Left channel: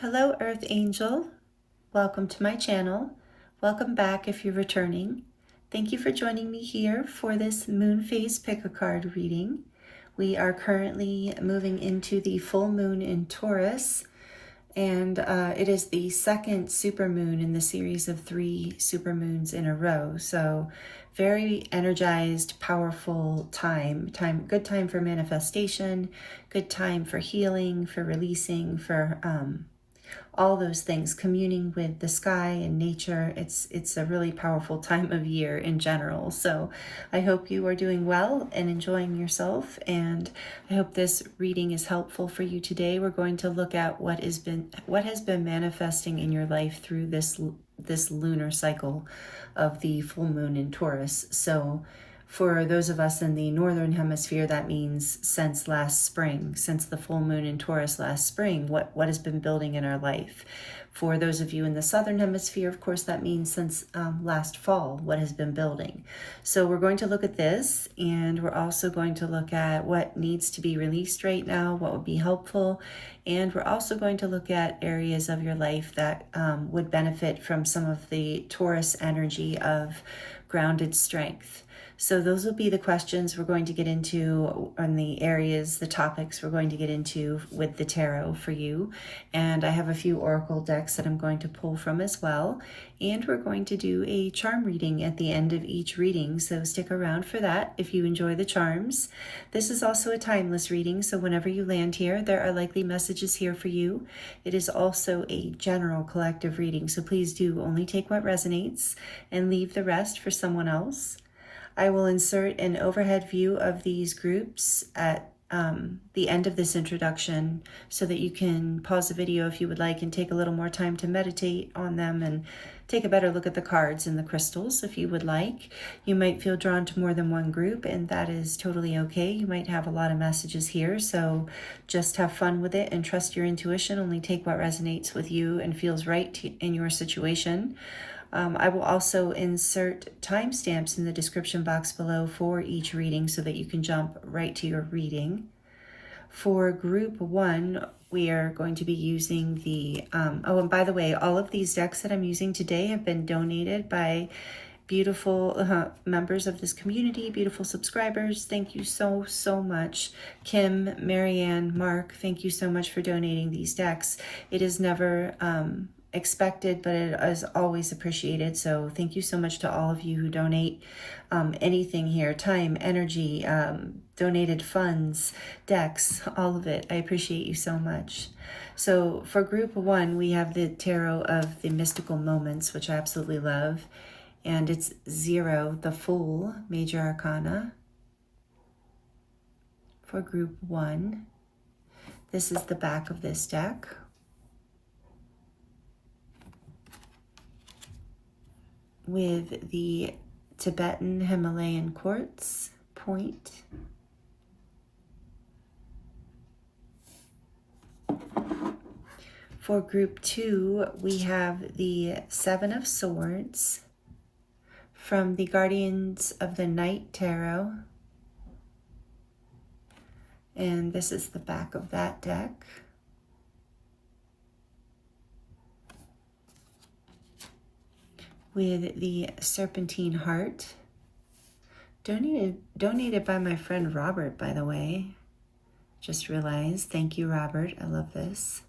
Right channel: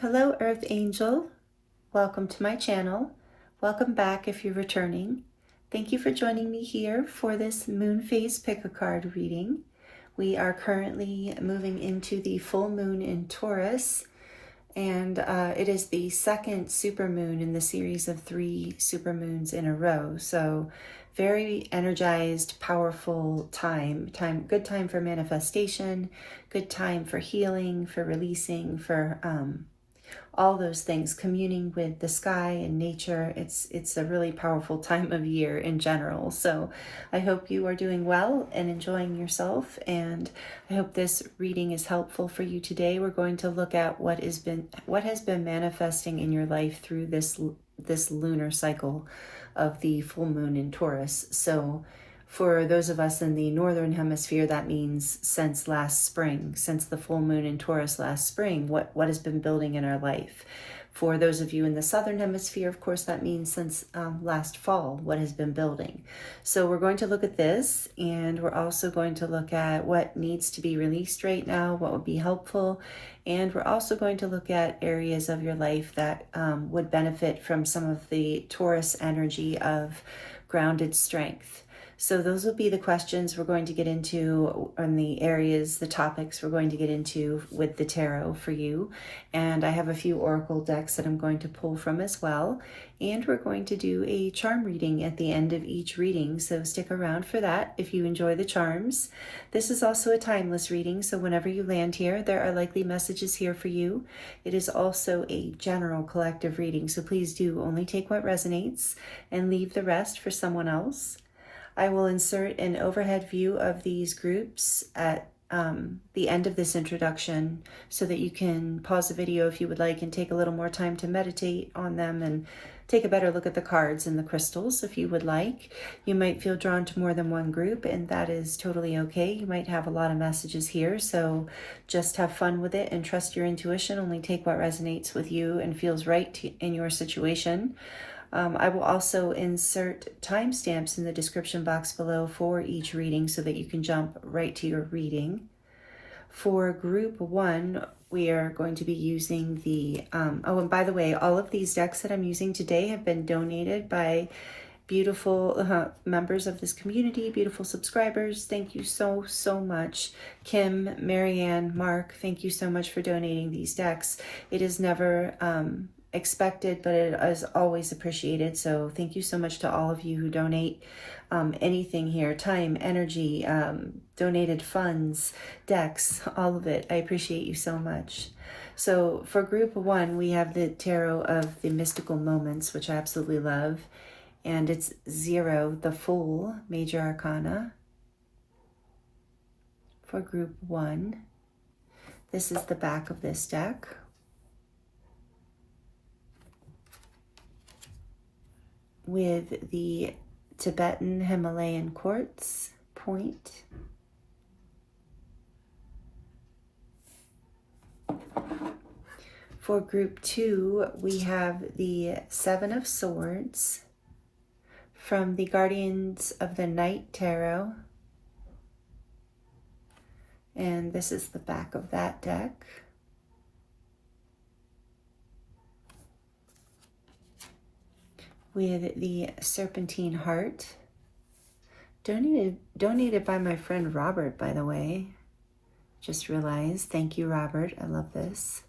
Hello, Earth Angel. Welcome to my channel. Welcome back if you're returning. Thank you for joining me here for this moon phase pick-a-card reading. We are currently moving into the full moon in Taurus, and it is the second supermoon in the series of 3 supermoons in a row. So very energized, powerful time, good time for manifestation, good time for healing, for releasing, for all those things, communing with the sky and nature. It's a really powerful time of year in general. So I hope you are doing well and enjoying yourself, and I hope this reading is helpful for you today. We're going to look at what has been manifesting in your life through this lunar cycle of the full moon in Taurus. So for those of us in the northern hemisphere, that means since last spring, since the full moon in Taurus last spring, what has been building in our life. For those of you in the southern hemisphere, of course, that means since last fall, what has been building. So we're going to look at this, and we're also going to look at what needs to be released right now, what would be helpful, and we're also going to look at areas of your life that would benefit from some of the Taurus energy of grounded strength. So those will be the questions we're going to get into, on the areas, the topics we're going to get into with the tarot for you. And I have a few oracle decks that I'm going to pull from as well. And we're going to do a charm reading at the end of each reading, so stick around for that if you enjoy the charms. This is also a timeless reading, so whenever you land here, there are likely messages here for you. It is also a general collective reading, so please do only take what resonates and leave the rest for someone else. I will insert an overhead view of these groups at the end of this introduction so that you can pause the video if you would like and take a little more time to meditate on them and take a better look at the cards and the crystals if you would like. You might feel drawn to more than one group, and that is totally okay. You might have a lot of messages here, so just have fun with it and trust your intuition. Only take what resonates with you and feels right in your situation. I will also insert timestamps in the description box below for each reading so that you can jump right to your reading. For group 1, we are going to be using the, oh, and by the way, all of these decks that I'm using today have been donated by beautiful members of this community, beautiful subscribers. Thank you so much. Kim, Marianne, Mark, thank you so much for donating these decks. It is never expected, but it is always appreciated. So thank you so much to all of you who donate anything here, time, energy, donated funds, decks, all of it. I appreciate you so much. So for group 1, we have the Tarot of the Mystical Moments, which I absolutely love. And it's 0, the Fool, Major Arcana. For group 1, this is the back of this deck. With the Tibetan Himalayan Quartz point. For group 2, we have the 7 of Swords from the Guardians of the Night Tarot. And this is the back of that deck. With the Serpentine Heart, donated by my friend Robert, by the way. Just realized. Thank you, Robert. I love this.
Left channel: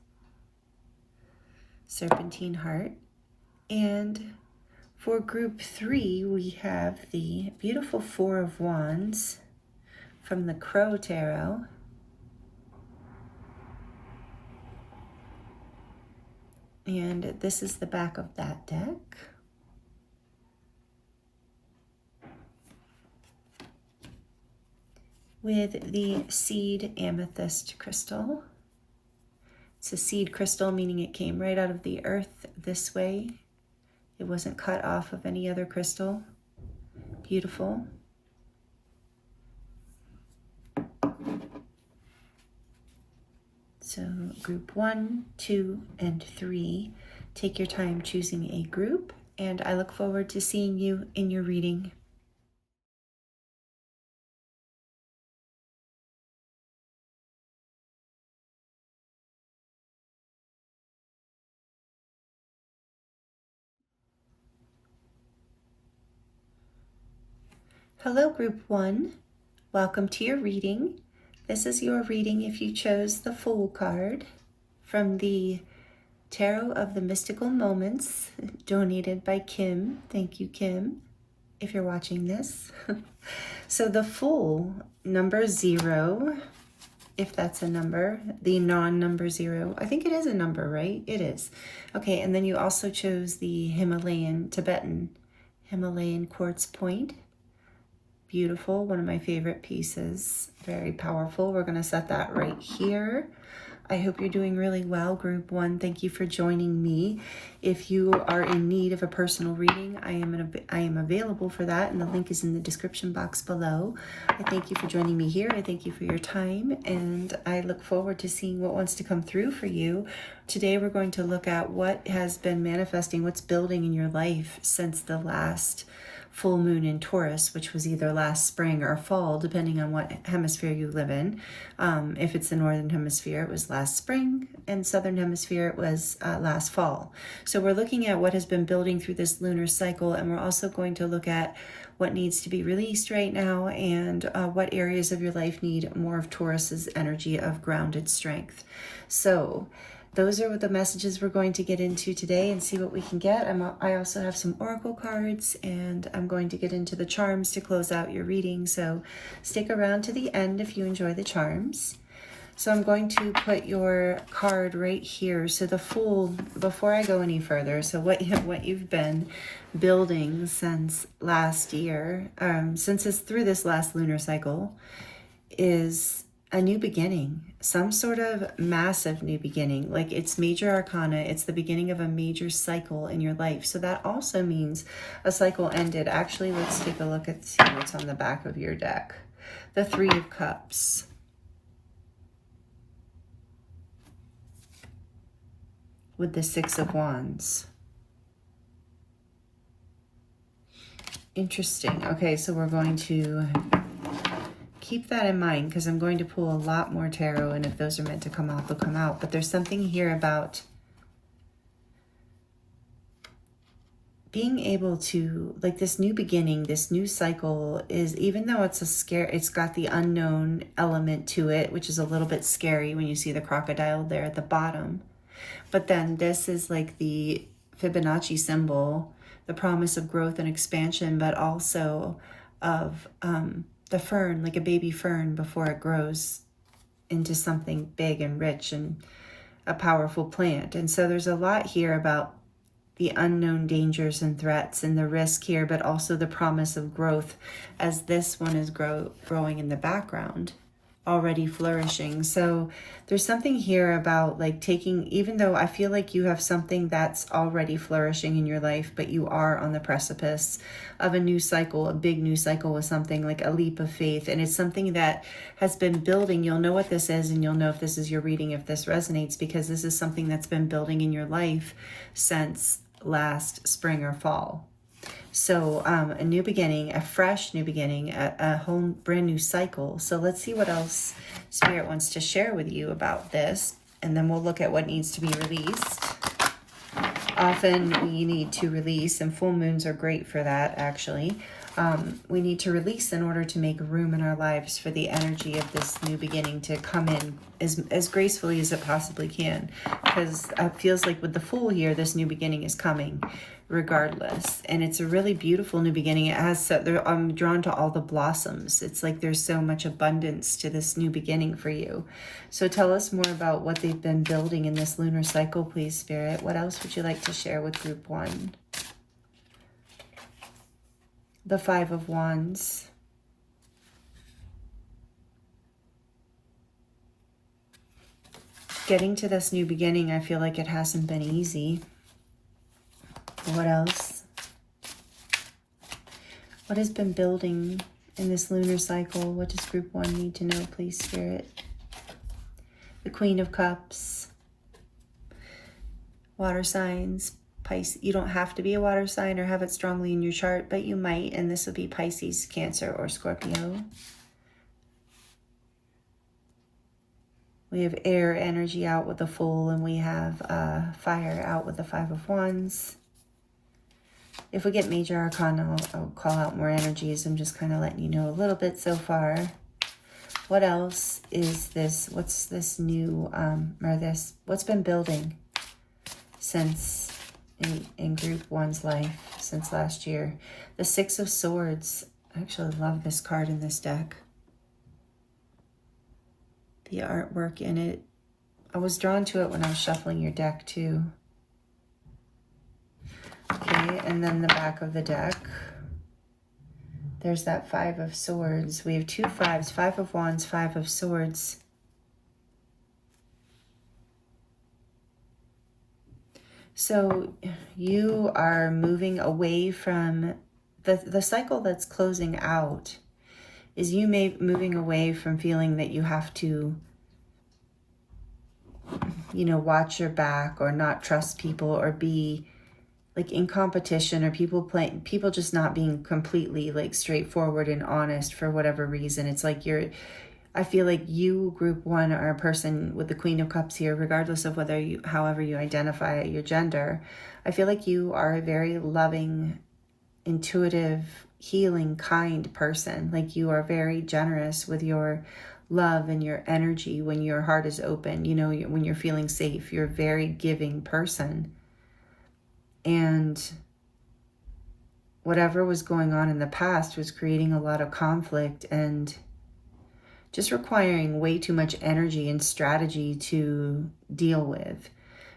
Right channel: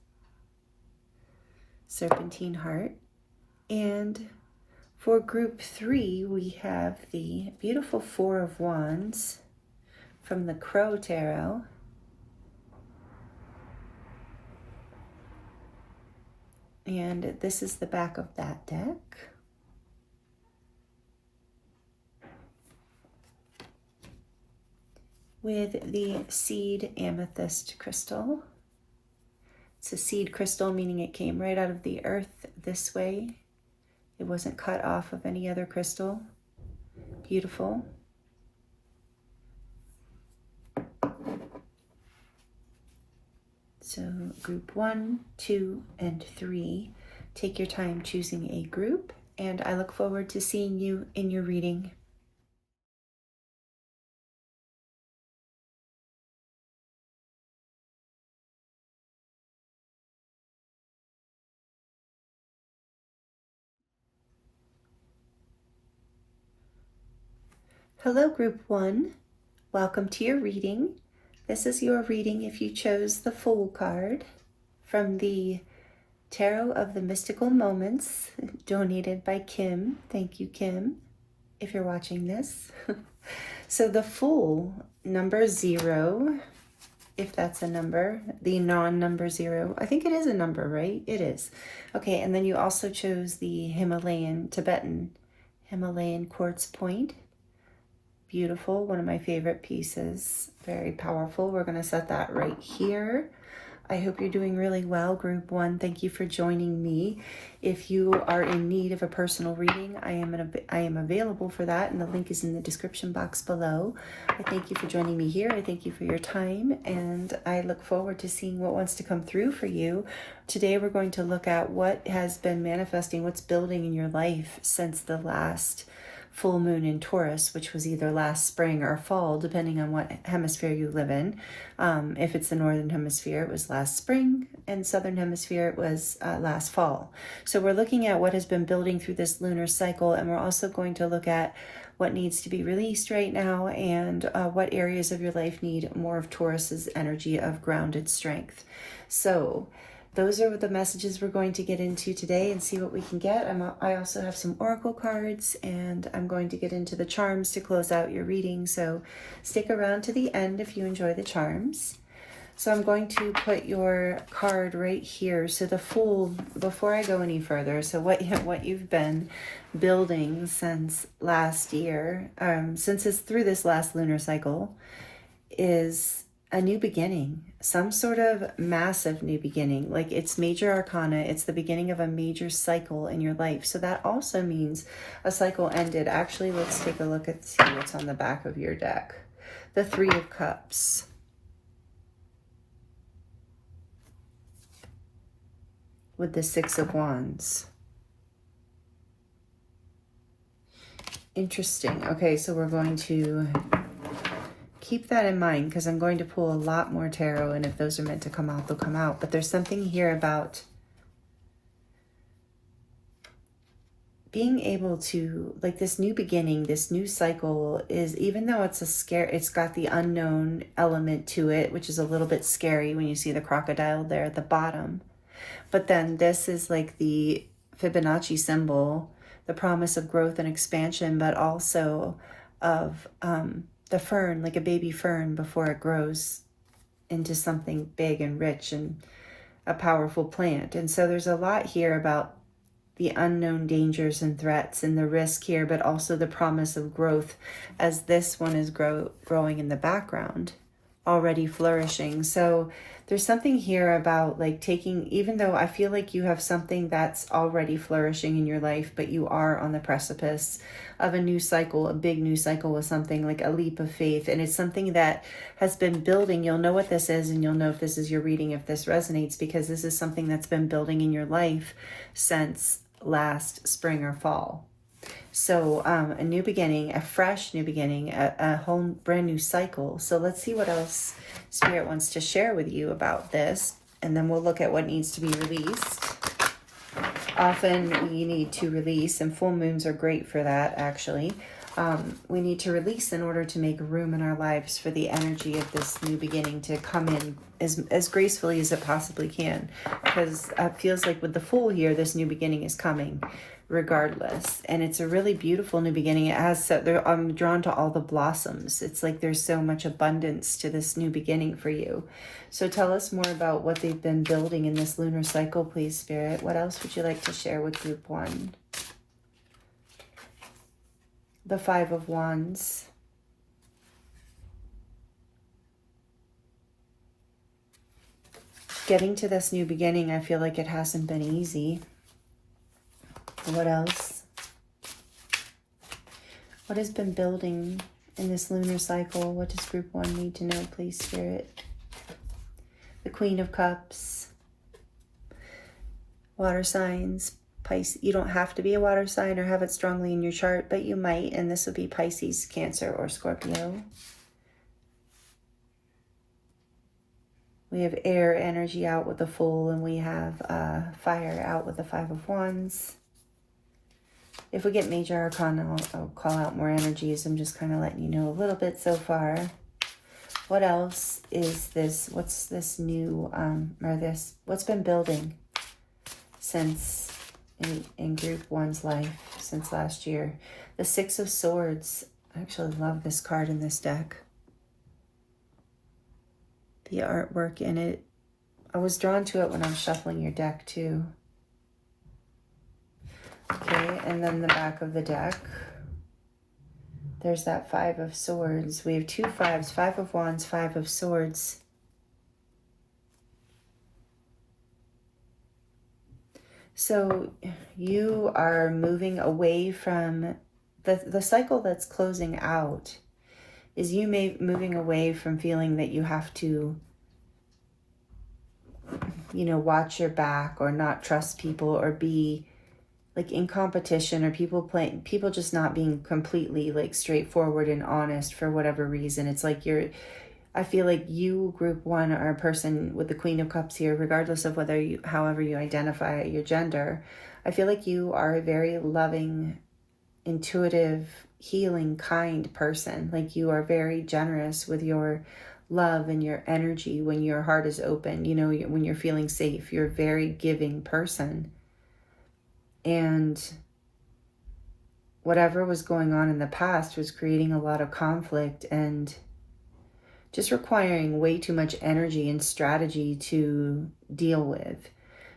Serpentine Heart. And for group 3, we have the beautiful 4 of Wands from the Crow Tarot. And this is the back of that deck. With the Seed Amethyst crystal. It's a seed crystal, meaning it came right out of the earth this way. It wasn't cut off of any other crystal. Beautiful. So group 1, 2, and 3. Take your time choosing a group, and I look forward to seeing you in your reading. Hello, Group 1. Welcome to your reading. This is your reading if you chose the Fool card from the Tarot of the Mystical Moments, donated by Kim. Thank you, Kim, if you're watching this. So the Fool, number 0, if that's a number, the non-number 0. I think it is a number, right? It is. Okay, and then you also chose the Tibetan Himalayan quartz point. Beautiful, one of my favorite pieces. Very powerful. We're going to set that right here. I hope you're doing really well, Group 1. Thank you for joining me. If you are in need of a personal reading, I am available for that, and the link is in the description box below. I thank you for joining me here. I thank you for your time, and I look forward to seeing what wants to come through for you. Today we're going to look at what has been manifesting, what's building in your life since the last full moon in Taurus, which was either last spring or fall, depending on what hemisphere you live in. If it's the northern hemisphere, it was last spring, and southern hemisphere, it was last fall. So we're looking at what has been building through this lunar cycle, and we're also going to look at what needs to be released right now, and what areas of your life need more of Taurus's energy of grounded strength. So those are the messages we're going to get into today and see what we can get. I also have some oracle cards, and I'm going to get into the charms to close out your reading. So stick around to the end if you enjoy the charms. So I'm going to put your card right here. So the Fool, before I go any further, so what you've been building since last year, since it's through this last lunar cycle, is a new beginning, some sort of massive new beginning. Like, it's major arcana, it's the beginning of a major cycle in your life. So that also means a cycle ended. Actually, let's take a look at see what's on the back of your deck. The 3 of Cups. With the 6 of Wands. Interesting. Okay, so we're going to keep that in mind, because I'm going to pull a lot more tarot, and if those are meant to come out, they'll come out. But there's something here about being able to, like, this new beginning, this new cycle is, even though it's it's got the unknown element to it, which is a little bit scary when you see the crocodile there at the bottom. But then this is like the Fibonacci symbol, the promise of growth and expansion, but also of the fern, like a baby fern before it grows into something big and rich and a powerful plant. And so there's a lot here about the unknown dangers and threats and the risk here, but also the promise of growth as this one is growing in the background, already flourishing. So there's something here about, like, taking, even though I feel like you have something that's already flourishing in your life, but you are on the precipice of a new cycle, a big new cycle with something like a leap of faith. And it's something that has been building. You'll know what this is, and you'll know if this is your reading, if this resonates, because this is something that's been building in your life since last spring or fall. So a new beginning, a fresh new beginning, a whole brand new cycle. So let's see what else Spirit wants to share with you about this, and then we'll look at what needs to be released. Often we need to release, and full moons are great for that, actually. We need to release in order to make room in our lives for the energy of this new beginning to come in as gracefully as it possibly can. Because it feels like with the Fool here, this new beginning is coming regardless. And it's a really beautiful new beginning. It has, I'm drawn to all the blossoms. It's like there's so much abundance to this new beginning for you. So tell us more about what they've been building in this lunar cycle, please, Spirit. What else would you like to share with Group 1? The 5 of Wands. Getting to this new beginning, I feel like it hasn't been easy. What else? What has been building in this lunar cycle? What does Group 1 need to know, please, Spirit? The Queen of Cups. Water signs. Pisces. You don't have to be a water sign or have it strongly in your chart, but you might, and this would be Pisces, Cancer, or Scorpio. We have air energy out with the Fool, and we have fire out with the 5 of Wands. If we get major arcana, I'll call out more energies. I'm just kind of letting you know a little bit so far. What else is this? What's this new, what's been building since in group one's life since last year? The Six of Swords. I actually love this card in this deck. The artwork in it. I was drawn to it when I was shuffling your deck too. Okay, and then the back of the deck. There's that Five of Swords. We have two fives, Five of Wands, Five of Swords. So you are moving away from the cycle that's closing out. Is you moving away from feeling that you have to, you know, watch your back or not trust people or be like in competition, or people just not being completely like straightforward and honest for whatever reason. It's like I feel like you, group one, are a person with the Queen of Cups here, regardless of however you identify your gender. I feel like you are a very loving, intuitive, healing, kind person. Like you are very generous with your love and your energy when your heart is open, you know, when you're feeling safe. You're a very giving person. And whatever was going on in the past was creating a lot of conflict and just requiring way too much energy and strategy to deal with.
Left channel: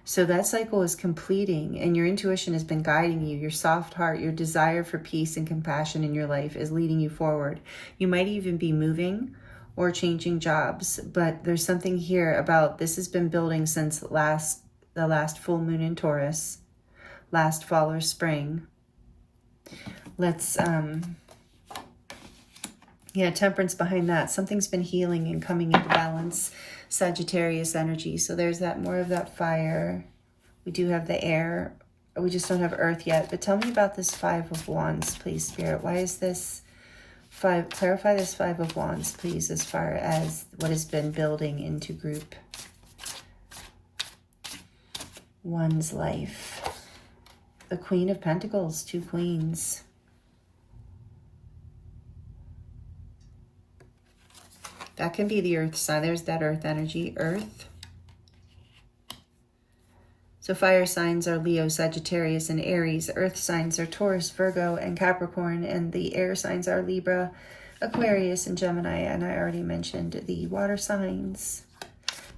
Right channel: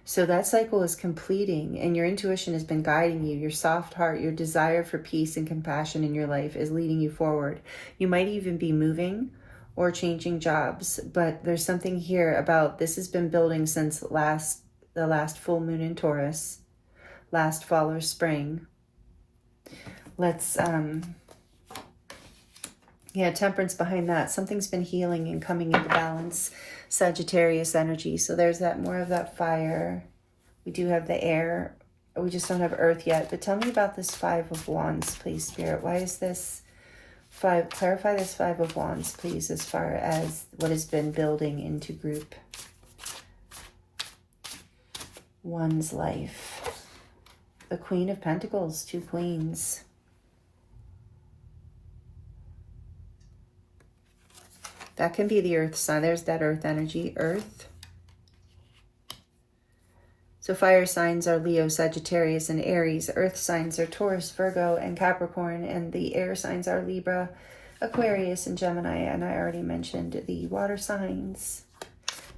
So that cycle is completing, and your intuition has been guiding you. Your soft heart, your desire for peace and compassion in your life is leading you forward. You might even be moving or changing jobs, but there's something here about this has been building since the last full moon in Taurus, last fall or spring. Let's, temperance behind that. Something's been healing and coming into balance. Sagittarius energy. So there's that, more of that fire. We do have the air. We just don't have earth yet. But tell me about this Five of Wands, please, Spirit. Why is this five? Clarify this Five of Wands, please, as far as what has been building into group one's life. The Queen of Pentacles, two queens. That can be the earth sign. There's that earth energy, earth. So fire signs are Leo, Sagittarius, and Aries. Earth signs are Taurus, Virgo, and Capricorn. And the air signs are Libra, Aquarius, and Gemini. And I already mentioned the water signs.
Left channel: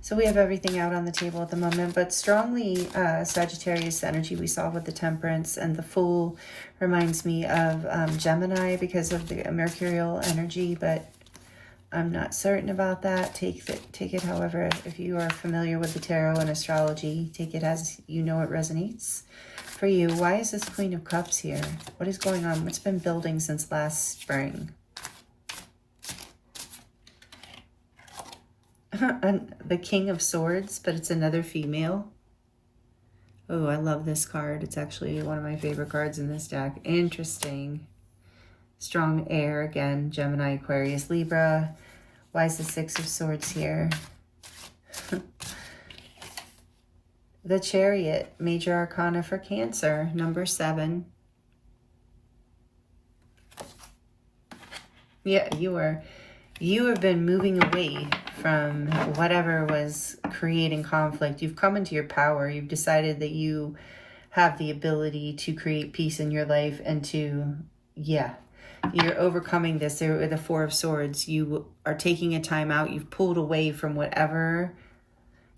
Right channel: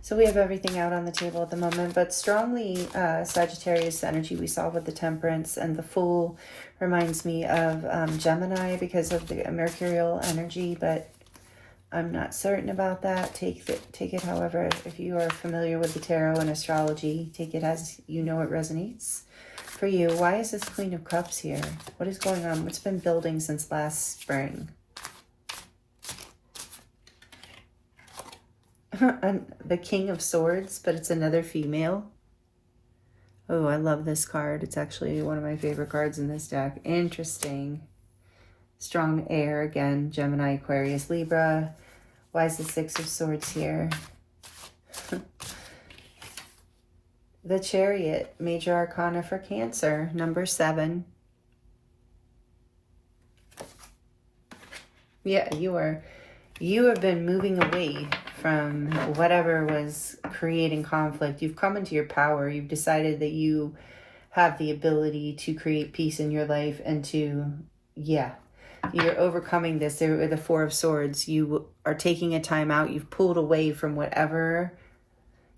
So we have everything out on the table at the moment, but strongly Sagittarius energy we saw with the temperance, and the Fool reminds me of Gemini because of the mercurial energy, but I'm not certain about that. Take it however, if you are familiar with the tarot and astrology, take it as you know it resonates for you. Why is this Queen of Cups here? What is going on? What's been building since last spring? The King of Swords, but it's another female. Oh, I love this card. It's actually one of my favorite cards in this deck. Interesting. Strong air, again, Gemini, Aquarius, Libra. Why is the Six of Swords here? The Chariot, major arcana for Cancer, number 7. Yeah, you have been moving away from whatever was creating conflict. You've come into your power. You've decided that you have the ability to create peace in your life and to, you're overcoming this. The Four of Swords. You are taking a time out. You've pulled away from whatever.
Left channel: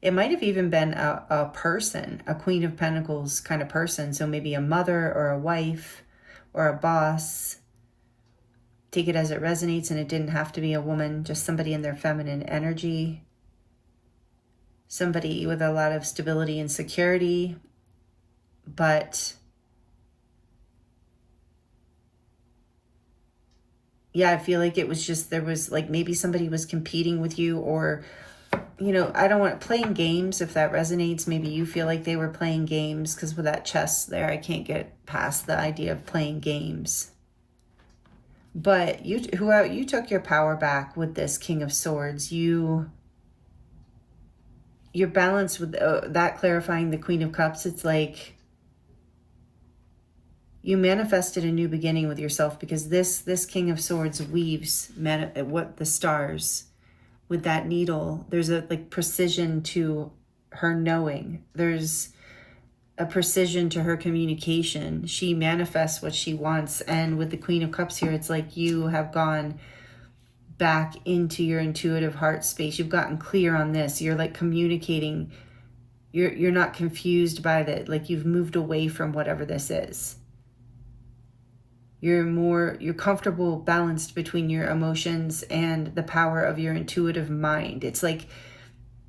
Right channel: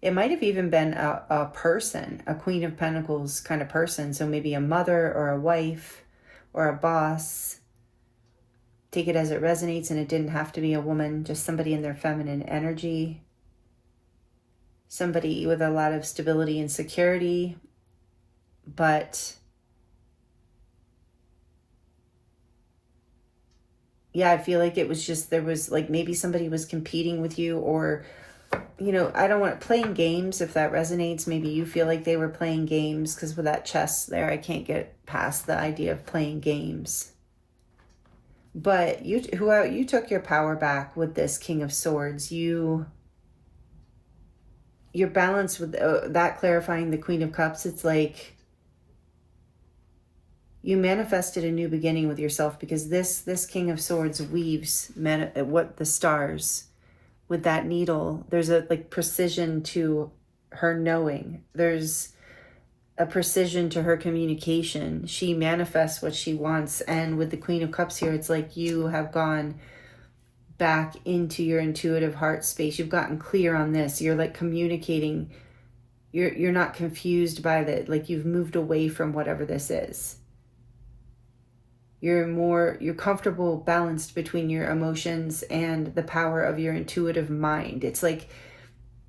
It might have even been a person, a Queen of Pentacles kind of person. So maybe a mother or a wife or a boss. Take it as it resonates, and it didn't have to be a woman, just somebody in their feminine energy. Somebody with a lot of stability and security. But yeah, I feel like it was just, there was like maybe somebody was competing with you, or, you know, I don't want playing games, if that resonates. Maybe you feel like they were playing games, because with that chest there, I can't get past the idea of playing games. But you took your power back with this King of Swords. You're balanced with that, clarifying the Queen of Cups. It's like you manifested a new beginning with yourself, because this King of Swords weaves what the stars with that needle. There's a like precision to her knowing. There's a precision to her communication. She manifests what she wants. And with the Queen of Cups here, it's like you have gone back into your intuitive heart space. You've gotten clear on this. You're like communicating. You're not confused by that. Like you've moved away from whatever this is. You're comfortable, balanced between your emotions and the power of your intuitive mind. It's like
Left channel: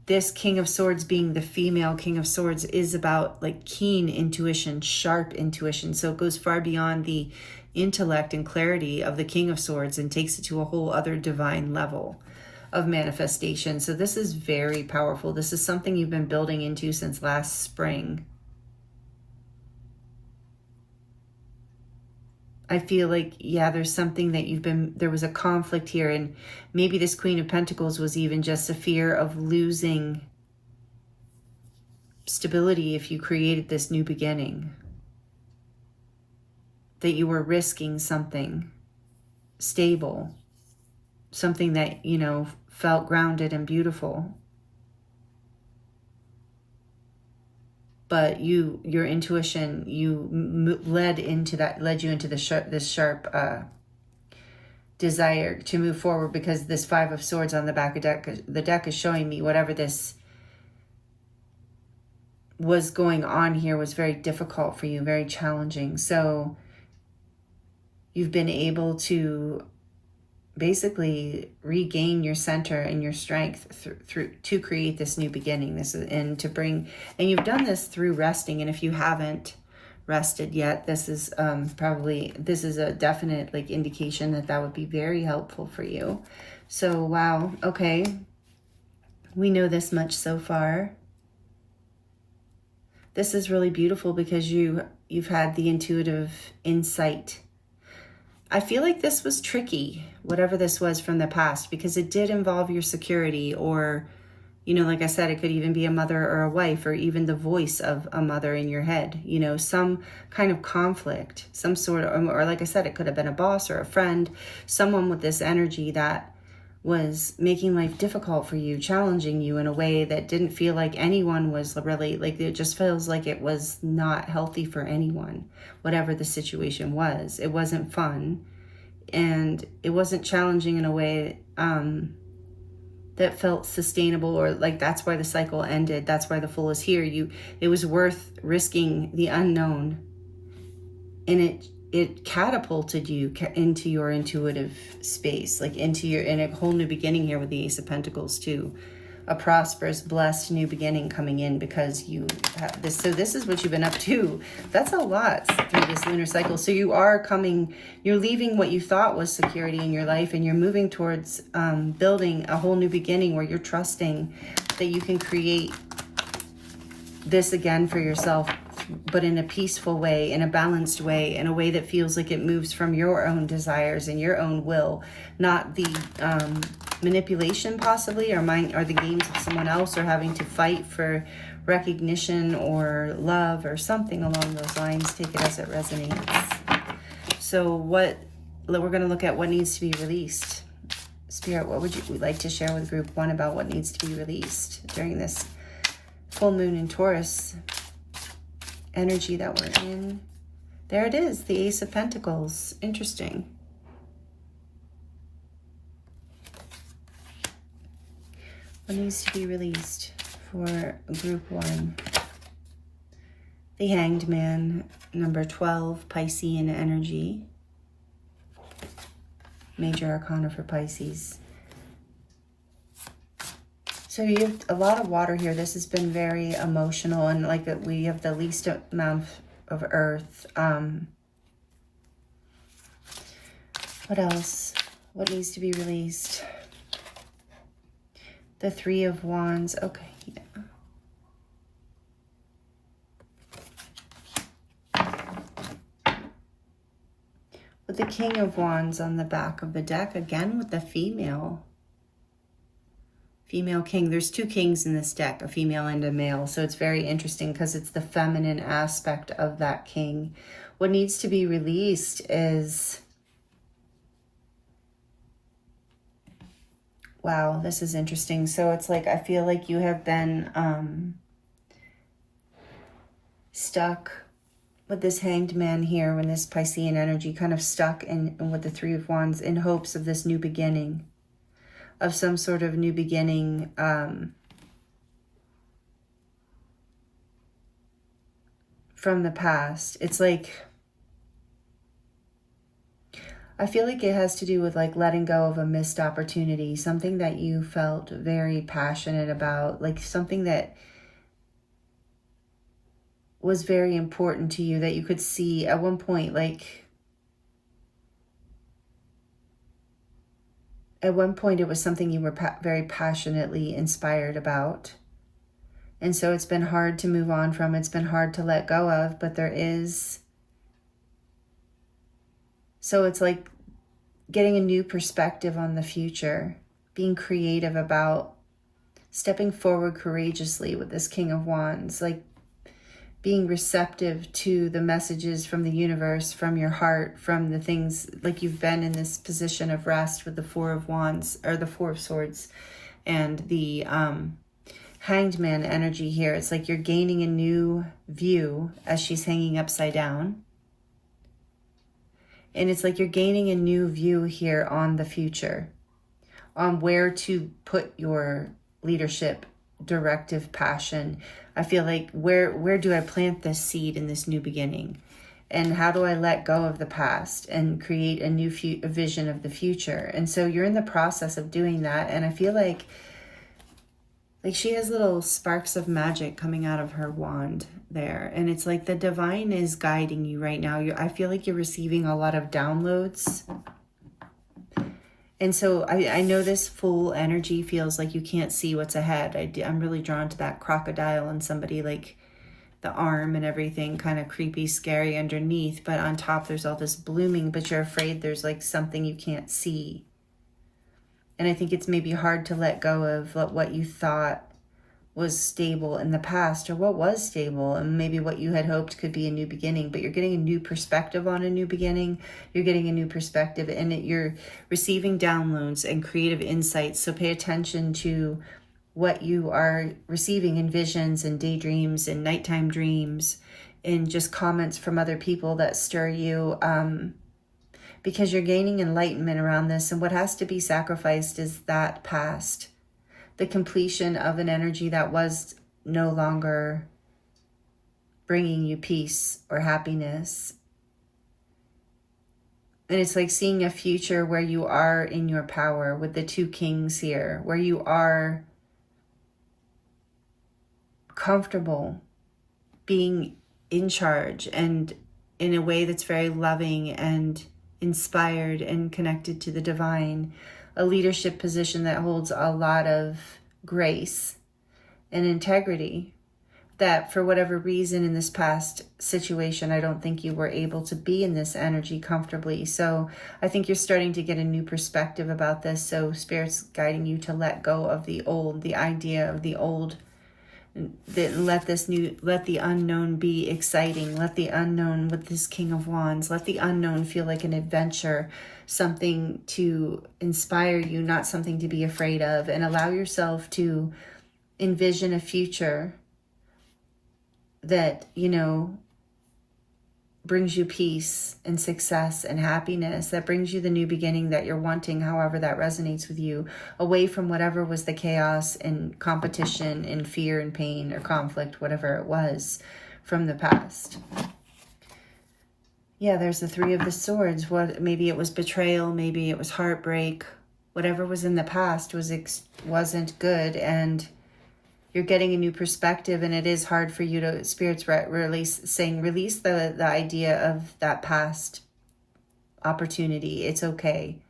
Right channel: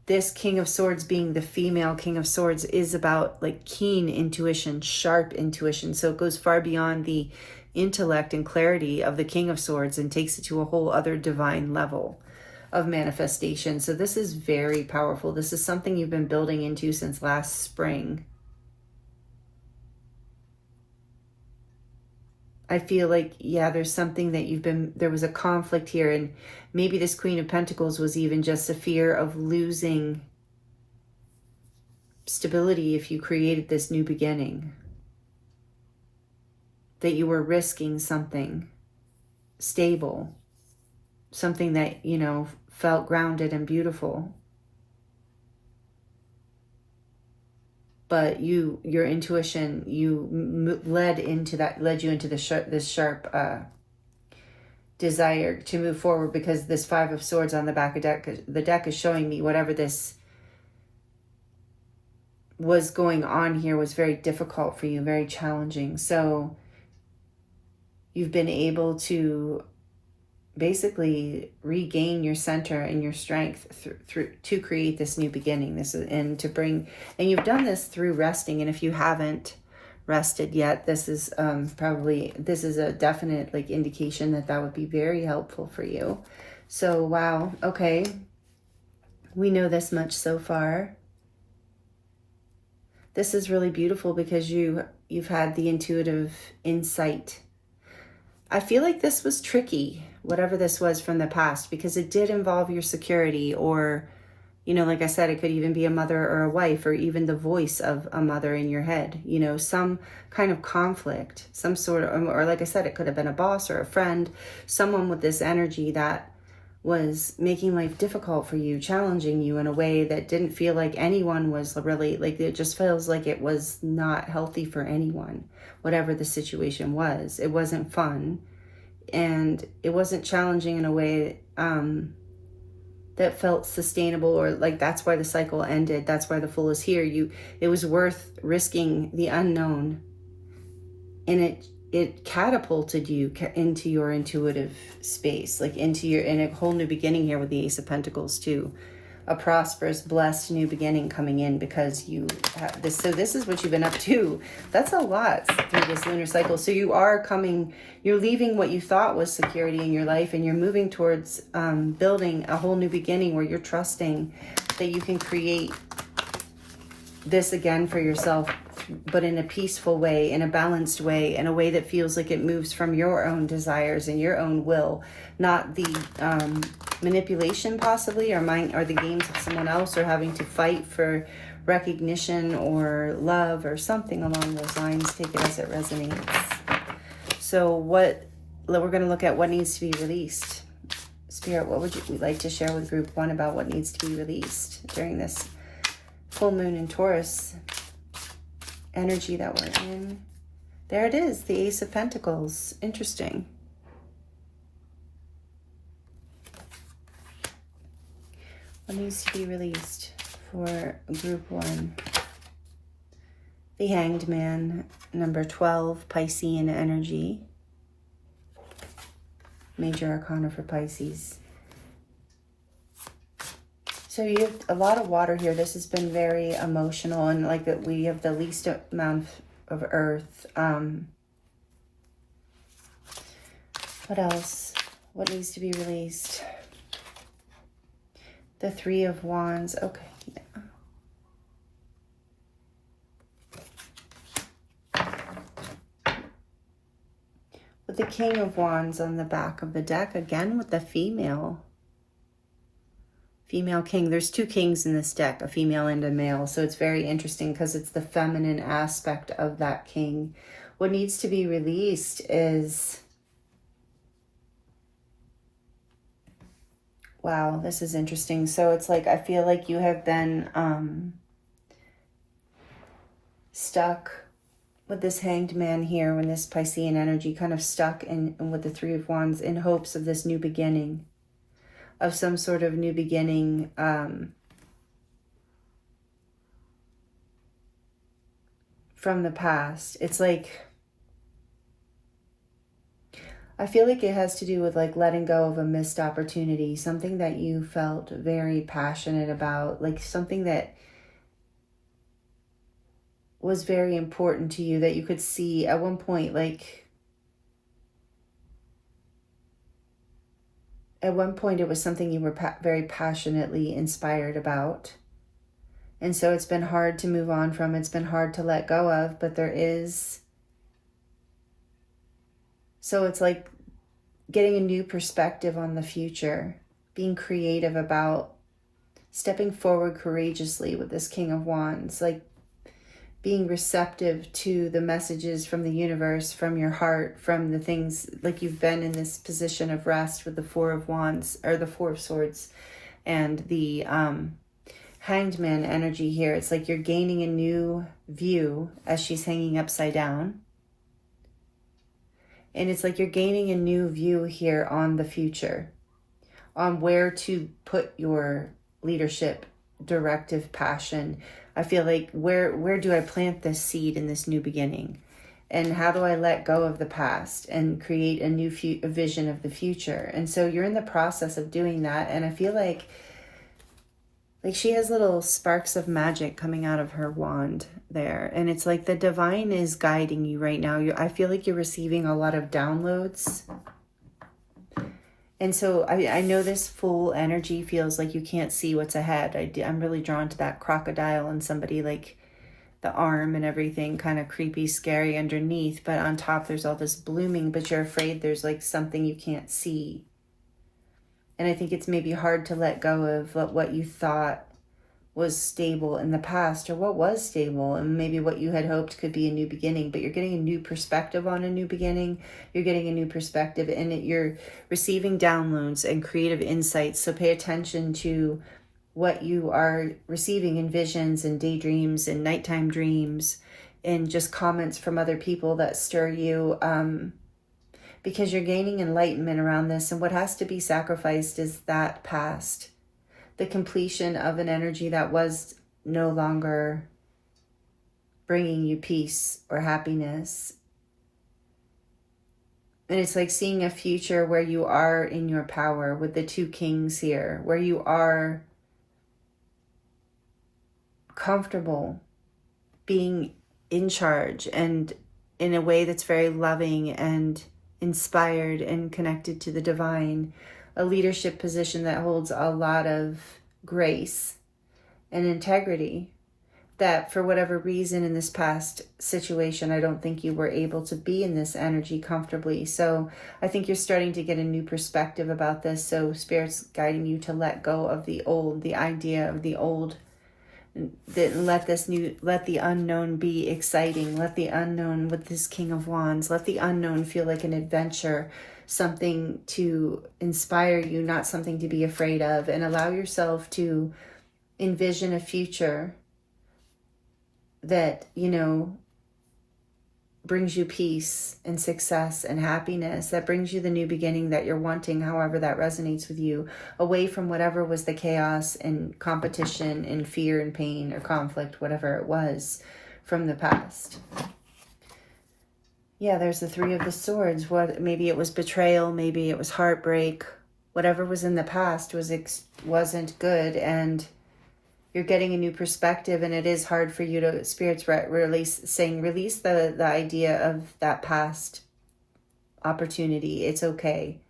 this King of Swords, being the female King of Swords, is about like keen intuition, sharp intuition. So it goes far beyond the intellect and clarity of the King of Swords and takes it to a whole other divine level of manifestation. So this is very powerful. This is something you've been building into since last spring. I feel like, yeah, there's something that there was a conflict here, and maybe this Queen of Pentacles was even just a fear of losing stability if you created this new beginning. That you were risking something stable, something that, you know, felt grounded and beautiful. But your intuition, led you into this sharp desire to move forward, because this Five of Swords on the back of the deck is showing me whatever this was going on here was very difficult for you, very challenging. So you've been able to basically regain your center and your strength to create this new beginning. And you've done this through resting. And if you haven't rested yet, this is a definite like indication that would be very helpful for you. So wow, okay, we know this much so far. This is really beautiful because you've had the intuitive insight. I feel like this was tricky, whatever this was from the past, because it did involve your security, or, you know, like I said, it could even be a mother or a wife, or even the voice of a mother in your head, you know, some kind of conflict, some sort of, or like I said, it could have been a boss or a friend, someone with this energy that was making life difficult for you, challenging you in a way that didn't feel like anyone was really, like, it just feels like it was not healthy for anyone, whatever the situation was. It wasn't fun, and it wasn't challenging in a way that felt sustainable, or like that's why the cycle ended. That's why the Fool is here. It was worth risking the unknown, and it catapulted you into your intuitive space, like in a whole new beginning here with the Ace of Pentacles too. A prosperous, blessed new beginning coming in, because you have this. So this is what you've been up to. That's a lot through this lunar cycle. So you're leaving what you thought was security in your life, and you're moving towards building a whole new beginning where you're trusting that you can create this again for yourself, but in a peaceful way, in a balanced way, in a way that feels like it moves from your own desires and your own will, not the manipulation possibly, or the games of someone else, or having to fight for recognition or love or something along those lines. Take it as it resonates. So we're going to look at what needs to be released. Spirit, what would you like to share with group 1 about what needs to be released during this full moon in Taurus energy that we're in? There it is, the Ace of Pentacles. Interesting. What needs to be released for group 1? The Hanged Man, number 12, Piscean energy. Major Arcana for Pisces. So you have a lot of water here. This has been very emotional, and like that we have the least amount of earth. What else? What needs to be released? The Three of Wands. Okay. Yeah. With the King of Wands on the back of the deck, again with the female king. There's 2 kings in this deck, a female and a male. So it's very interesting because it's the feminine aspect of that king what needs to be released is, wow, this is interesting. So it's like, I feel like you have been stuck with this Hanged Man here, when this Piscean energy kind of stuck in with the Three of Wands, in hopes of this new beginning, of some sort of new beginning, from the past. It's like, I feel like it has to do with like letting go of a missed opportunity, something that you felt very passionate about, like something that was very important to you, that you could see at one point, like at one point it was something you were very passionately inspired about. And so it's been hard to move on from, it's been hard to let go of, but there is, so it's like getting a new perspective on the future, being creative about stepping forward courageously with this King of Wands, like being receptive to the messages from the universe, from your heart, from the things, like you've been in this position of rest with the Four of Wands, or the Four of Swords, and the Hanged Man energy here. It's like you're gaining a new view as she's hanging upside down. And it's like you're gaining a new view here on the future, on where to put your leadership, directive, passion. I feel like, where do I plant this seed in this new beginning? And how do I let go of the past and create a new vision of the future? And so you're in the process of doing that. And I feel like she has little sparks of magic coming out of her wand there. And it's like the divine is guiding you right now. I feel like you're receiving a lot of downloads. And so I know this full energy feels like you can't see what's ahead. I'm really drawn to that crocodile and somebody, like the arm and everything, kind of creepy, scary underneath. But on top, there's all this blooming, but you're afraid there's like something you can't see. And I think it's maybe hard to let go of what you thought was stable in the past, or what was stable, and maybe what you had hoped could be a new beginning. But you're getting a new perspective on a new beginning. You're getting a new perspective, and you're receiving downloads and creative insights. So pay attention to what you are receiving in visions and daydreams and nighttime dreams, and just comments from other people that stir you, because you're gaining enlightenment around this. And what has to be sacrificed is that past, the completion of an energy that was no longer bringing you peace or happiness. And it's like seeing a future where you are in your power with the two kings here, where you are comfortable being in charge, and in a way that's very loving and inspired and connected to the divine. A leadership position that holds a lot of grace and integrity, that for whatever reason in this past situation, I don't think you were able to be in this energy comfortably. So I think you're starting to get a new perspective about this. So Spirit's guiding you to let go of the old, the idea of the old, that let the unknown be exciting. Let the unknown, with this King of Wands, let the unknown feel like an adventure, something to inspire you, not something to be afraid of. And allow yourself to envision a future that, brings you peace and success and happiness, that brings you the new beginning that you're wanting, however that resonates with you, away from whatever was the chaos and competition and fear and pain or conflict, whatever it was from the past. Yeah, there's the Three of the Swords. Maybe it was betrayal, maybe it was heartbreak. Whatever was in the past wasn't good, and you're getting a new perspective. And it is hard for you to, Spirit's release the idea of that past opportunity. It's okay.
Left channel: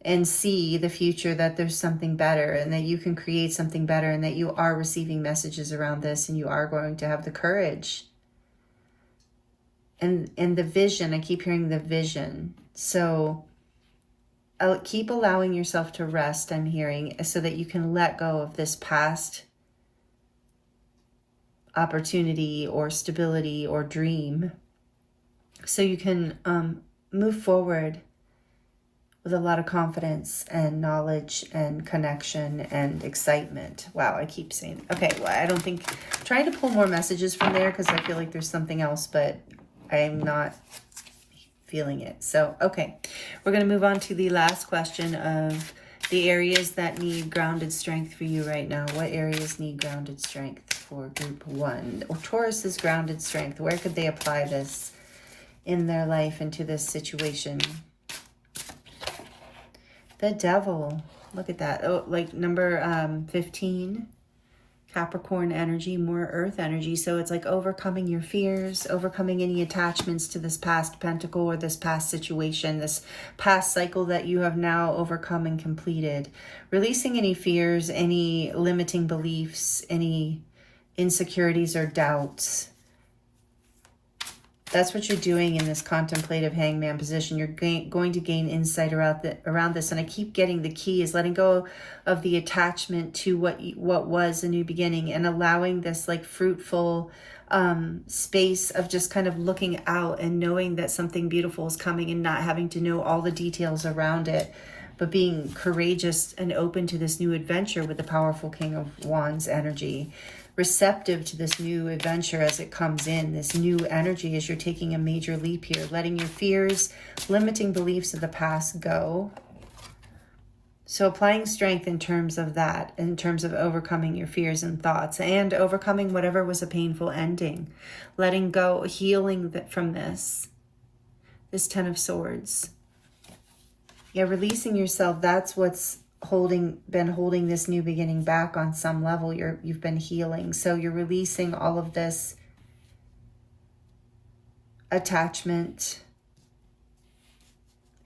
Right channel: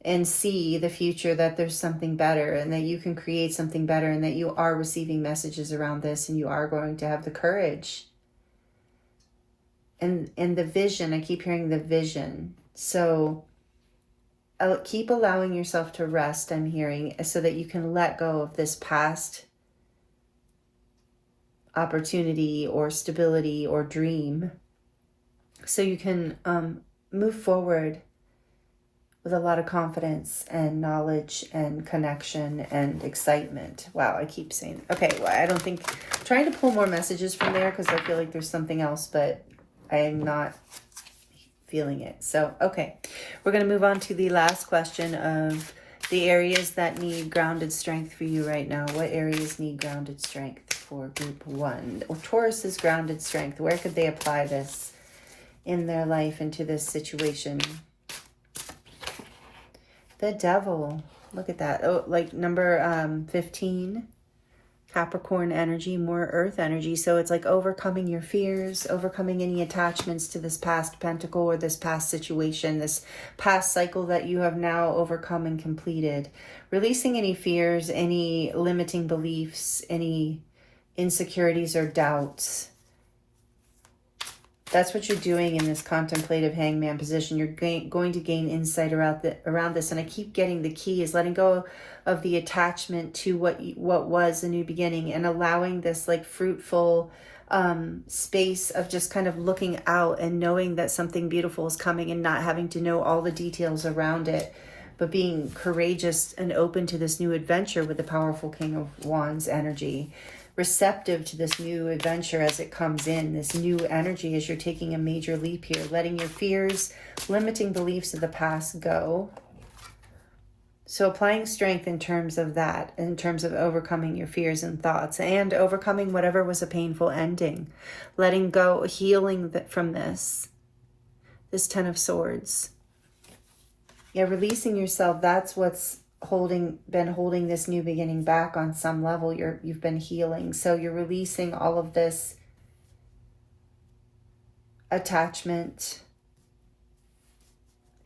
And see the future, that there's something better, and that you can create something better, and that you are receiving messages around this, and you are going to have the courage. And the vision, I keep hearing the vision. So keep allowing yourself to rest, I'm hearing, so that you can let go of this past opportunity or stability or dream, so you can move forward with a lot of confidence and knowledge and connection and excitement. Wow, I keep saying, okay, well, I don't think, I'm trying to pull more messages from there because I feel like there's something else, but I'm not feeling it. So, okay, we're going to move on to the last question of the areas that need grounded strength for you right now. What areas need grounded strength for group 1? Taurus's grounded strength. Where could they apply this in their life into this situation? The Devil. Look at that. Oh, like number 15. Capricorn energy, more earth energy. So it's like overcoming your fears, overcoming any attachments to this past pentacle or this past situation, this past cycle that you have now overcome and completed. Releasing any fears, any limiting beliefs, any insecurities or doubts. That's what you're doing in this contemplative hangman position. You're going to gain insight around this. And I keep getting the key is letting go of the attachment to what was a new beginning and allowing this like fruitful space of just kind of looking out and knowing that something beautiful is coming and not having to know all the details around it, but being courageous and open to this new adventure with the powerful King of Wands energy. Receptive to this new adventure as it comes in, this new energy as you're taking a major leap here, letting your fears, limiting beliefs of the past go. So applying strength in terms of that, in terms of overcoming your fears and thoughts and overcoming whatever was a painful ending, letting go, healing from this 10 of Swords. Yeah, releasing yourself, that's what's been holding this new beginning back on some level. You've been healing. So you're releasing all of this attachment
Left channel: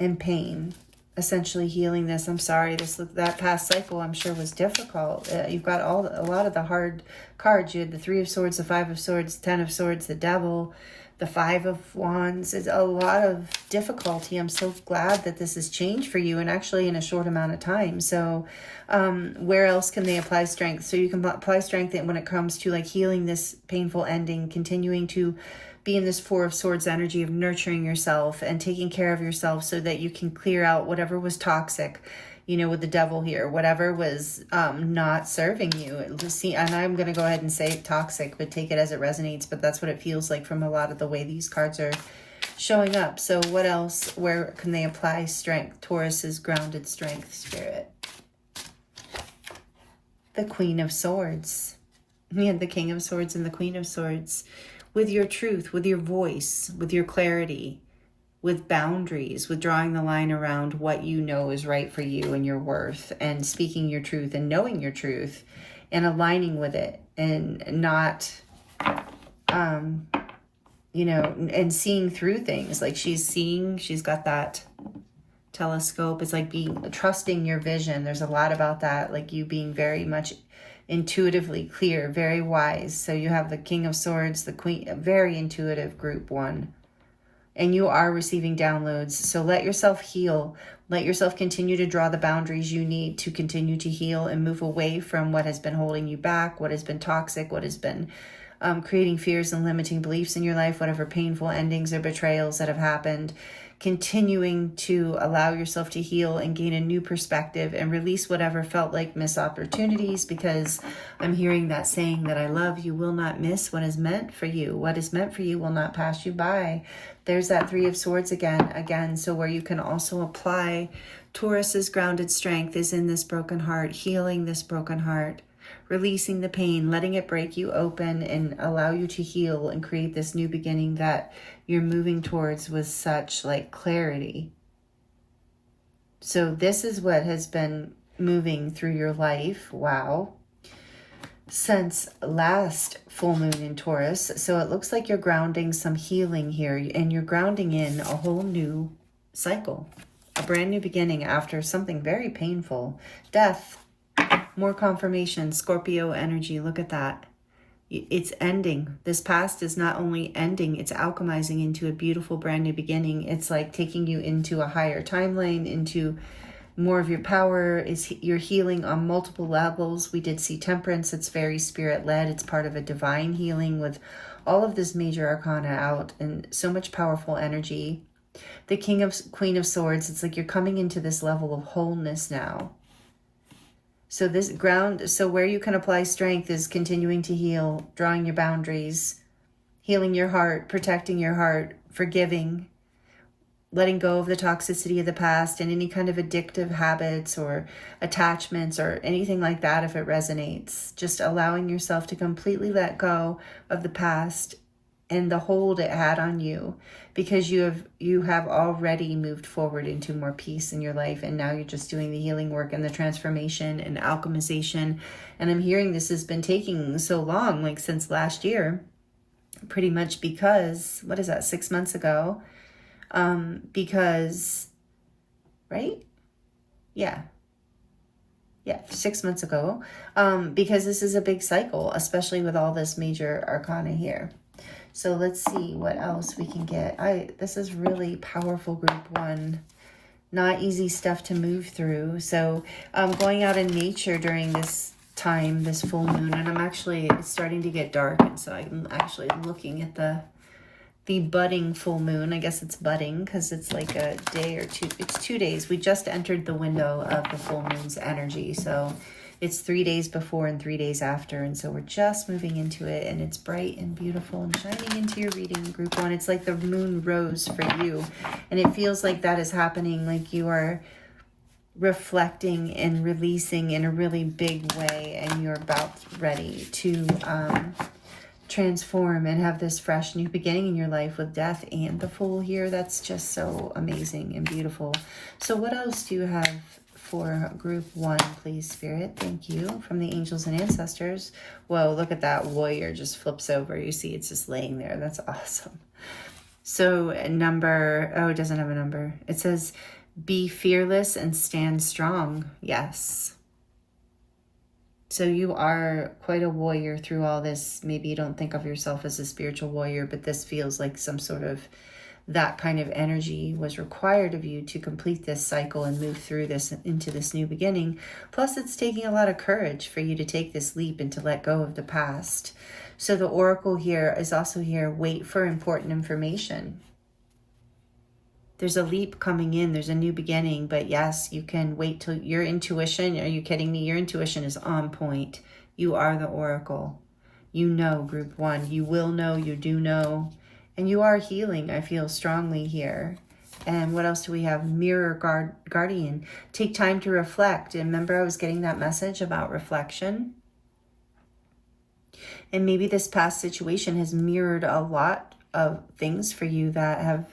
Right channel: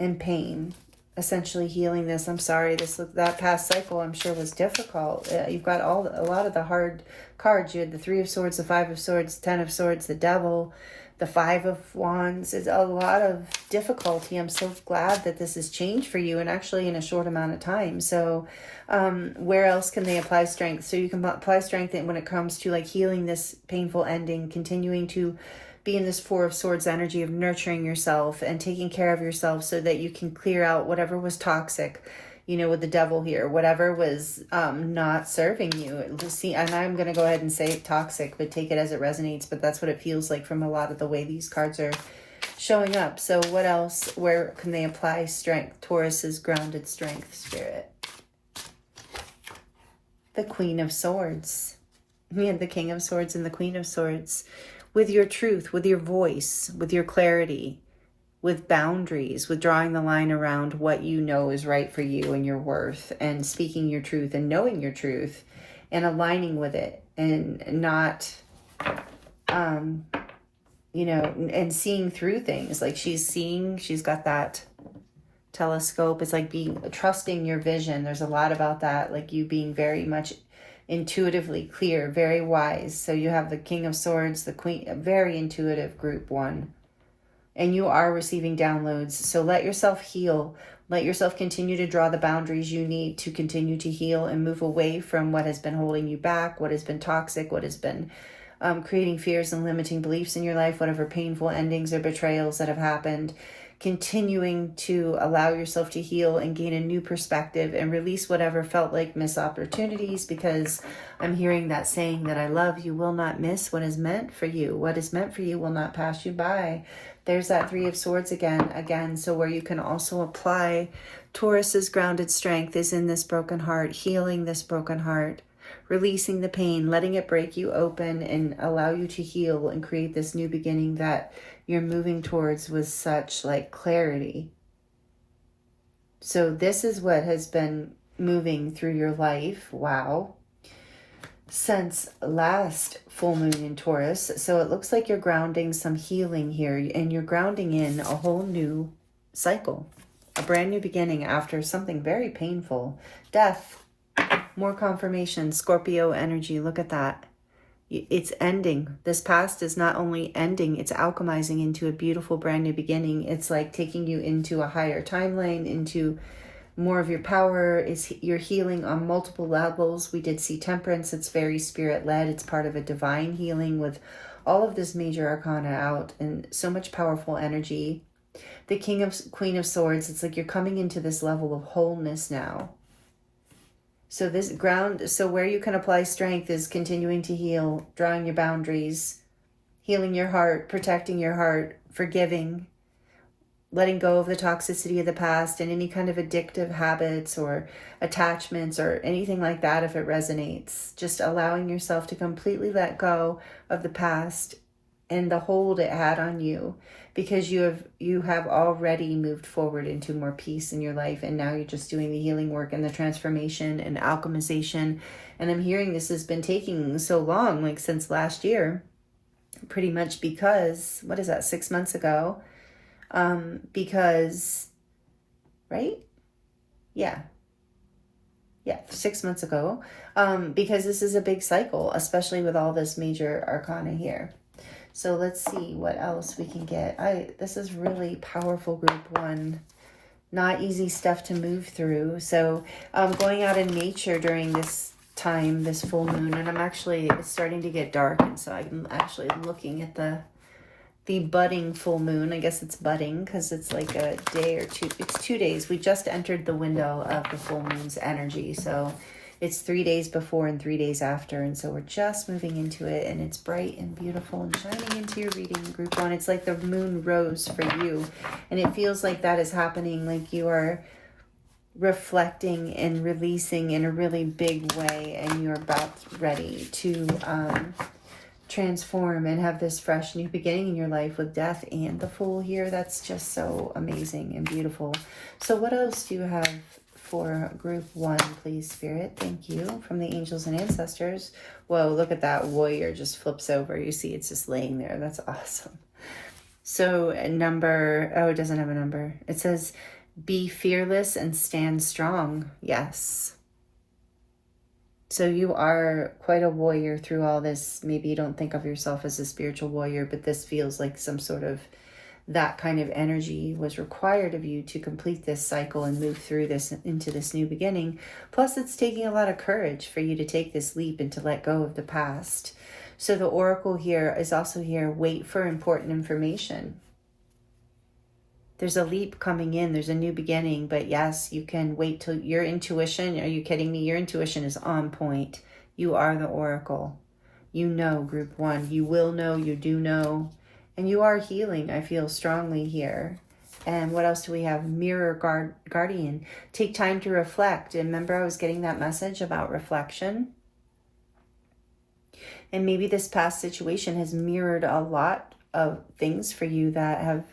and pain, essentially healing this. I'm sorry, that past cycle I'm sure was difficult. You've got a lot of the hard cards. You had the 3 of Swords, the 5 of Swords, 10 of Swords, the Devil, the 5 of Wands. Is a lot of difficulty. I'm so glad that this has changed for you and actually in a short amount of time. So where else can they apply strength? So you can apply strength when it comes to like healing this painful ending, continuing to be in this 4 of Swords energy of nurturing yourself and taking care of yourself so that you can clear out whatever was toxic, with the Devil here, whatever was not serving you. And I'm going to go ahead and say toxic, but take it as it resonates. But that's what it feels like from a lot of the way these cards are showing up. So what else? Where can they apply strength? Taurus's grounded strength, Spirit. The Queen of Swords. Yeah, the King of Swords and the Queen of Swords. With your truth, with your voice, with your clarity, with boundaries, with drawing the line around what you know is right for you and your worth, and speaking your truth and knowing your truth and aligning with it, and not, and seeing through things. Like she's got that telescope. It's like trusting your vision. There's a lot about that, like you being very much intuitively clear, very wise. So you have the King of Swords, the Queen, a very intuitive group 1. And you are receiving downloads. So let yourself heal. Let yourself continue to draw the boundaries you need to continue to heal and move away from what has been holding you back, what has been toxic, what has been creating fears and limiting beliefs in your life, whatever painful endings or betrayals that have happened. Continuing to allow yourself to heal and gain a new perspective and release whatever felt like missed opportunities, because I'm hearing that saying that I love, you will not miss what is meant for you. What is meant for you will not pass you by. There's that 3 of Swords again. So where you can also apply Taurus's grounded strength is in this broken heart, healing this broken heart, releasing the pain, letting it break you open and allow you to heal and create this new beginning that you're moving towards with such like clarity. So this is what has been moving through your life. Wow. Since last full moon in Taurus. So it looks like you're grounding some healing here, and you're grounding in a whole new cycle, a brand new beginning after something very painful. Death, more confirmation, Scorpio energy. Look at that. It's ending. This past is not only ending, it's alchemizing into a beautiful brand new beginning. It's like taking you into a higher timeline, into more of your power. You're healing on multiple levels. We did see Temperance. It's very spirit-led. It's part of a divine healing with all of this major arcana out and so much powerful energy. The Queen of Swords, it's like you're coming into this level of wholeness now. So this ground, so where you can apply strength is continuing to heal, drawing your boundaries, healing your heart, protecting your heart, forgiving, letting go of the toxicity of the past and any kind of addictive habits or attachments or anything like that if it resonates. Just allowing yourself to completely let go of the past and the hold it had on you, because you have already moved forward into more peace in your life, and now you're just doing the healing work and the transformation and alchemization. And I'm hearing this has been taking so long, like since last year, pretty much, because what is that, 6 months ago? Because, right? Yeah, 6 months ago, because this is a big cycle, especially with all this major arcana here. So let's see what else we can get. This is really powerful, group 1. Not easy stuff to move through. So going out in nature during this time, this full moon, and it's starting to get dark, and so I'm actually looking at the budding full moon. I guess it's budding because it's like a day or two. It's 2 days. We just entered the window of the full moon's energy. So it's 3 days before and 3 days after. And so we're just moving into it, and it's bright and beautiful and shining into your reading, group 1. It's like the moon rose for you. And it feels like that is happening, like you are reflecting and releasing in a really big way, and you're about ready to transform and have this fresh new beginning in your life with death and the Fool here. That's just so amazing and beautiful. So what else do you have for group 1, please, Spirit? Thank you. From the angels and ancestors. Whoa, look at that warrior just flips over. You see it's just laying there. That's awesome. So number, oh, it doesn't have a number. It says, be fearless and stand strong. Yes. So you are quite a warrior through all this. Maybe you don't think of yourself as a spiritual warrior, but this feels like some sort of that kind of energy was required of you to complete this cycle and move through this into this new beginning. Plus, it's taking a lot of courage for you to take this leap and to let go of the past. So the oracle here is also here, wait for important information. There's a leap coming in. There's a new beginning. But yes, you can wait till your intuition. Are you kidding me? Your intuition is on point. You are the oracle. You know, group 1. You will know. You do know. And you are healing. I feel strongly here. And what else do we have? Mirror guardian. Take time to reflect. And remember, I was getting that message about reflection. And maybe this past situation has mirrored a lot of things for you that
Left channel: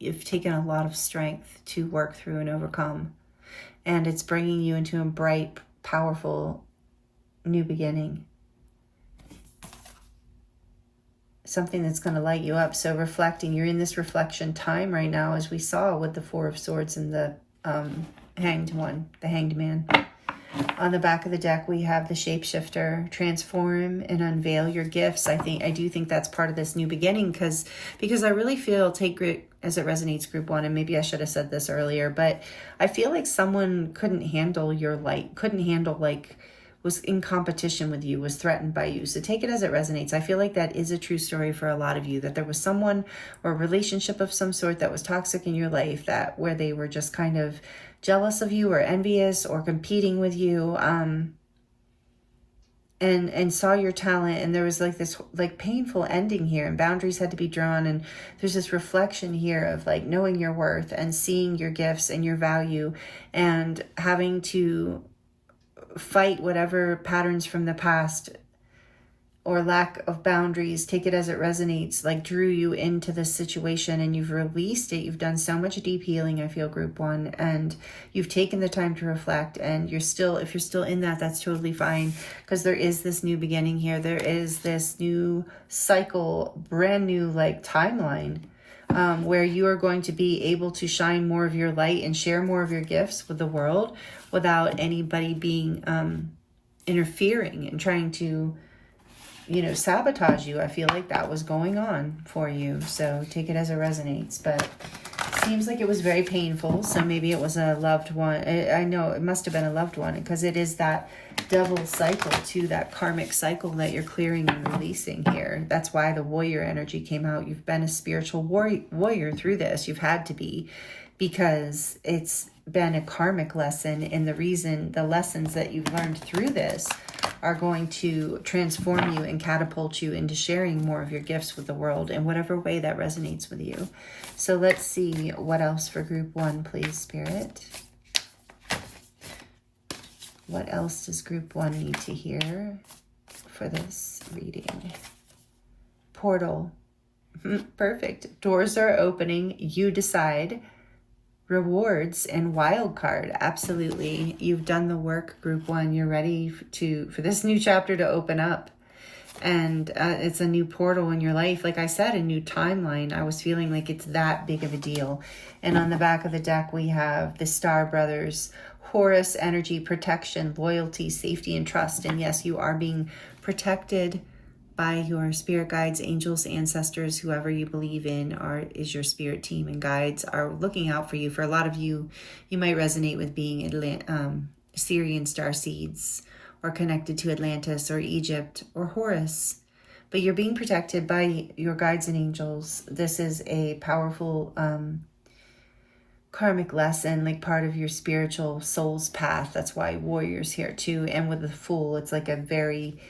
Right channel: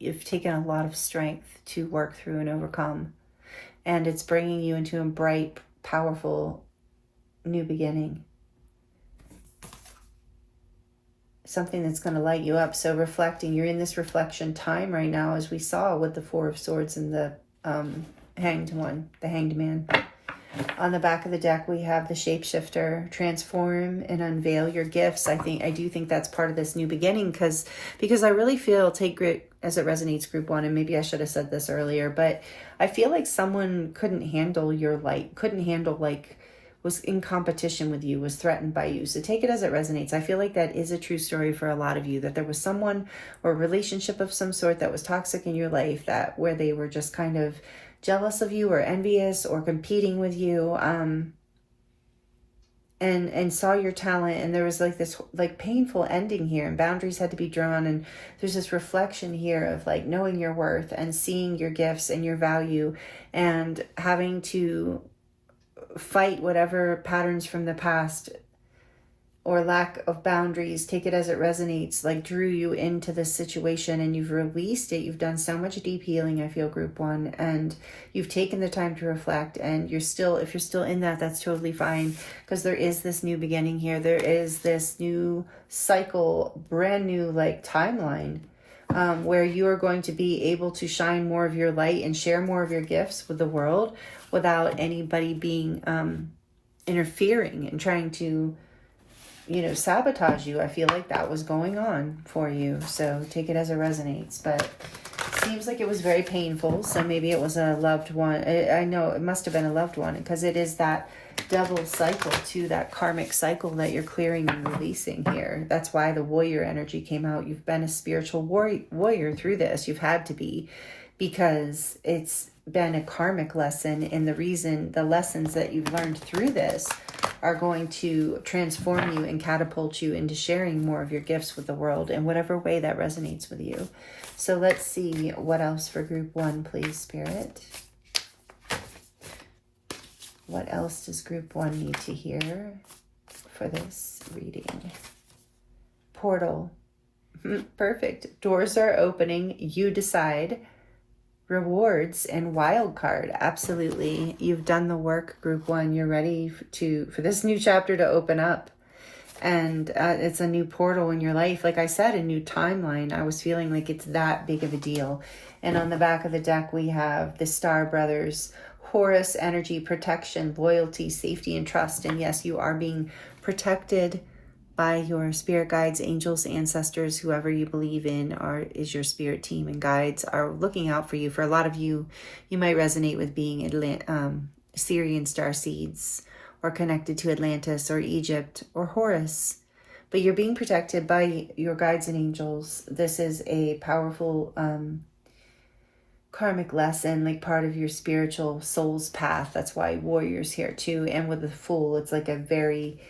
you've taken a lot of strength to work through and overcome. And it's bringing you into a bright, powerful new beginning. Something that's going to light you up. So reflecting, you're in this reflection time right now, as we saw with the 4 of Swords and the hanged man. On the back of the deck, we have the shapeshifter, transform and unveil your gifts. I do think that's part of this new beginning, because I really feel, take great as it resonates, group 1, and maybe I should have said this earlier, but I feel like someone couldn't handle your light, was in competition with you, was threatened by you. So take it as it resonates. I feel like that is a true story for a lot of you, that there was someone or a relationship of some sort that was toxic in your life, where they were just kind of jealous of you or envious or competing with you, and saw your talent, and there was like this painful ending here, and boundaries had to be drawn, and there's this reflection here of knowing your worth and seeing your gifts and your value, and having to fight whatever patterns from the past or lack of boundaries, take it as it resonates, drew you into this situation, and you've released it. You've done so much deep healing, I feel, group 1, and you've taken the time to reflect, and if you're still in that, that's totally fine, because there is this new beginning here. There is this new cycle, brand new timeline, where you are going to be able to shine more of your light and share more of your gifts with the world without anybody being interfering and trying to sabotage you. I feel like that was going on for you. So take it as it resonates. But seems like it was very painful. So maybe it was a loved one. I know it must have been a loved one, because it is that double cycle to that karmic cycle that you're clearing and releasing here. That's why the warrior energy came out. You've been a spiritual warrior through this. You've had to be, because it's been a karmic lesson, and the lessons that you've learned through this are going to transform you and catapult you into sharing more of your gifts with the world in whatever way that resonates with you. So let's see what else for group 1, please, Spirit. What else does group 1 need to hear for this reading? Portal. Perfect. Doors are opening. You decide. Rewards and wild card. Absolutely. You've done the work, group 1. You're ready for this new chapter to open up. And it's a new portal in your life. Like I said, a new timeline. I was feeling like it's that big of a deal. And on the back of the deck, we have the Star Brothers, Horus energy, protection, loyalty, safety, and trust. And yes, you are being protected by your spirit guides, angels, ancestors, whoever you believe in is your spirit team and guides are looking out for you. For a lot of you, you might resonate with being Syrian star seeds, or connected to Atlantis or Egypt or Horus. But you're being protected by your guides and angels. This is a powerful karmic lesson, like part of your spiritual soul's path. That's why warrior's here too. And with the Fool, it's like a very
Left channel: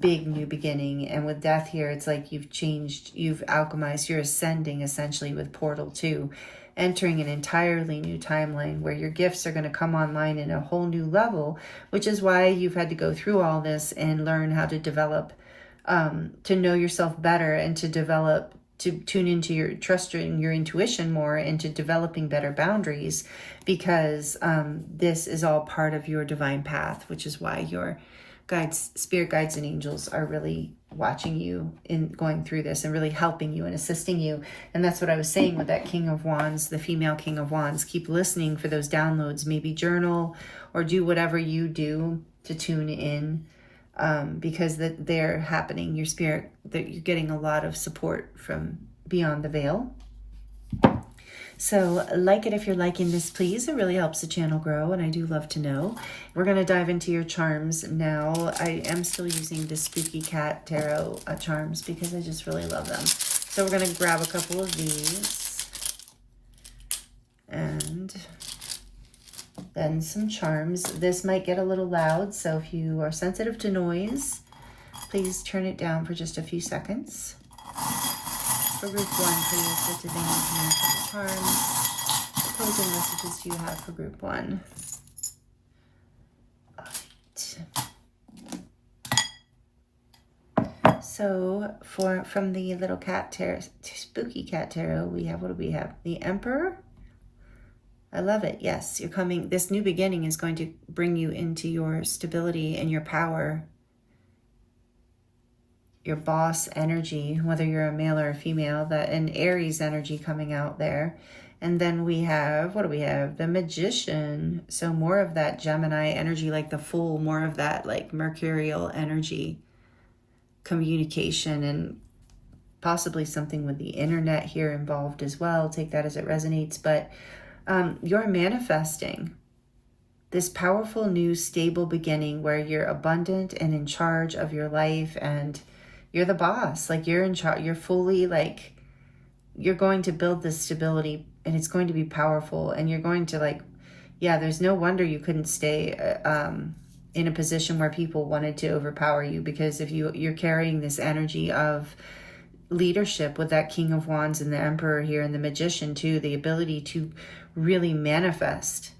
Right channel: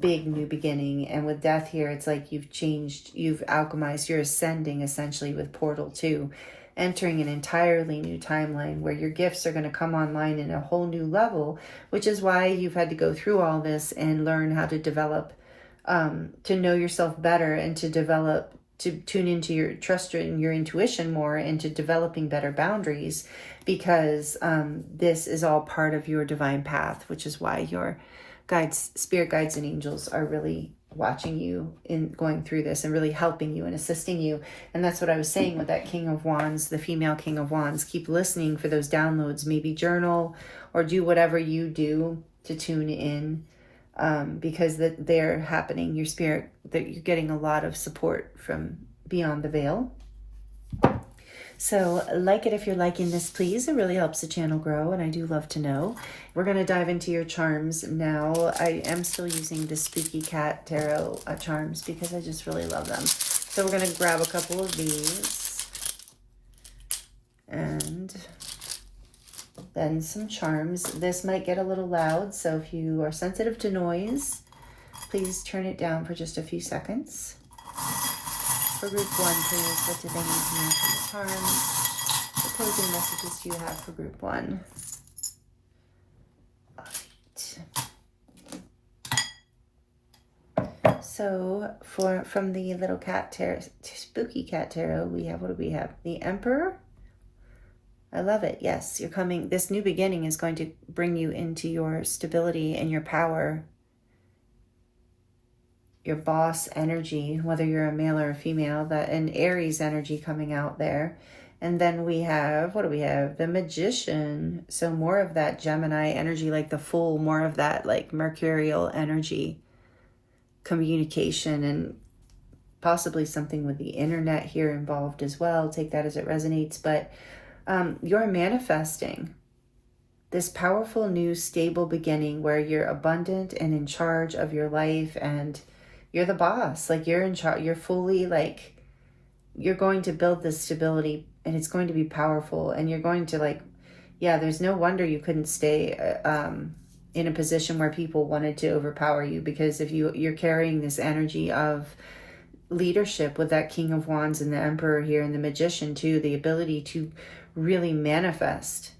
big new beginning. And with Death here, it's like you've changed, you've alchemized, you're ascending essentially with Portal 2, entering an entirely new timeline where your gifts are going to come online in a whole new level, which is why you've had to go through all this and learn how to develop, to know yourself better, and to develop, to tune into your trust in your intuition more, and to developing better boundaries, because this is all part of your divine path, which is why your guides, spirit guides and angels are really watching you in going through this and really helping you and assisting you. And that's what I was saying with that King of Wands, the female King of Wands. Keep listening for those downloads, maybe journal or do whatever you do to tune in, because they're happening. Your spirit, that you're getting a lot of support from beyond the veil. So like it if you're liking this, please. It really helps the channel grow, and I do love to know. We're going to dive into your charms now. I am still using the Spooky Cat Tarot charms because I just really love them. So we're going to grab a couple of these. And then some charms. This might get a little loud, so if you are sensitive to noise, please turn it down for just a few seconds. For group 1, please, what do they need to mean for the charms? What closing messages do you have for group 1? All right. So from the little cat tarot, Spooky Cat Tarot, we have, what do we have? The Emperor. I love it. Yes, you're coming. This new beginning is going to bring you into your stability and your power, your boss energy, whether you're a male or a female, that an Aries energy coming out there. And then we have, what do we have? The Magician. So more of that Gemini energy, like the Fool, more of that like Mercurial energy, communication, and possibly something with the internet here involved as well. Take that as it resonates. But you're manifesting this powerful new stable beginning where you're abundant and in charge of your life, and you're the boss. Like you're in charge. You're fully like, you're going to build this stability, and it's going to be powerful. And you're going to like, yeah, there's no wonder you couldn't stay in a position where people wanted to overpower you, because if you're carrying this energy of leadership with that King of Wands and the Emperor here, and the Magician too, the ability to really manifest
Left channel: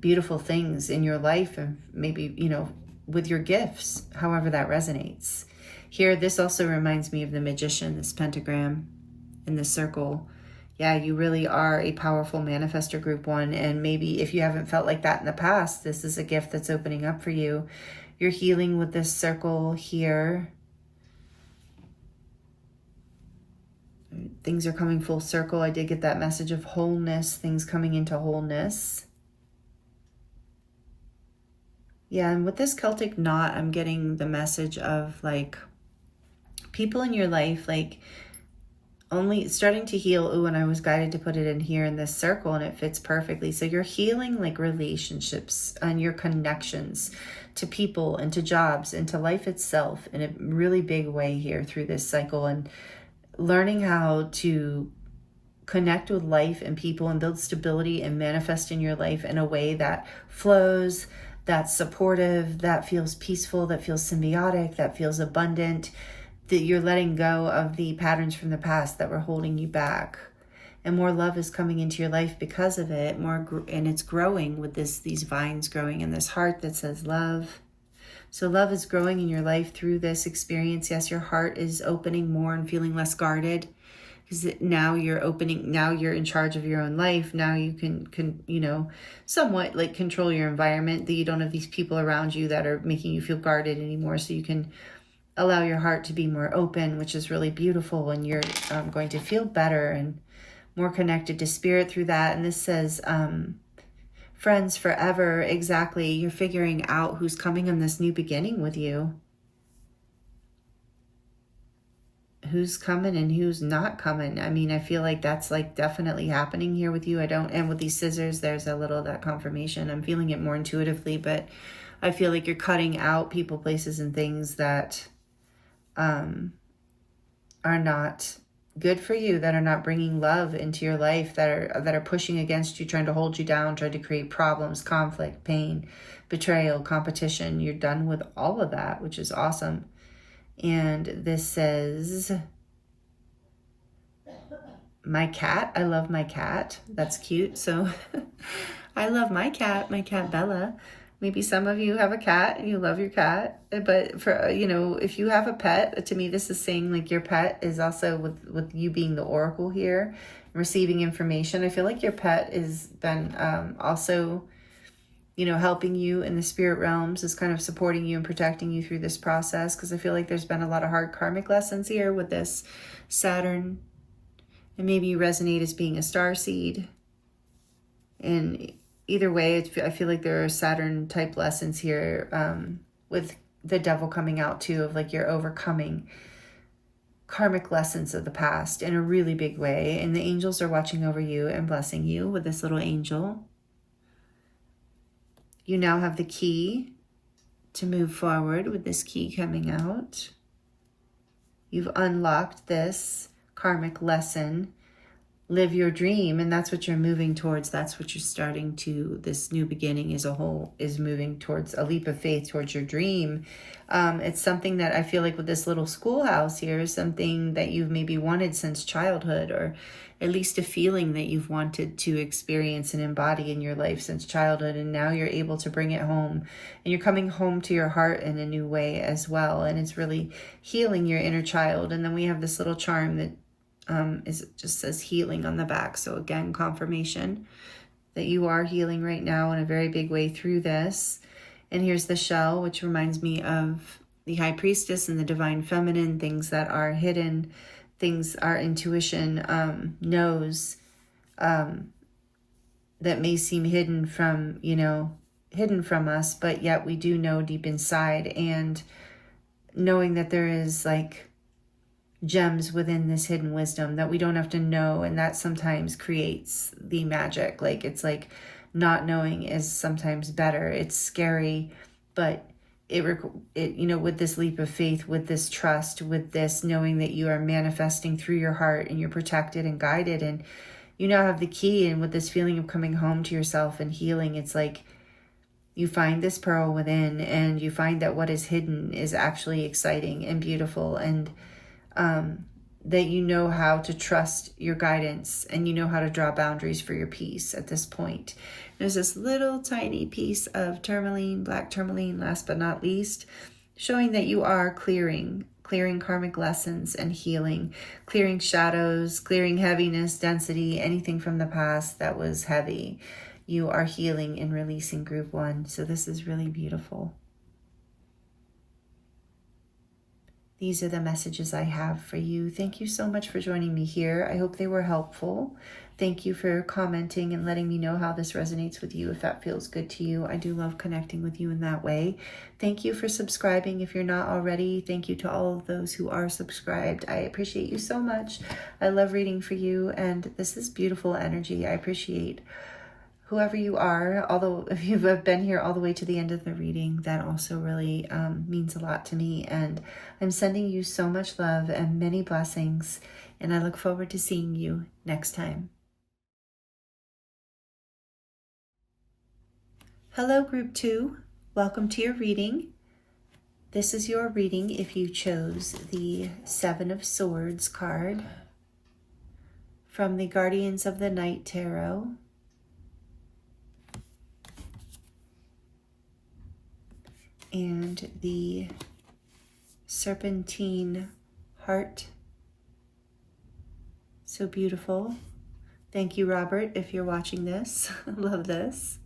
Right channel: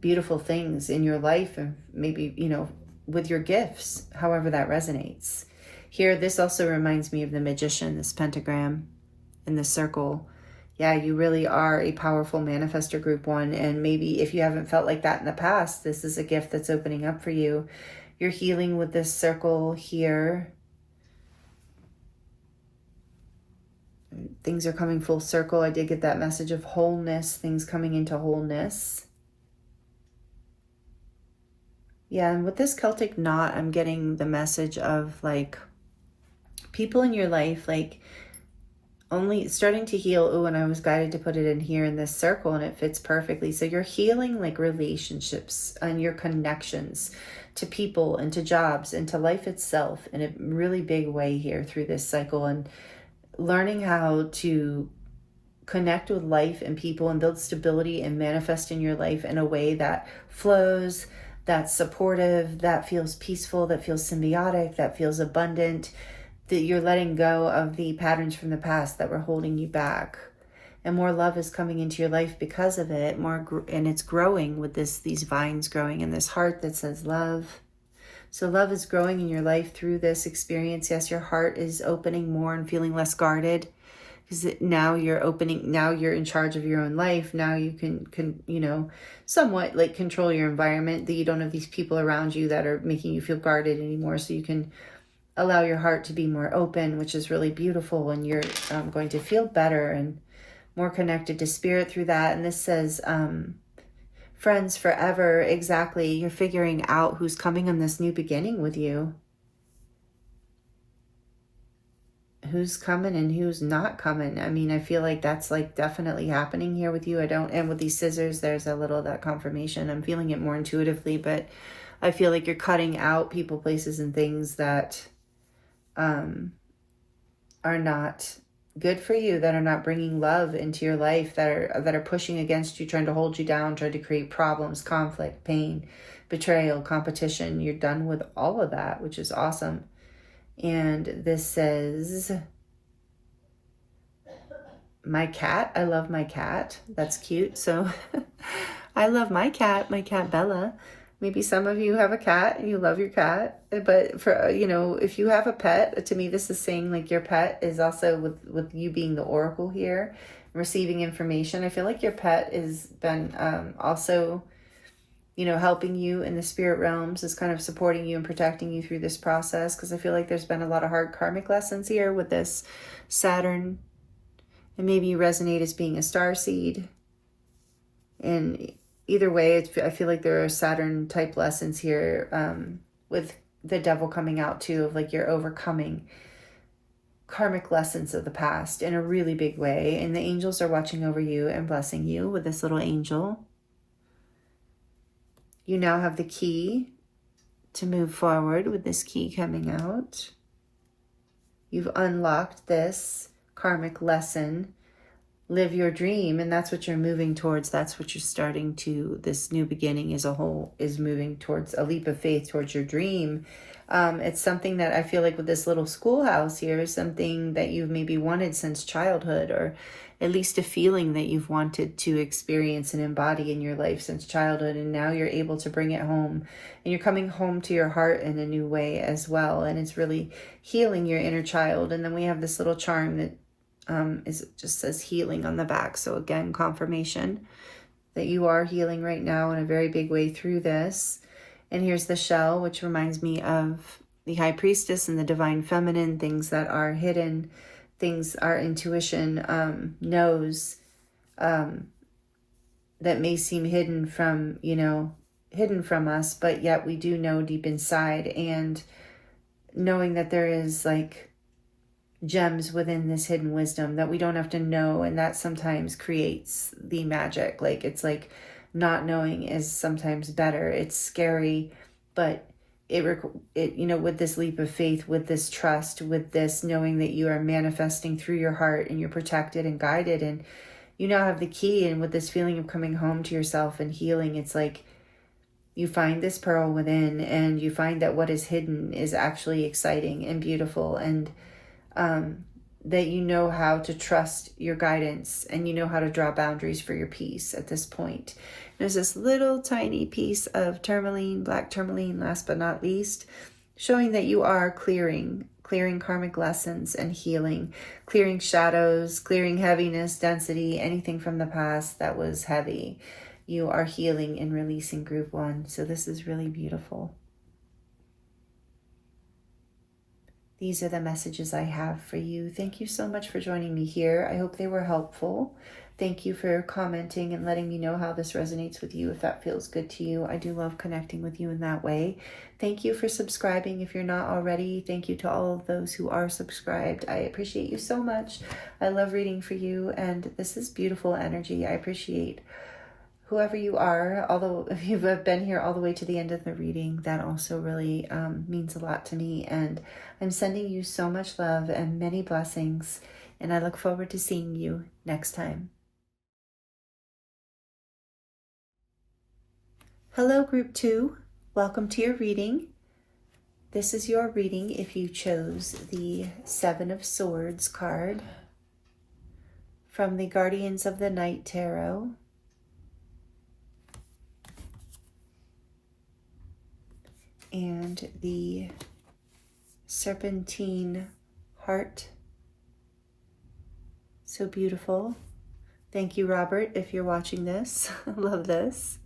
beautiful things in your life, and maybe, you know, with your gifts, however that resonates. Here, this also reminds me of the Magician, this pentagram and this circle. Yeah, you really are a powerful manifestor, group 1. And maybe if you haven't felt like that in the past, this is a gift that's opening up for you. You're healing with this circle here. Things are coming full circle. I did get that message of wholeness, things coming into wholeness. Yeah, and with this Celtic knot, I'm getting the message of like people in your life, like only starting to heal. Oh, and I was guided to put it in here in this circle, and it fits perfectly. So you're healing like relationships and your connections to people and to jobs and to life itself in a really big way here through this cycle, and learning how to connect with life and people and build stability and manifest in your life in a way that flows, that's supportive, that feels peaceful, that feels symbiotic, that feels abundant, that you're letting go of the patterns from the past that were holding you back. And more love is coming into your life because of it, and it's growing with these vines growing in this heart that says love. So love is growing in your life through this experience. Yes, your heart is opening more and feeling less guarded, because now you're opening, now you're in charge of your own life. Now you can you know, somewhat like control your environment, that you don't have these people around you that are making you feel guarded anymore. So you can allow your heart to be more open, which is really beautiful. And you're going to feel better and more connected to spirit through that. And this says, friends forever. Exactly. You're figuring out who's coming on this new beginning with you. Who's coming and who's not coming. I mean, I feel like that's like definitely happening here with you. And with these scissors, there's a little that confirmation. I'm feeling it more intuitively, but I feel like you're cutting out people, places, and things that are not good for you, that are not bringing love into your life, that are pushing against you, trying to hold you down, trying to create problems, conflict, pain, betrayal, competition. You're done with all of that, which is awesome. And this says, my cat. I love my cat. That's cute. So I love my cat Bella. Maybe some of you have a cat and you love your cat, but for, you know, if you have a pet, to me, this is saying like your pet is also with you being the oracle here, receiving information. I feel like your pet has been also, you know, helping you in the spirit realms, is kind of supporting you and protecting you through this process. Because I feel like there's been a lot of hard karmic lessons here with this Saturn, and maybe you resonate as being a starseed. And either way, I feel like there are Saturn type lessons here, with the devil coming out too, of like you're overcoming karmic lessons of the past in a really big way. And the angels are watching over you and blessing you with this little angel. You now have the key to move forward with this key coming out. You've unlocked this karmic lesson. Live your dream, and that's what you're moving towards. That's what you're starting to, this new beginning as a whole is moving towards a leap of faith towards your dream. It's something that I feel like with this little schoolhouse here is something that you've maybe wanted since childhood, or at least a feeling that you've wanted to experience and embody in your life since childhood. And now you're able to bring it home, and you're coming home to your heart in a new way as well. And it's really healing your inner child. And then we have this little charm that it just says healing on the back. So again, confirmation that you are healing right now in a very big way through this. And here's the shell, which reminds me of the High Priestess and the Divine Feminine, things that are hidden, things our intuition knows, that may seem hidden from, you know, hidden from us, but yet we do know deep inside. And knowing that there is like gems within this hidden wisdom that we don't have to know, and that sometimes creates the magic. Like, it's like not knowing is sometimes better. It's scary, but it you know, with this leap of faith, with this trust, with this knowing that you are manifesting through your heart and you're protected and guided, and you now have the key. And with this feeling of coming home to yourself and healing, it's like you find this pearl within, and you find that what is hidden is actually exciting and beautiful, and that you know how to trust your guidance, and you know how to draw boundaries for your peace at this point. There's this little tiny piece of tourmaline, black tourmaline, last but not least, showing that you are clearing karmic lessons and healing, clearing shadows, clearing heaviness, density, anything from the past that was heavy. You are healing and releasing group one. So this is really beautiful. These are the messages I have for you. Thank you so much for joining me here. I hope they were helpful. Thank you for commenting and letting me know how this resonates with you, if that feels good to you. I do love connecting with you in that way. Thank you for subscribing if you're not already. Thank you to all of those who are subscribed. I appreciate you so much. I love reading for you, and this is beautiful energy. I appreciate whoever you are. Although if you've been here all the way to the end of the reading, that also really means a lot to me. And I'm sending you so much love and many blessings, and I look forward to seeing you next time. Hello, Group 2. Welcome to your reading. This is your reading if you chose the Seven of Swords card from the Guardians of the Night Tarot. And the Serpentine Heart. So beautiful. Thank you, Robert, if you're watching this. I love this.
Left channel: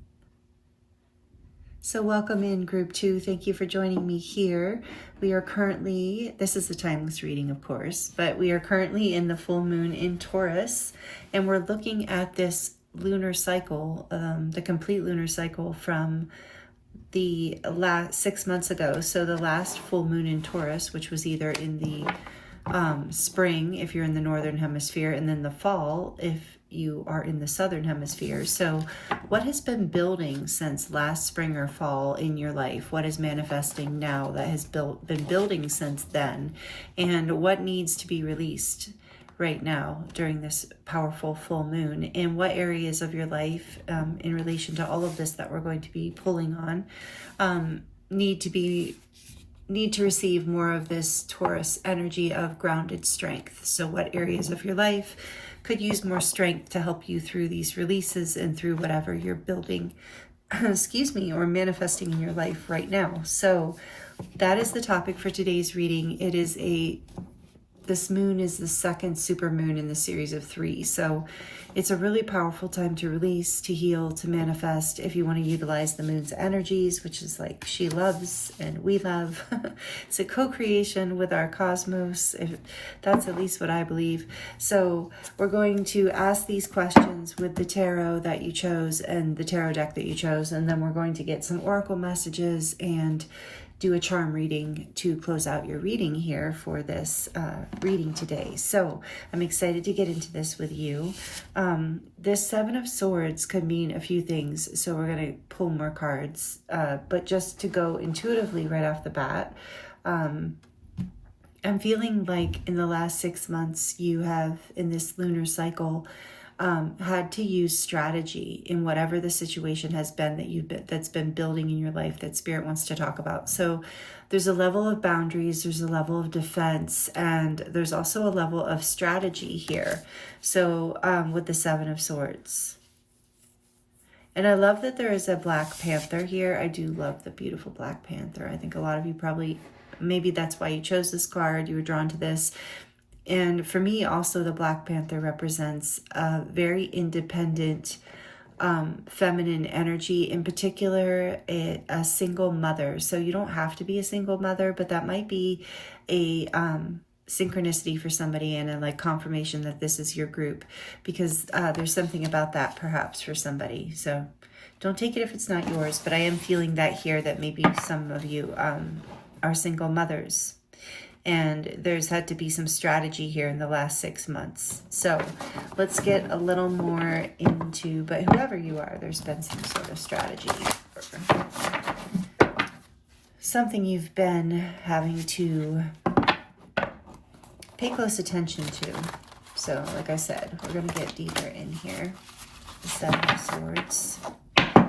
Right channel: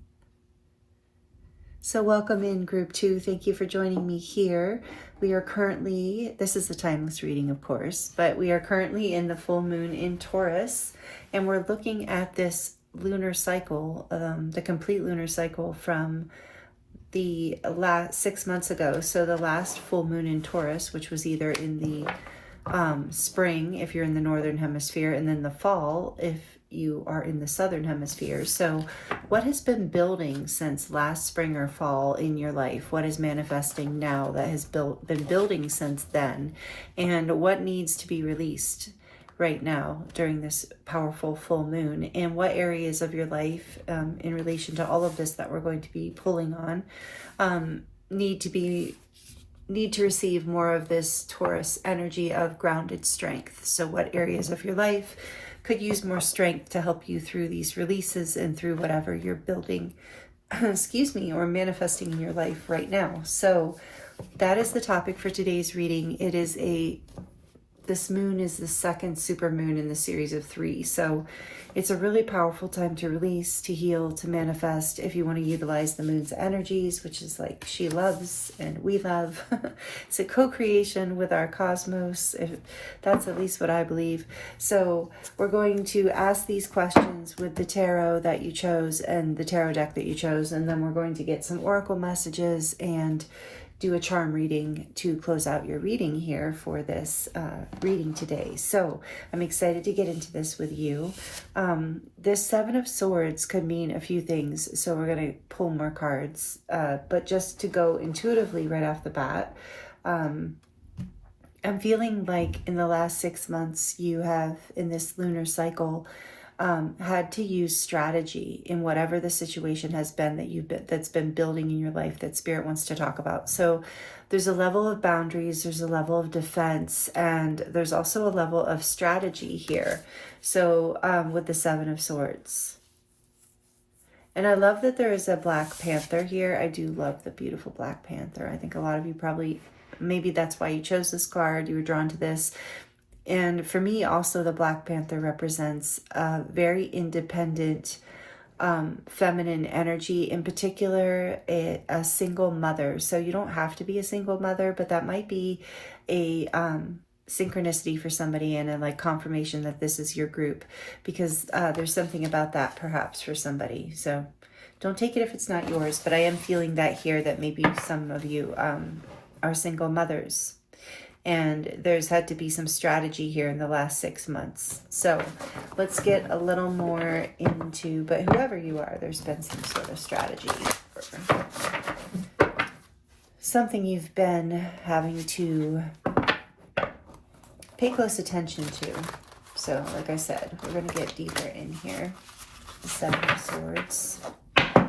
So welcome in, Group 2. Thank you for joining me here. We are currently, this is a timeless reading, of course, but we are currently in the full moon in Taurus, and we're looking at this lunar cycle, the complete lunar cycle from the last 6 months ago. So the last full moon in Taurus, which was either in the spring, if you're in the northern hemisphere, and then the fall, if you are in the southern hemisphere. So what has been building since last spring or fall in your life? What is manifesting now that has been building since then? And what needs to be released right now during this powerful full moon? And what areas of your life in relation to all of this that we're going to be pulling on need to receive more of this Taurus energy of grounded strength? So what areas of your life could use more strength to help you through these releases and through whatever you're building, excuse me, or manifesting in your life right now? So that is the topic for today's reading. This moon is the second super moon in the series of 3. So it's a really powerful time to release, to heal, to manifest, if you want to utilize the moon's energies, which is like she loves and we love. It's a co-creation with our cosmos. That's at least what I believe. So we're going to ask these questions with the tarot that you chose and the tarot deck that you chose, and then we're going to get some oracle messages and do a charm reading to close out your reading here for this reading today. So I'm excited to get into this with you. This Seven of Swords could mean a few things, so we're going to pull more cards. But just to go intuitively right off the bat, I'm feeling like in the last 6 months you have, in this lunar cycle, had to use strategy in whatever the situation has been that's been building in your life that Spirit wants to talk about. So there's a level of boundaries, there's a level of defense, and there's also a level of strategy here. So with the Seven of Swords. And I love that there is a Black Panther here. I do love the beautiful Black Panther. I think a lot of you probably, maybe that's why you chose this card, you were drawn to this. And for me, also, the Black Panther represents a very independent, feminine energy, in particular, a single mother. So you don't have to be a single mother, but that might be a synchronicity for somebody and a like confirmation that this is your group, because there's something about that perhaps for somebody. So don't take it if it's not yours, but I am feeling that here, that maybe some of you are single mothers. And there's had to be some strategy here in the last 6 months. So let's get a little more into, but whoever you are, there's been some sort of strategy. Something you've been having to pay close attention to. So like I said, we're going to get deeper in here. The Seven of Swords.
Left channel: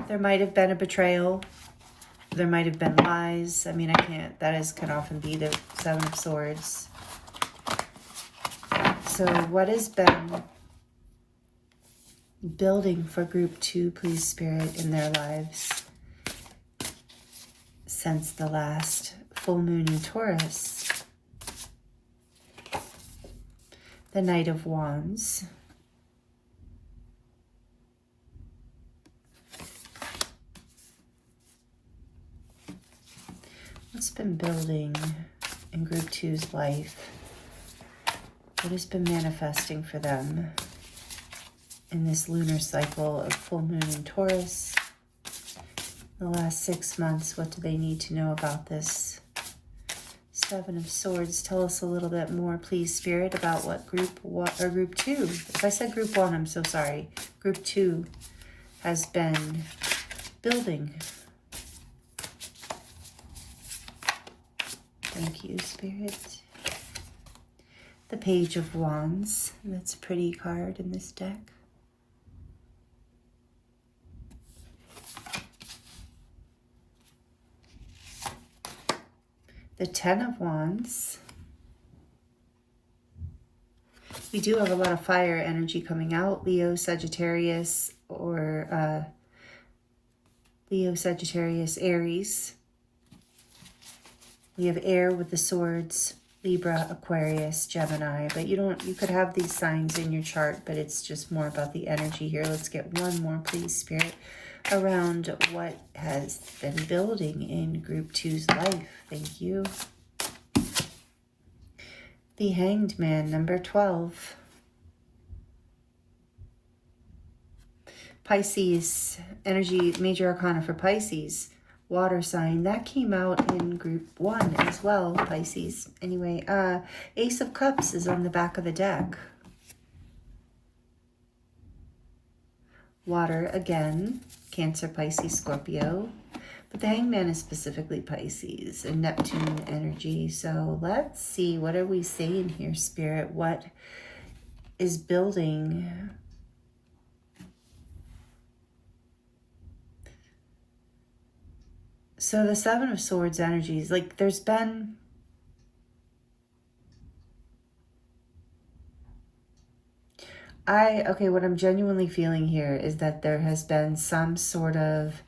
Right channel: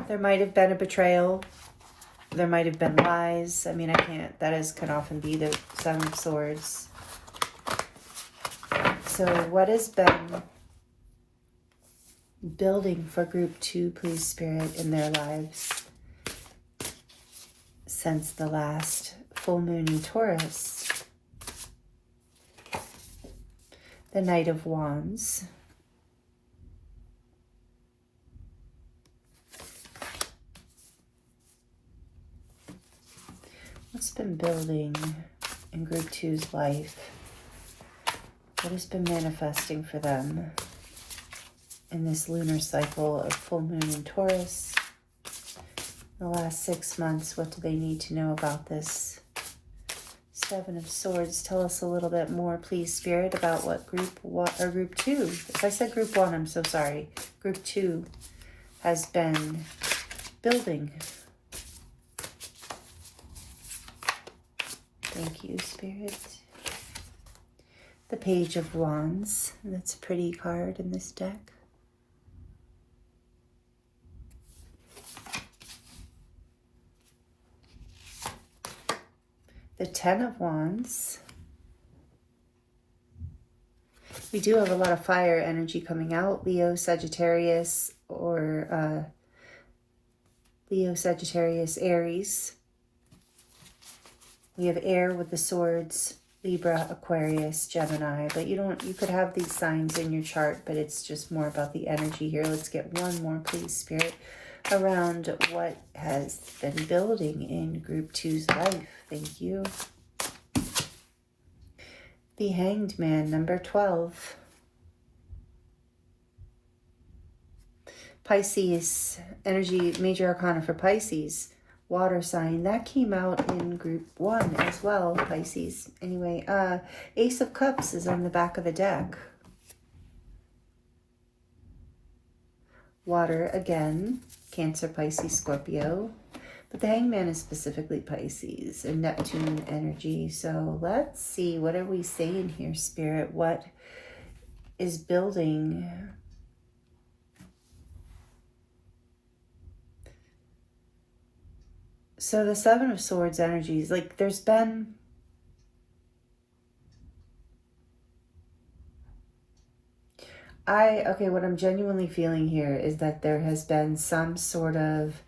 There might have been a betrayal. There might have been lies. I mean, can often be the Seven of Swords. So what has been building for Group 2, please, Spirit, in their lives since the last full moon in Taurus? The Knight of Wands. What's been building in Group 2's life? What has been manifesting for them? in this lunar cycle of full moon in Taurus. The last 6 months, what do they need to know about this? Seven of Swords. Tell us a little bit more, please, Spirit, about what group one or group two. If I said group one, I'm so sorry. Group two has been building. Thank you, Spirit. The Page of Wands. That's a pretty card in this deck. The Ten of Wands. We do have a lot of fire energy coming out. Leo, Sagittarius, or Leo, Sagittarius, Aries. We have air with the swords, Libra, Aquarius, Gemini. But you could have these signs in your chart, but it's just more about the energy here. Let's get one more, please, Spirit, around what has been building in Group 2's life. Thank you. The Hanged Man, number 12. Pisces, energy, major arcana for Pisces. Water sign. That came out in Group 1 as well, Pisces. Anyway, Ace of Cups is on the back of the deck. Water again. Cancer, Pisces, Scorpio. But the Hangman is specifically Pisces and Neptune energy. So let's see, what are we saying here, Spirit? What is building? So the Seven of Swords energies, like there's been what I'm genuinely feeling here is that there has been some sort of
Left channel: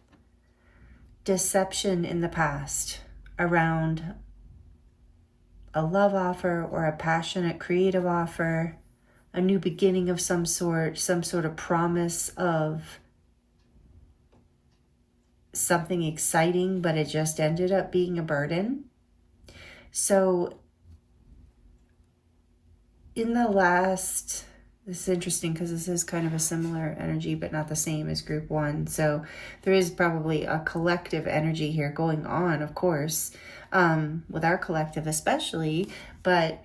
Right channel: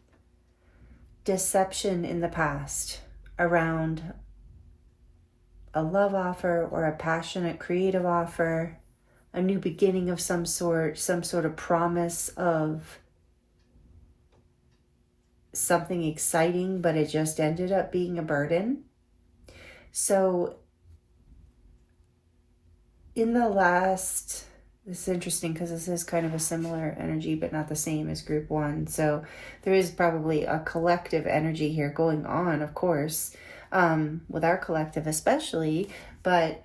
deception in the past around a love offer or a passionate creative offer, a new beginning of some sort of promise of something exciting, but it just ended up being a burden. So in the last, this is interesting because this is kind of a similar energy, but not the same as Group 1. So there is probably a collective energy here going on, of course, with our collective especially, but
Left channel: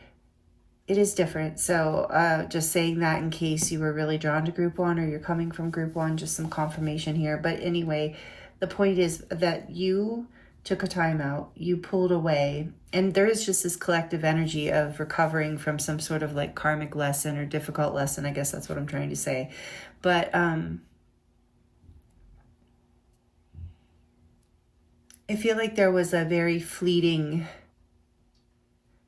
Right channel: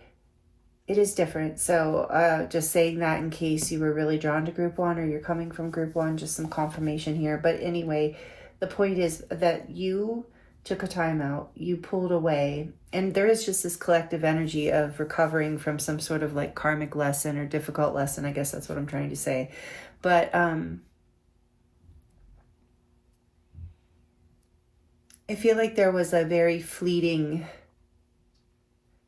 it is different. So just saying that in case you were really drawn to Group 1 or you're coming from Group 1, just some confirmation here. But anyway, the point is that you took a time out, you pulled away, and there is just this collective energy of recovering from some sort of like karmic lesson or difficult lesson. I guess that's what I'm trying to say. But I feel like there was a very fleeting,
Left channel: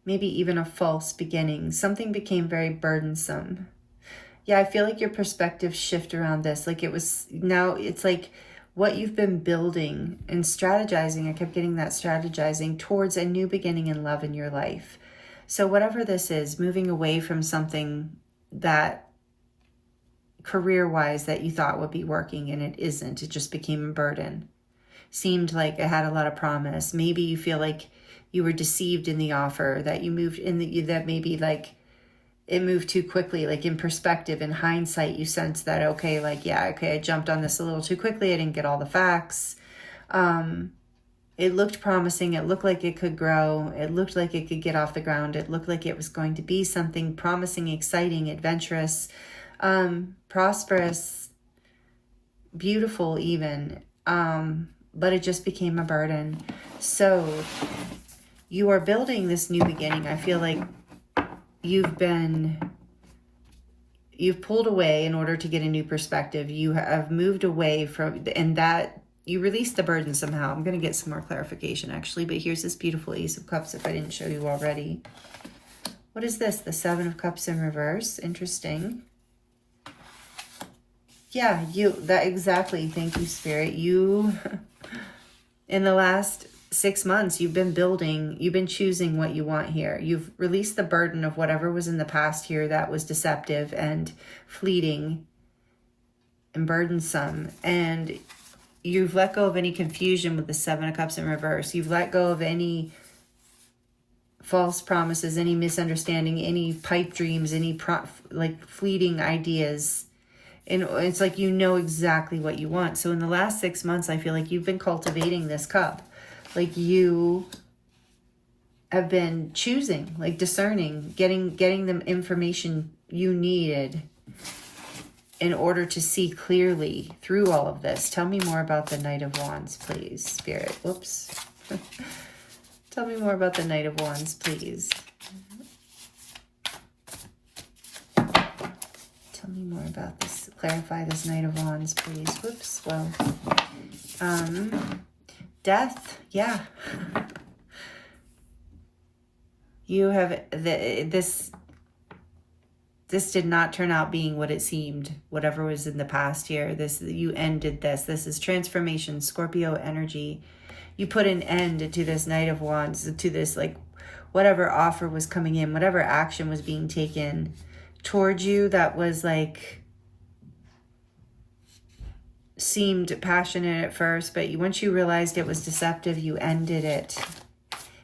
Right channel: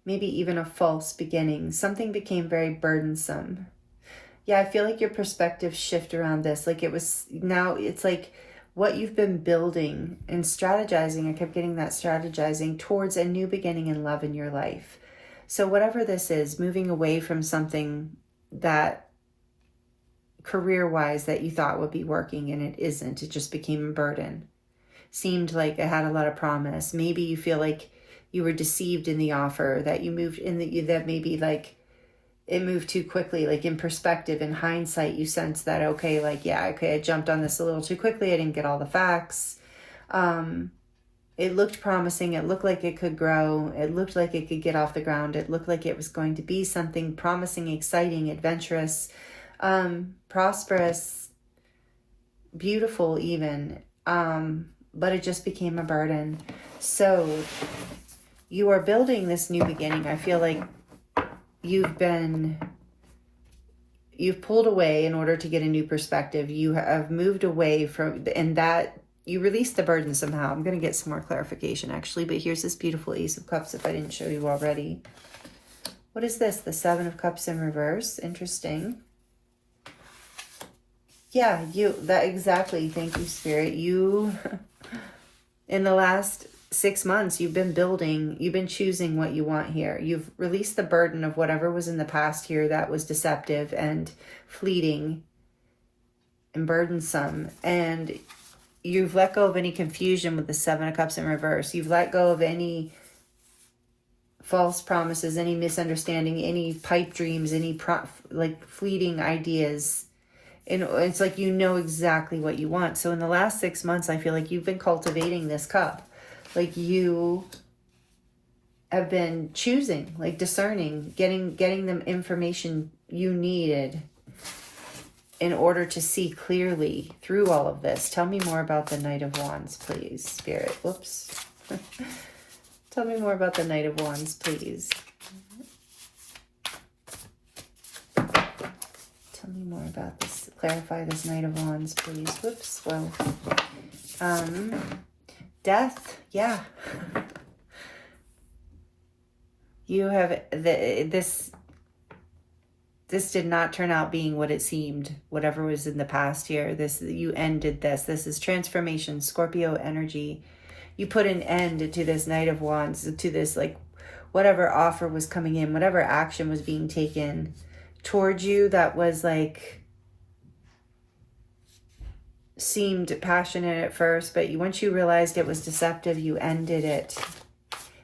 maybe even a false beginning. Something became very burdensome. Yeah, I feel like your perspective shift around this. Like it was, now it's like what you've been building and strategizing. I kept getting that strategizing towards a new beginning in love in your life. So whatever this is, moving away from something that career-wise that you thought would be working and it isn't. It just became a burden. Seemed like it had a lot of promise. Maybe you feel like you were deceived in the offer, that you moved in, that maybe like it moved too quickly. Like in perspective, in hindsight, you sense that, okay, like, yeah, okay, I jumped on this a little too quickly. I didn't get all the facts. It looked promising. It looked like it could grow. It looked like it could get off the ground. It looked like it was going to be something promising, exciting, adventurous, prosperous, beautiful even. But it just became a burden. So you are building this new beginning. I feel like you've pulled away in order to get a new perspective. You have moved away from, and that you released the burden somehow. I'm going to get some more clarification actually, but here's this beautiful Ace of Cups if I didn't show you already. What is this? The Seven of Cups in reverse. Interesting. Yeah, that exactly. Thank you, Spirit. You, in the last 6 months, you've been building, you've been choosing what you want here. You've released the burden of whatever was in the past here that was deceptive and fleeting and burdensome. And you've let go of any confusion with the Seven of Cups in reverse. You've let go of any false promises, any misunderstanding, any pipe dreams, any like fleeting ideas. And it's like, you know exactly what you want. So in the last 6 months, I feel like you've been cultivating this cup. Like you have been choosing, like discerning, getting them information you needed in order to see clearly through all of this. Tell me more about the Knight of Wands, please, Spirit. Whoops. Tell me more about the Knight of Wands, please. Tell me more about this. Clarify this Knight of Wands, please. Whoops. Well, death. Yeah. You have this did not turn out being what it seemed. Whatever was in the past year, you ended this. This is transformation, Scorpio energy. You put an end to this Knight of Wands, to this, like, whatever offer was coming in, whatever action was being taken towards you that was like, seemed passionate at first, but once you realized it was deceptive, you ended it.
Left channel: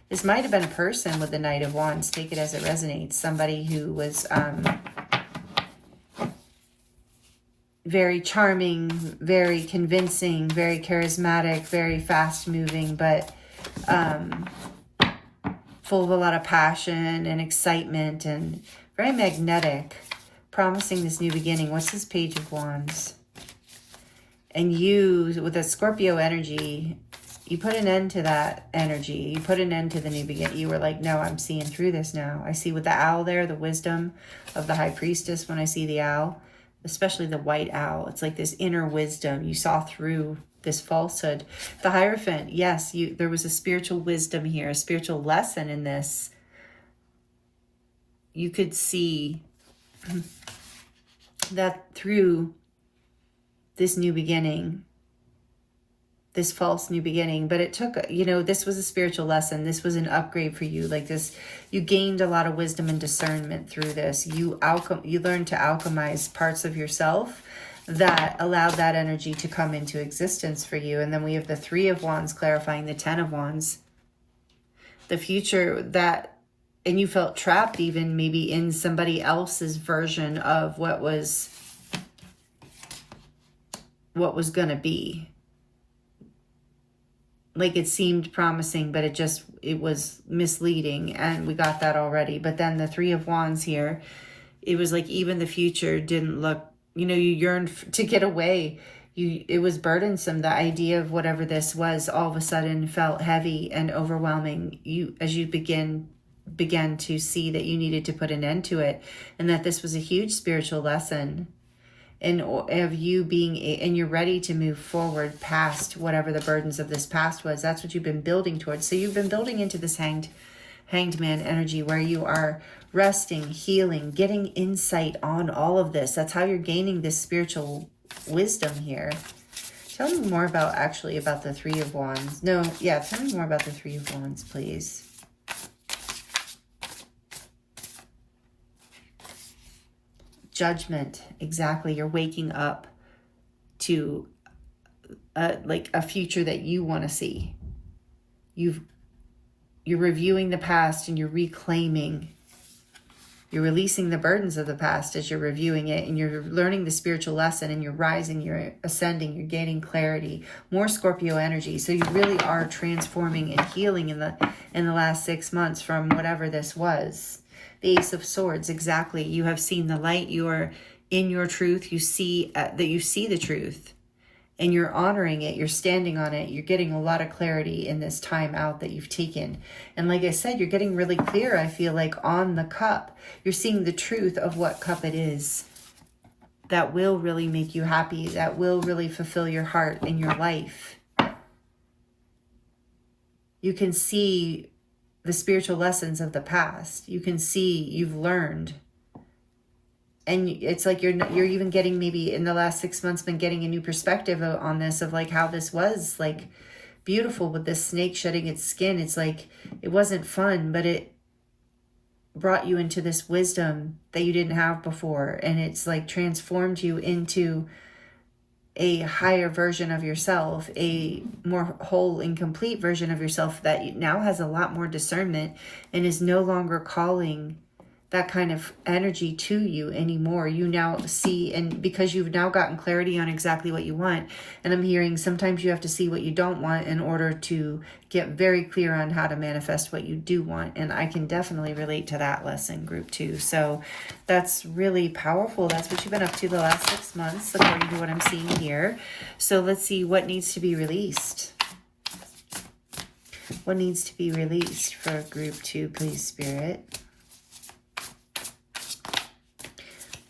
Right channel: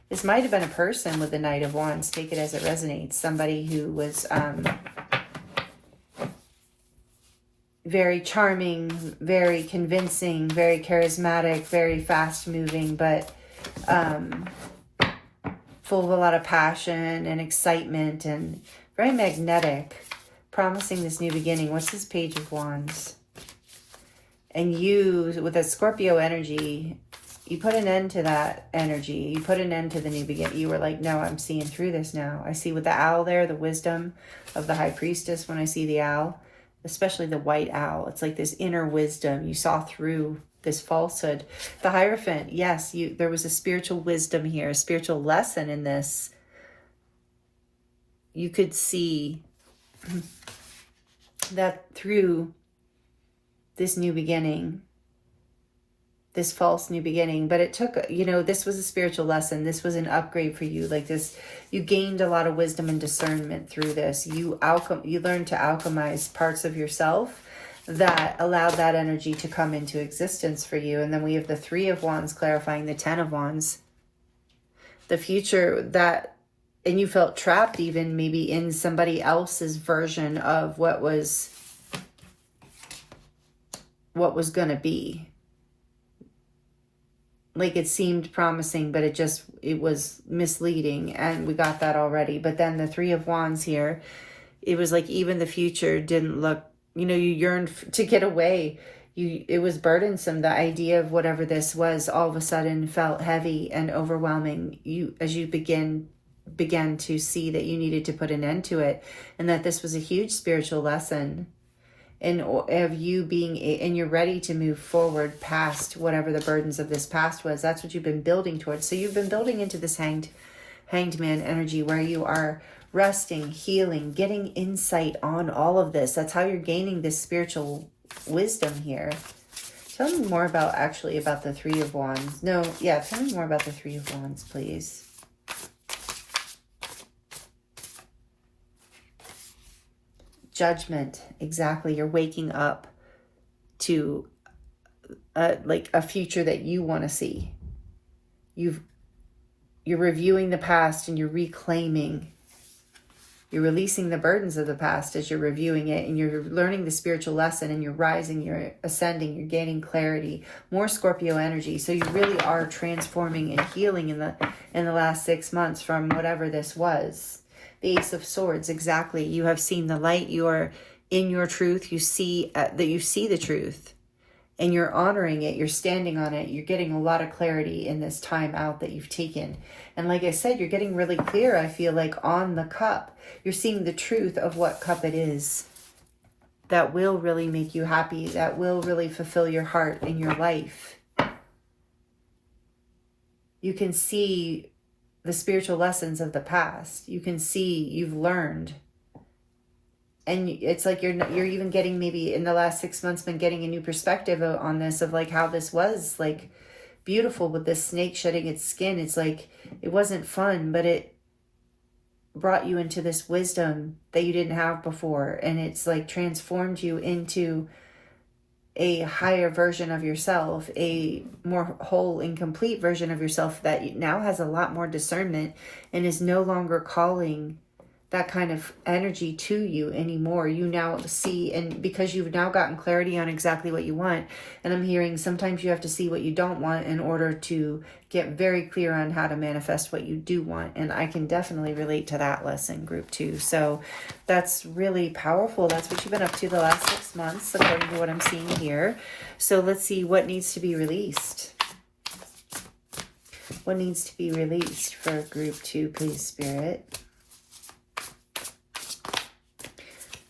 This might have been a person with the Knight of Wands. Take it as it resonates. Somebody who was very charming, very convincing, very charismatic, very fast-moving, but full of a lot of passion and excitement and very magnetic, promising this new beginning. What's this Page of Wands? And you, with a Scorpio energy, you put an end to that energy. You put an end to the new beginning. You were like, no, I'm seeing through this now. I see with the owl there, the wisdom of the High Priestess when I see the owl, especially the white owl. It's like this inner wisdom. You saw through this falsehood. The Hierophant, yes, there was a spiritual wisdom here, a spiritual lesson in this. You could see that through this new beginning, this false new beginning, but it took, this was a spiritual lesson. This was an upgrade for you. Like this, you gained a lot of wisdom and discernment through this. You learned to alchemize parts of yourself that allowed that energy to come into existence for you. And then we have the Three of Wands clarifying the Ten of Wands. The future and you felt trapped even maybe in somebody else's version of what was going to be. Like it seemed promising, but it was misleading, and we got that already. But then the Three of Wands here, it was like even the future didn't look, you yearned to get away. It was burdensome. The idea of whatever this was all of a sudden felt heavy and overwhelming. As you began to see that you needed to put an end to it, and that this was a huge spiritual lesson. And of you and you're ready to move forward past whatever the burdens of this past was. That's what you've been building towards. So you've been building into this hanged man energy where you are resting, healing, getting insight on all of this. That's how you're gaining this spiritual wisdom here. Tell me more about the Three of Wands. Tell me more about the Three of Wands, please. Judgment, exactly. You're waking up to a future that you want to see. You're reviewing the past and you're reclaiming. You're releasing the burdens of the past as you're reviewing it, and you're learning the spiritual lesson, and you're rising, you're ascending, you're gaining clarity, more Scorpio energy. So you really are transforming and healing in the last 6 months from whatever this was. The Ace of Swords, exactly. You have seen the light. You are in your truth. You see that you see the truth, and you're honoring it. You're standing on it. You're getting a lot of clarity in this time out that you've taken. And like I said, you're getting really clear, I feel like, on the cup. You're seeing the truth of what cup it is that will really make you happy, that will really fulfill your heart in your life. You can see the spiritual lessons of the past. You can see you've learned. And it's like you're even getting, maybe in the last 6 months, been getting a new perspective on this, of like how this was like beautiful with this snake shedding its skin. It's like, it wasn't fun, but it brought you into this wisdom that you didn't have before. And it's like transformed you into a higher version of yourself, a more whole and complete version of yourself that now has a lot more discernment and is no longer calling that kind of energy to you anymore. You now see, and because you've now gotten clarity on exactly what you want, and I'm hearing sometimes you have to see what you don't want in order to get very clear on how to manifest what you do want. And I can definitely relate to that lesson, group 2. So that's really powerful. That's what you've been up to the last 6 months, according to what I'm seeing here. So let's see what needs to be released. What needs to be released for group 2, please, Spirit?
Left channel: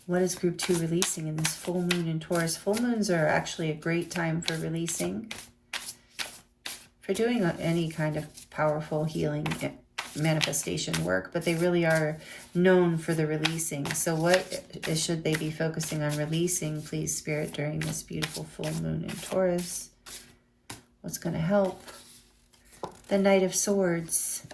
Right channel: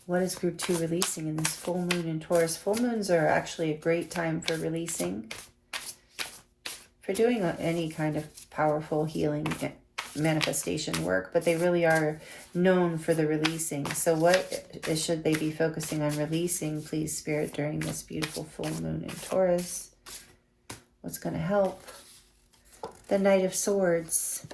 What is group 2 releasing in this full moon in Taurus? Full moons are actually a great time for releasing, for doing any kind of powerful healing manifestation work, but they really are known for the releasing. So what should they be focusing on releasing, please, Spirit, during this beautiful full moon in Taurus? What's going to help? The Knight of Swords.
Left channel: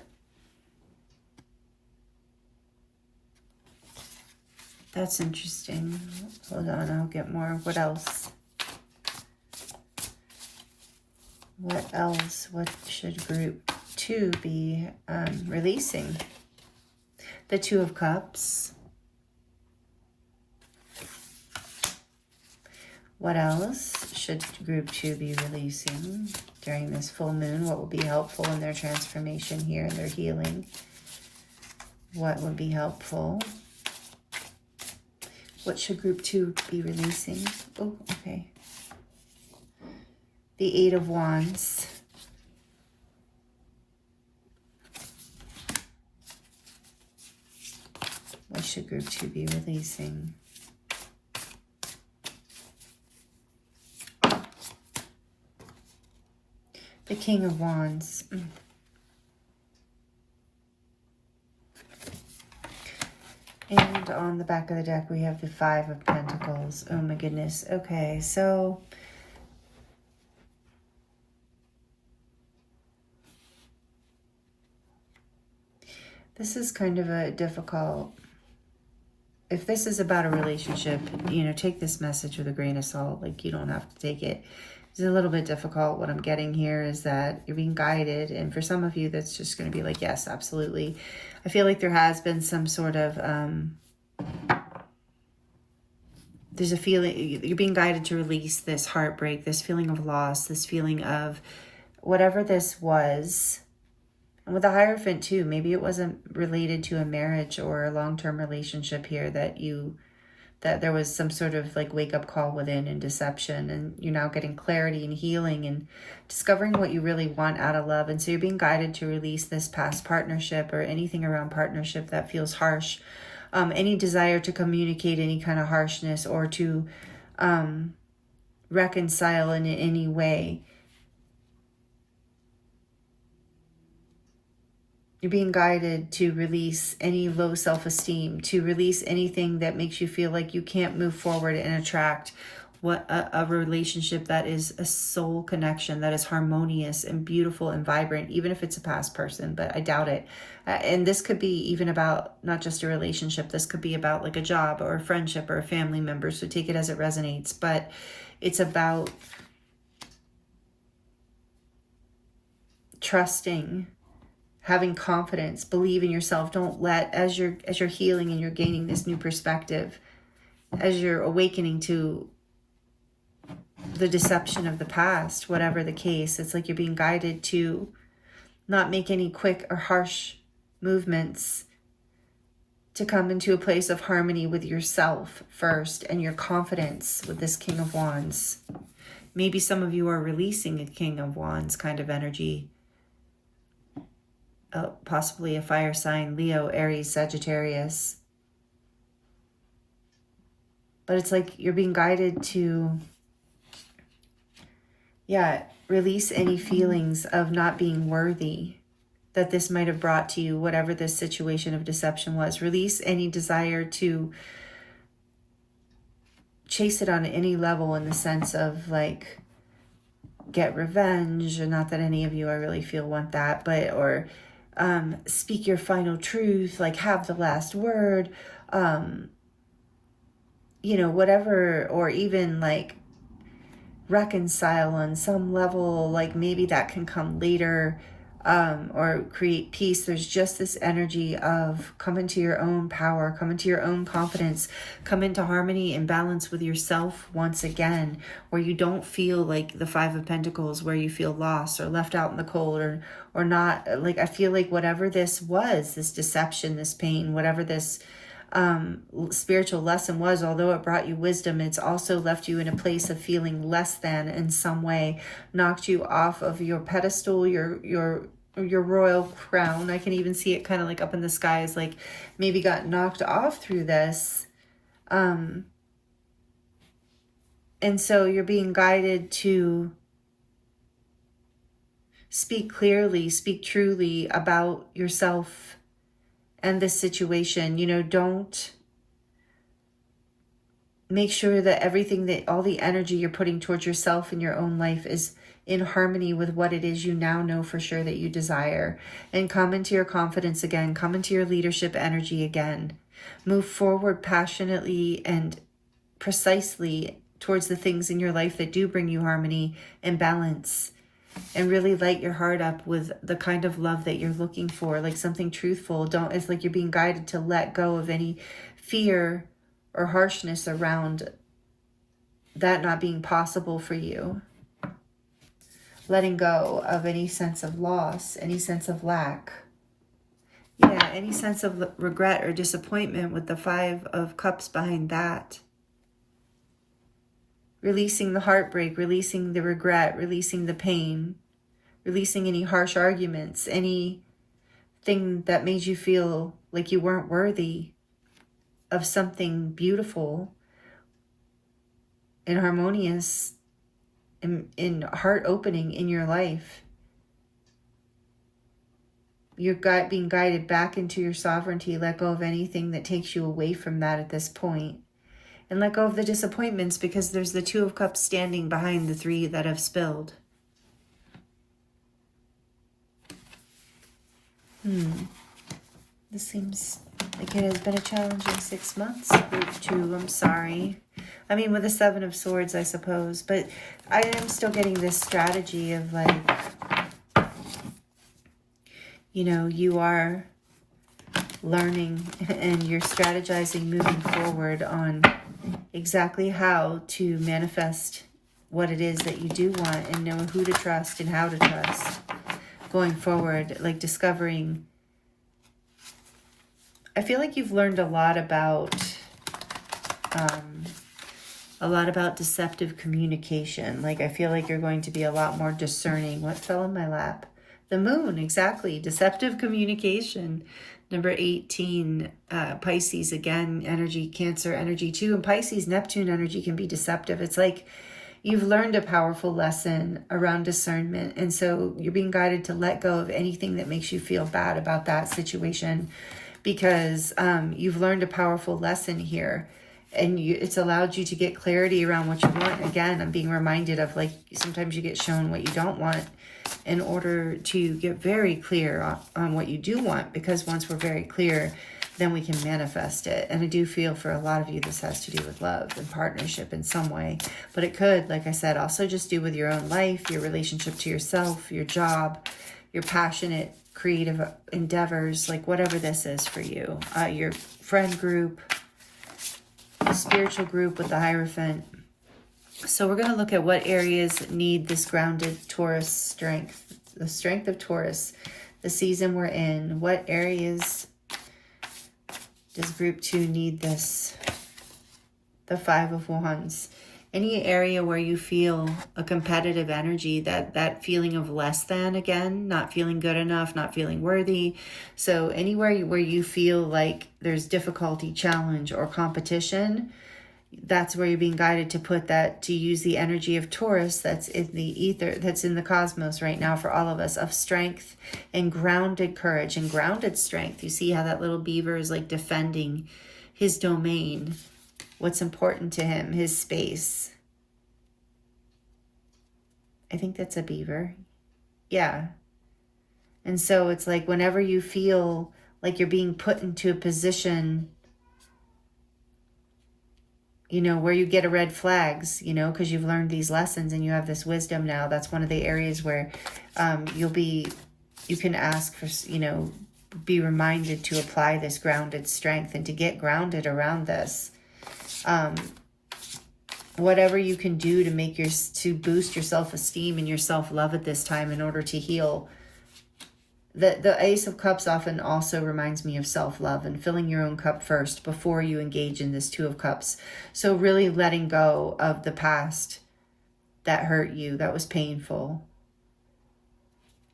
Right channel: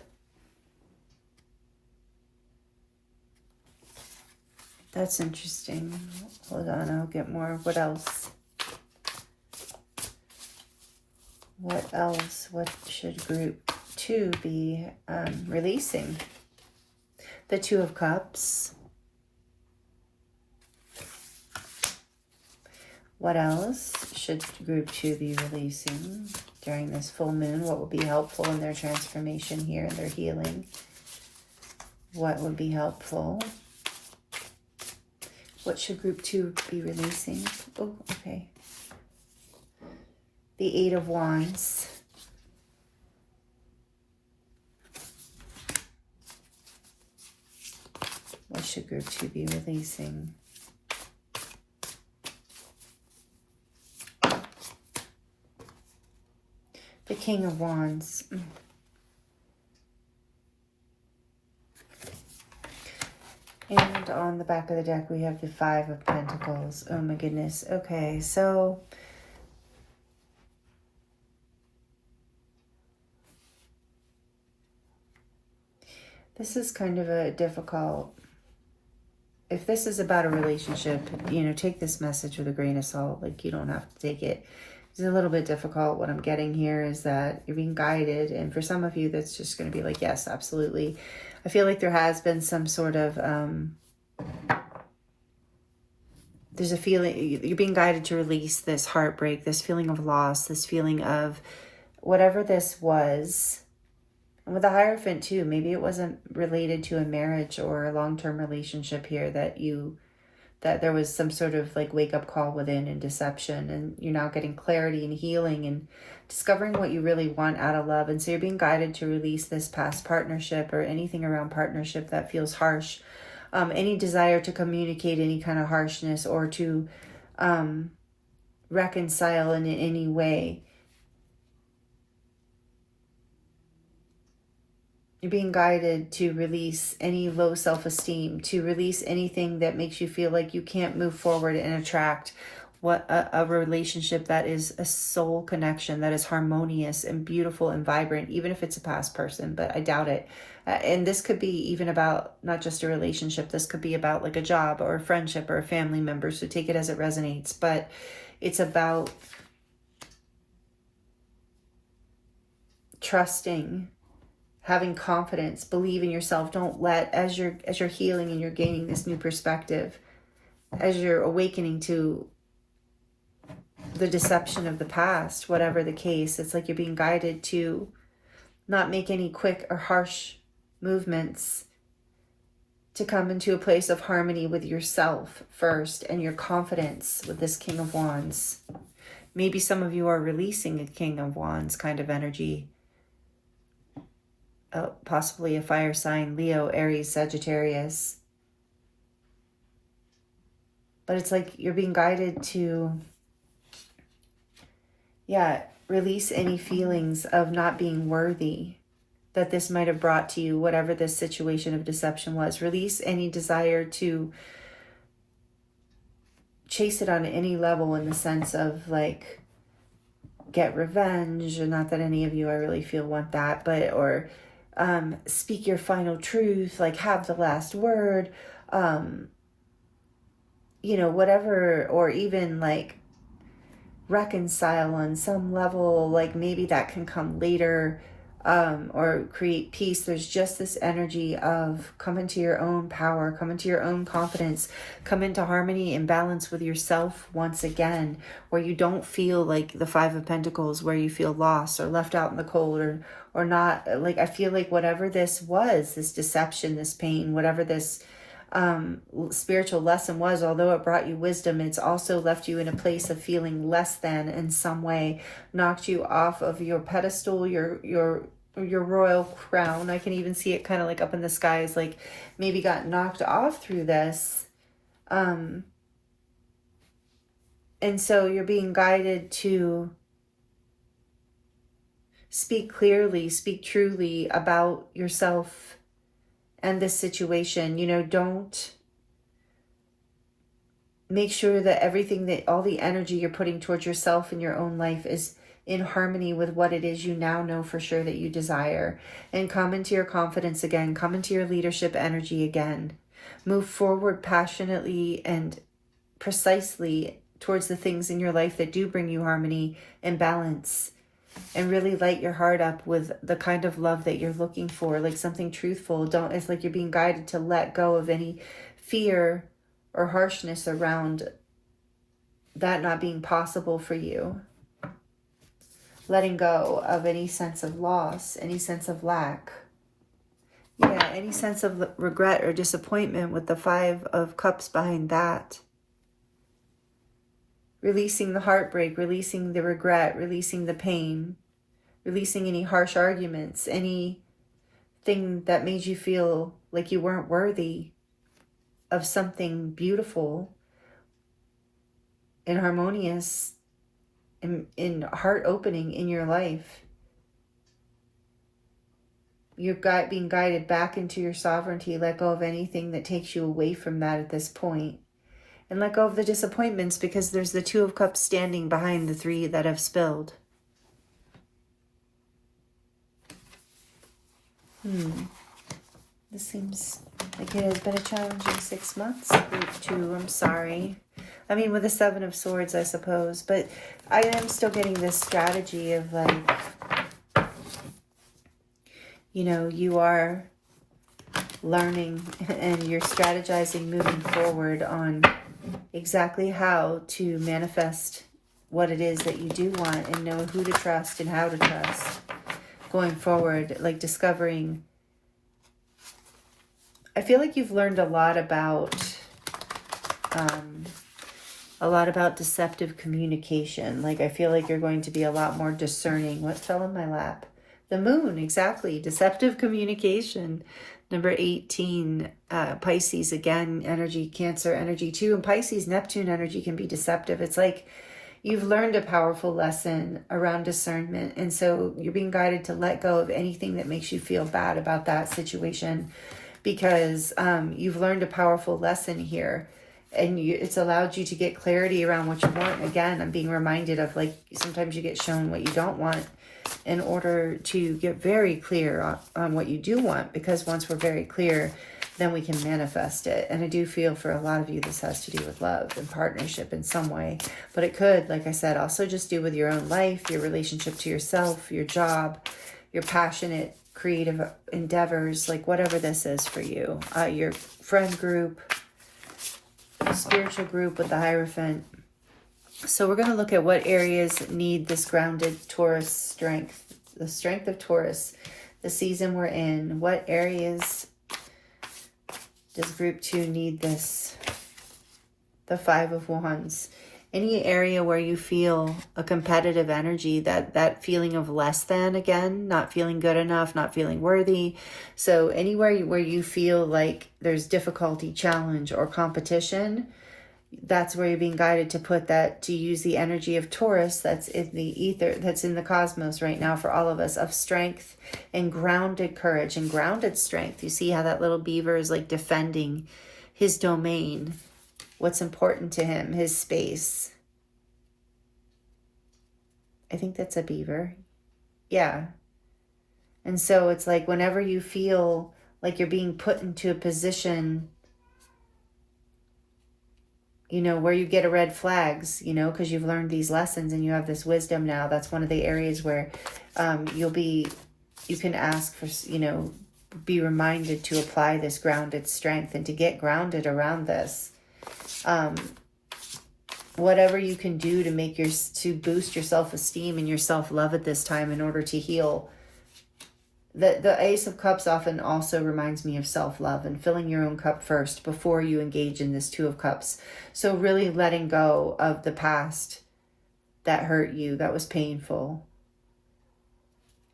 That's interesting. Hold on, I'll get more. What else? What else? What should group 2 be releasing? The Two of Cups. What else should group 2 be releasing during this full moon? What will be helpful in their transformation here and their healing? What would be helpful? What should group 2 be releasing? Oh, okay. The Eight of Wands. What should group 2 be releasing? The King of Wands. And on the back of the deck, we have the Five of Pentacles. Oh my goodness. Okay, so this is kind of a difficult, if this is about a relationship, you know, take this message with a grain of salt. Like, you don't have to take it. It's a little bit difficult. What I'm getting here is that you're being guided. And for some of you, that's just going to be like, yes, absolutely. I feel like there has been some sort of, there's a feeling, you're being guided to release this heartbreak, this feeling of loss, this feeling of whatever this was. And with the Hierophant too, maybe it wasn't related to a marriage or a long-term relationship here that there was some sort of like wake-up call within and deception, and you're now getting clarity and healing and discovering what you really want out of love. And so you're being guided to release this past partnership or anything around partnership that feels harsh, any desire to communicate any kind of harshness or to reconcile in any way. You're being guided to release any low self-esteem, to release anything that makes you feel like you can't move forward and attract a relationship that is a soul connection, that is harmonious and beautiful and vibrant, even if it's a past person, but I doubt it. And this could be even about not just a relationship. This could be about like a job or a friendship or a family member. So take it as it resonates. But it's about trusting, having confidence, believe in yourself. Don't let, as you're healing and you're gaining this new perspective, as you're awakening to the deception of the past, whatever the case, it's like you're being guided to not make any quick or harsh movements, to come into a place of harmony with yourself first and your confidence with this King of Wands. Maybe some of you are releasing a King of Wands kind of energy. Possibly a fire sign, Leo, Aries, Sagittarius. But it's like you're being guided to, release any feelings of not being worthy that this might have brought to you, whatever this situation of deception was. Release any desire to chase it on any level in the sense of like get revenge, or not that any of you I really feel want that, but or speak your final truth, like have the last word, whatever, or even like reconcile on some level, like maybe that can come later. or create peace. There's just this energy of come into your own power, come into your own confidence, come into harmony and balance with yourself once again, where you don't feel like the Five of Pentacles, where you feel lost or left out in the cold, or not. Like, I feel like whatever this was, this deception, this pain, whatever this spiritual lesson was, although it brought you wisdom, it's also left you in a place of feeling less than in some way, knocked you off of your pedestal, your royal crown. I can even see it kind of like up in the skies, like maybe got knocked off through this. And so you're being guided to speak clearly, speak truly about yourself and this situation. You know, don't make sure that everything, that all the energy you're putting towards yourself in your own life is in harmony with what it is you now know for sure that you desire. And come into your confidence again, come into your leadership energy again. Move forward passionately and precisely towards the things in your life that do bring you harmony and balance. And really light your heart up with the kind of love that you're looking for, like something truthful. It's like you're being guided to let go of any fear or harshness around that not being possible for you. Letting go of any sense of loss, any sense of lack. Yeah, any sense of regret or disappointment with the Five of Cups behind that. Releasing the heartbreak, releasing the regret, releasing the pain, releasing any harsh arguments, anything that made you feel like you weren't worthy of something beautiful and harmonious and heart-opening in your life. You're being guided back into your sovereignty. Let go of anything that takes you away from that at this point. And let go of the disappointments, because there's the Two of Cups standing behind the three that have spilled. This seems like it has been a challenging 6 months. Group 2, I'm sorry. I mean, with the Seven of Swords, I suppose. But I am still getting this strategy of like, you know, you are learning and you're strategizing moving forward on exactly how to manifest what it is that you do want, and know who to trust and how to trust going forward. Like discovering, I feel like you've learned a lot about deceptive communication. Like I feel like you're going to be a lot more discerning. What fell in my lap? The moon, exactly. Deceptive communication. Number 18, Pisces, again, energy, Cancer energy too. And Pisces, Neptune energy can be deceptive. It's like you've learned a powerful lesson around discernment. And so you're being guided to let go of anything that makes you feel bad about that situation, because you've learned a powerful lesson here. And it's allowed you to get clarity around what you want. Again, I'm being reminded of like, sometimes you get shown what you don't want in order to get very clear on what you do want, because once we're very clear, then we can manifest it. And I do feel for a lot of you, this has to do with love and partnership in some way, but it could, like I said, also just do with your own life, your relationship to yourself, your job, your passionate creative endeavors, like whatever this is for you, your friend group, spiritual group with the Hierophant. So we're going to look at what areas need this grounded Taurus strength, the strength of Taurus, the season we're in. What areas does group 2 need this? The Five of Wands. Any area where you feel a competitive energy, that feeling of less than, again, not feeling good enough, not feeling worthy. So anywhere where you feel like there's difficulty, challenge, or competition, that's where you're being guided to put that, to use the energy of Taurus that's in the ether, that's in the cosmos right now for all of us, of strength and grounded courage and grounded strength. You see how that little beaver is like defending his domain, what's important to him, his space. I think that's a beaver. Yeah. And so it's like whenever you feel like you're being put into a position, you know, where you get a red flags, you know, because you've learned these lessons and you have this wisdom now, that's one of the areas where you'll be you can ask for, be reminded to apply this grounded strength and to get grounded around this. Whatever you can do to boost your self-esteem and your self-love at this time in order to heal. The Ace of Cups often also reminds me of self-love and filling your own cup first before you engage in this Two of Cups. So really letting go of the past that hurt you, that was painful,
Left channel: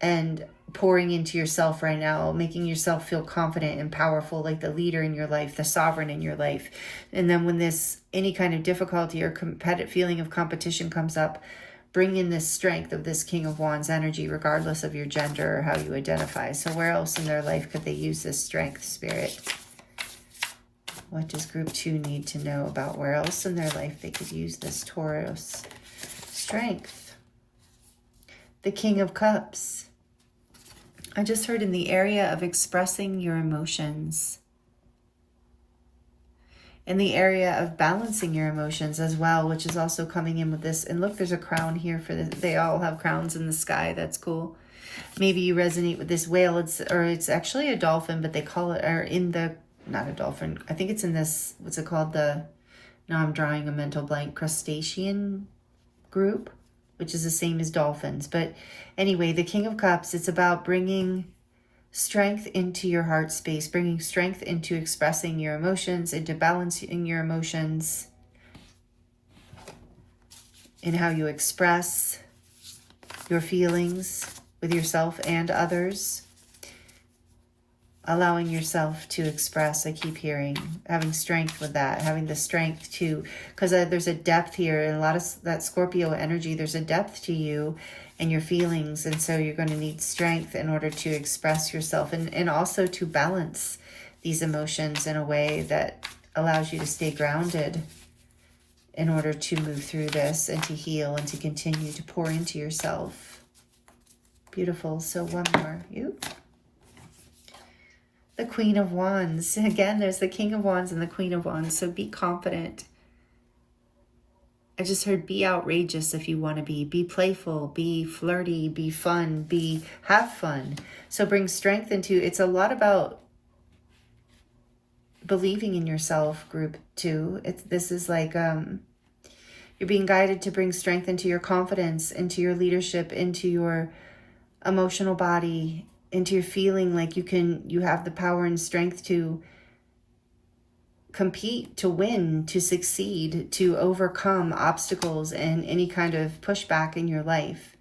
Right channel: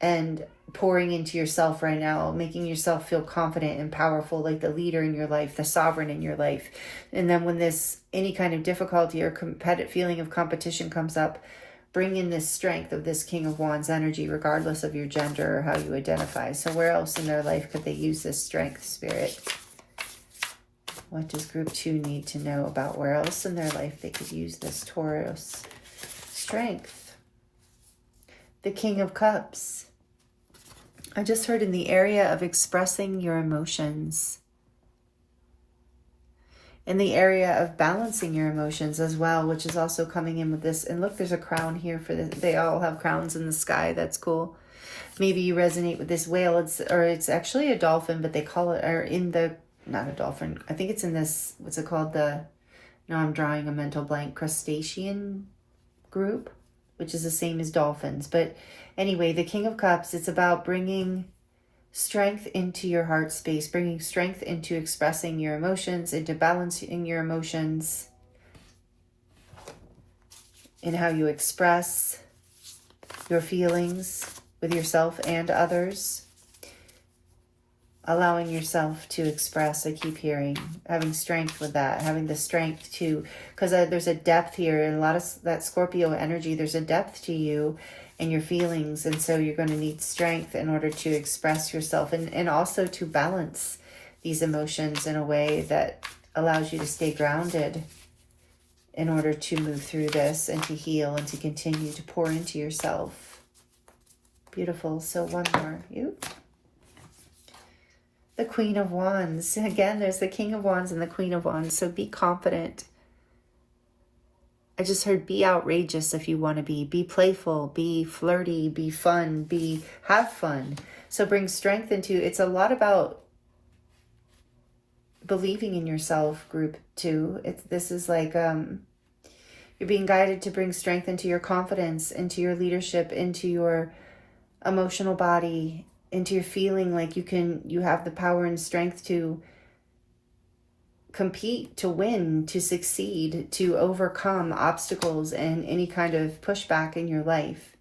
and pouring into yourself right now, making yourself feel confident and powerful, like the leader in your life, the sovereign in your life. And then when any kind of difficulty or feeling of competition comes up, bring in this strength of this King of Wands energy, regardless of your gender or how you identify. So where else in their life could they use this strength, Spirit? What does group 2 need to know about where else in their life they could use this Taurus strength? The King of Cups. I just heard in the area of expressing your emotions, in the area of balancing your emotions as well, which is also coming in with this. And look, there's a crown here for this. They all have crowns in the sky. That's cool. Maybe you resonate with this whale. It's actually a dolphin, but they call it, not a dolphin. I think it's in this, what's it called? Now I'm drawing a mental blank, crustacean group, which is the same as dolphins. But anyway, the King of Cups, it's about bringing strength into your heart space, bringing strength into expressing your emotions, into balancing your emotions, in how you express your feelings with yourself and others. Allowing yourself to express, I keep hearing, having strength with that, having the strength to, because there's a depth here, and a lot of that Scorpio energy, there's a depth to you and your feelings, and so you're going to need strength in order to express yourself and also to balance these emotions in a way that allows you to stay grounded in order to move through this and to heal and to continue to pour into yourself. Beautiful. So one more. The Queen of Wands. Again, there's the King of Wands and the Queen of Wands. So be confident. I just heard be outrageous if you want to be playful, be flirty, be fun, have fun. So bring strength it's a lot about believing in yourself, group 2. This is like, you're being guided to bring strength into your confidence, into your leadership, into your emotional body, into your feeling like you have the power and strength to compete, to win, to succeed, to overcome obstacles and any kind of pushback in your life.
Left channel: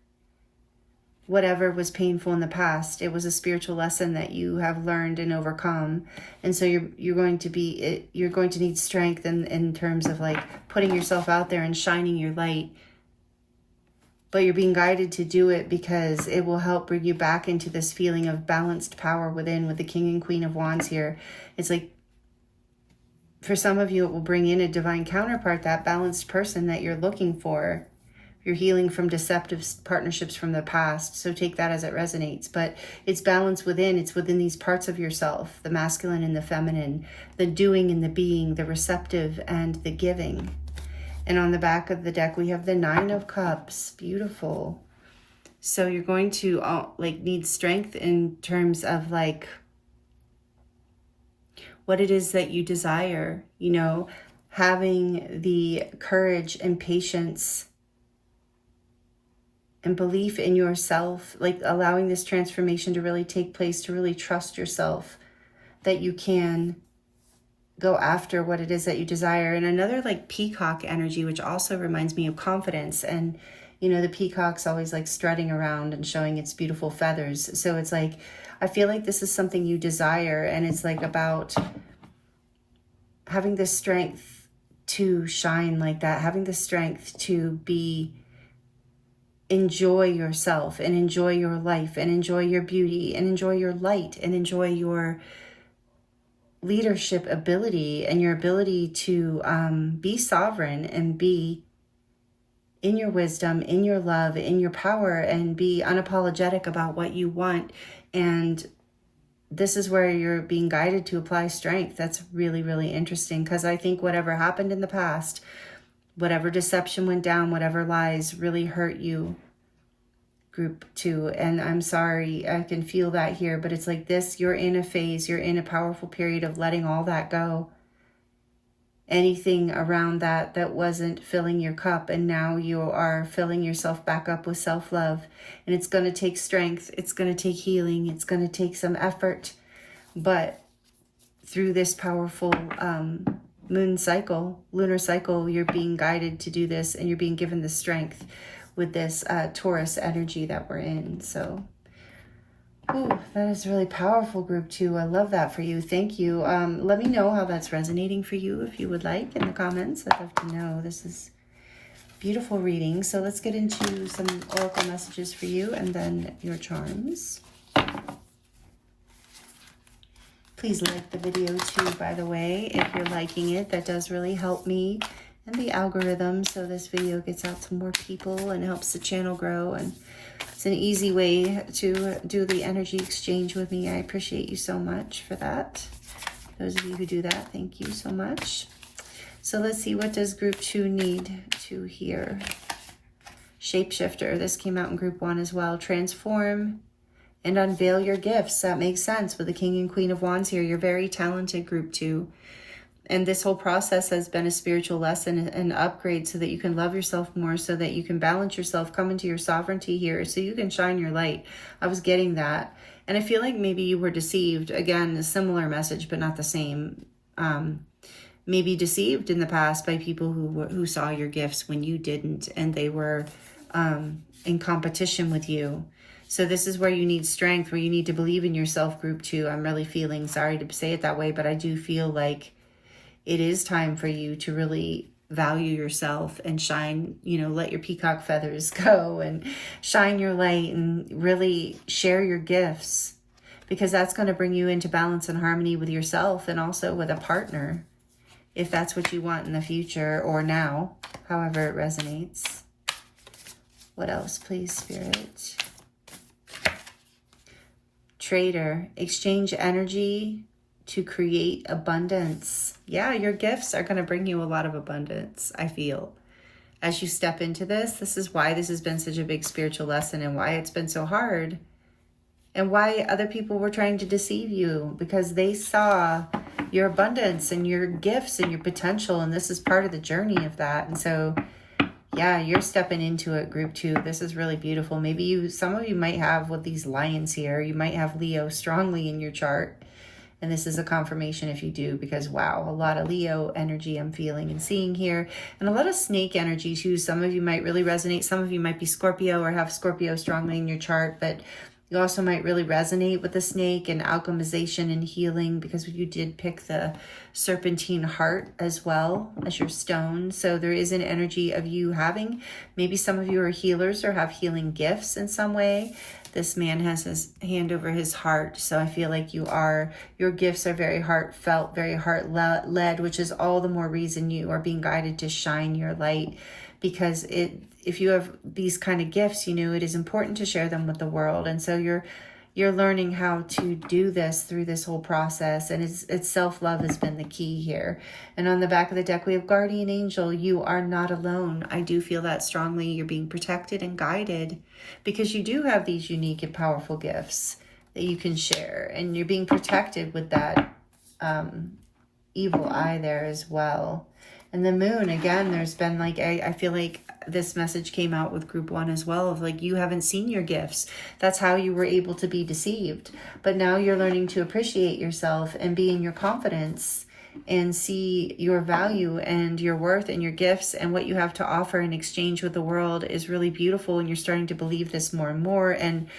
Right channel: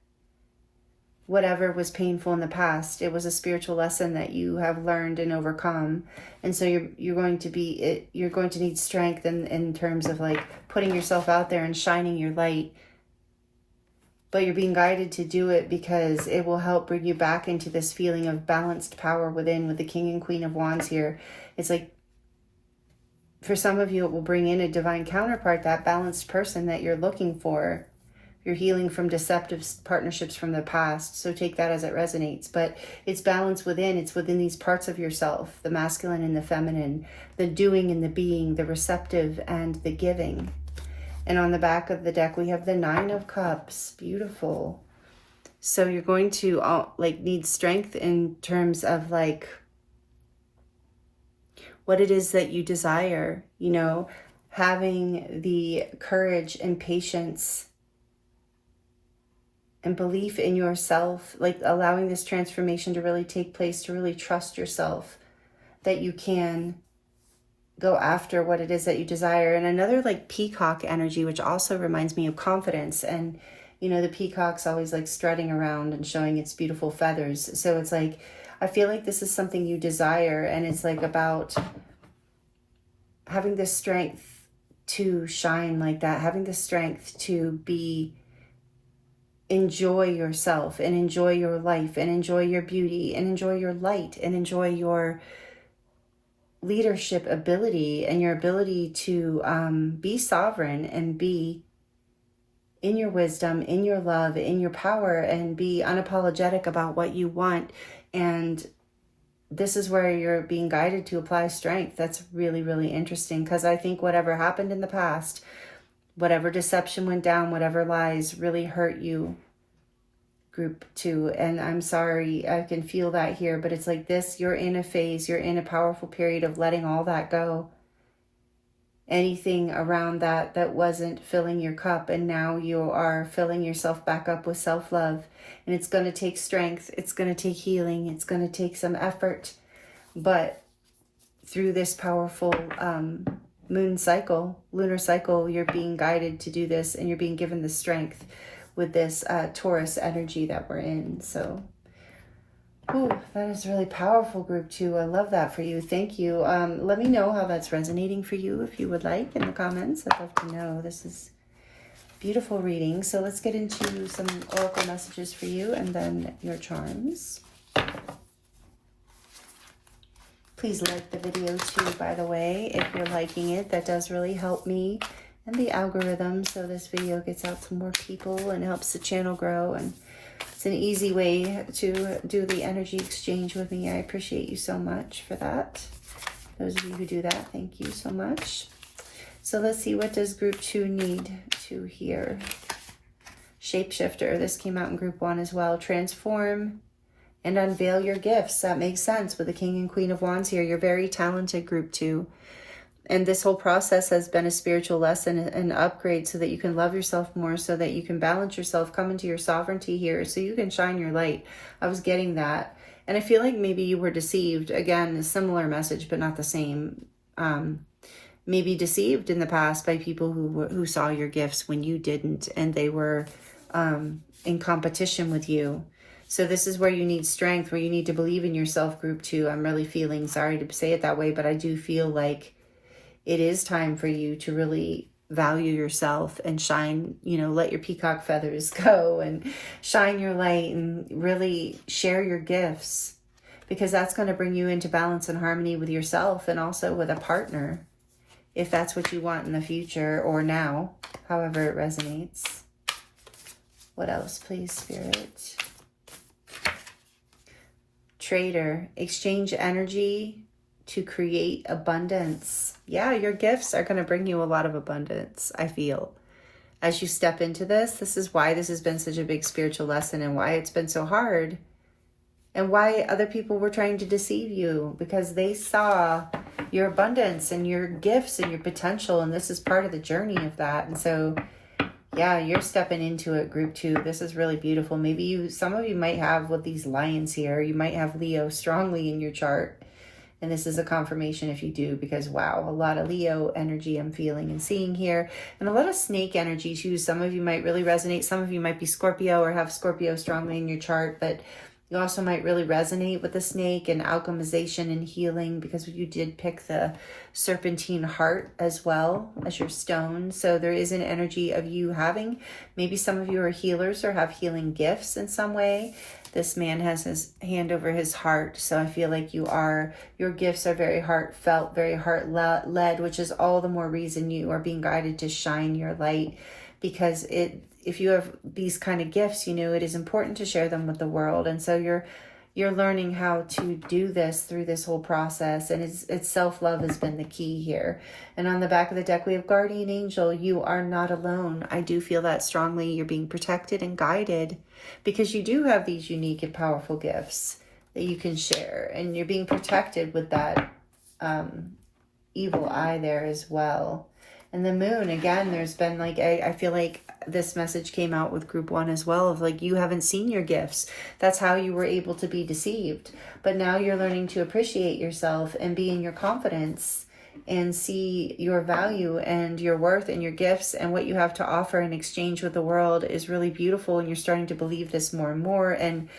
Whatever was painful in the past, it was a spiritual lesson that you have learned and overcome. And so you're going to need strength in terms of like putting yourself out there and shining your light. But you're being guided to do it because it will help bring you back into this feeling of balanced power within, with the King and Queen of Wands here. It's like, for some of you, it will bring in a divine counterpart, that balanced person that you're looking for. You're healing from deceptive partnerships from the past, so take that as it resonates. But it's balance within. It's within these parts of yourself, the masculine and the feminine, the doing and the being, the receptive and the giving. And on the back of the deck, we have the Nine of Cups. Beautiful. So you're going to need strength in terms of like what it is that you desire, having the courage and patience and belief in yourself, like allowing this transformation to really take place, to really trust yourself, that you can go after what it is that you desire. And another like peacock energy, which also reminds me of confidence. And, the peacock's always like strutting around and showing its beautiful feathers. So it's like, I feel like this is something you desire, and it's like about having the strength to shine like that, having the strength to enjoy yourself and enjoy your life and enjoy your beauty and enjoy your light and enjoy your leadership ability and your ability to be sovereign and be in your wisdom, in your love, in your power, and be unapologetic about what you want. And this is where you're being guided to apply strength. That's really, really interesting, because I think whatever happened in the past, whatever deception went down, whatever lies really hurt you, group 2. And I'm sorry, I can feel that here, but it's like this, you're in a phase, you're in a powerful period of letting all that go. Anything around that that wasn't filling your cup, and now you are filling yourself back up with self-love. And it's going to take strength, it's going to take healing, it's going to take some effort, but through this powerful moon cycle, lunar cycle, you're being guided to do this, and you're being given the strength with this Taurus energy that we're in. So oh, that is really powerful, group 2. I love that for you. Thank you. Let me know how that's resonating for you if you would like in the comments. I'd love to know. This is beautiful reading. So let's get into some oracle messages for you and then your charms. Please like the video too, by the way, if you're liking it. That does really help me and the algorithm, so this video gets out to more people and helps the channel grow. And it's an easy way to do the energy exchange with me. I appreciate you so much for that. Those of you who do that, thank you so much. So let's see, what does group 2 need to hear? Shapeshifter, this came out in group 1 as well. Transform and unveil your gifts. That makes sense with the King and Queen of Wands here. You're very talented, group 2. And this whole process has been a spiritual lesson and upgrade so that you can love yourself more, so that you can balance yourself, come into your sovereignty here, so you can shine your light. I was getting that. And I feel like maybe you were deceived. Again, a similar message, but not the same. Maybe deceived in the past by people who saw your gifts when you didn't, and they were in competition with you. So this is where you need strength, where you need to believe in yourself, group 2. I'm really feeling, sorry to say it that way, but I do feel like it is time for you to really value yourself and shine, let your peacock feathers go and shine your light and really share your gifts, because that's going to bring you into balance and harmony with yourself and also with a partner, if that's what you want in the future or now, however it resonates. What else, please, Spirit? Trader, exchange energy to create abundance. Yeah, your gifts are going to bring you a lot of abundance, I feel. As you step into this, this is why this has been such a big spiritual lesson, and why it's been so hard, and why other people were trying to deceive you, because they saw your abundance and your gifts and your potential, and this is part of the journey of that. And so, yeah, you're stepping into it, group 2. This is really beautiful. Maybe some of you might have, with these lions here, you might have Leo strongly in your chart. And this is a confirmation if you do, because wow, a lot of Leo energy I'm feeling and seeing here. And a lot of snake energy too. Some of you might really resonate. Some of you might be Scorpio or have Scorpio strongly in your chart, but you also might really resonate with the snake and alchemization and healing, because you did pick the Serpentine heart as well as your stone. So there is an energy of you having, maybe some of you are healers or have healing gifts in some way. This man has his hand over his heart. So I feel like your gifts are very heartfelt, very heart-led, which is all the more reason you are being guided to shine your light. Because if you have these kind of gifts, it is important to share them with the world. And so you're learning how to do this through this whole process. And it's self-love has been the key here. And on the back of the deck, we have Guardian Angel. You are not alone. I do feel that strongly. You're being protected and guided, because you do have these unique and powerful gifts that you can share. And you're being protected with that evil eye there as well. And the moon, again, there's been I feel like this message came out with group 1 as well, of you haven't seen your gifts. That's how you were able to be deceived. But now you're learning to appreciate yourself and be in your confidence and see your value and your worth and your gifts and what you have to offer in exchange with the world is really beautiful. And you're starting to believe this more and more, and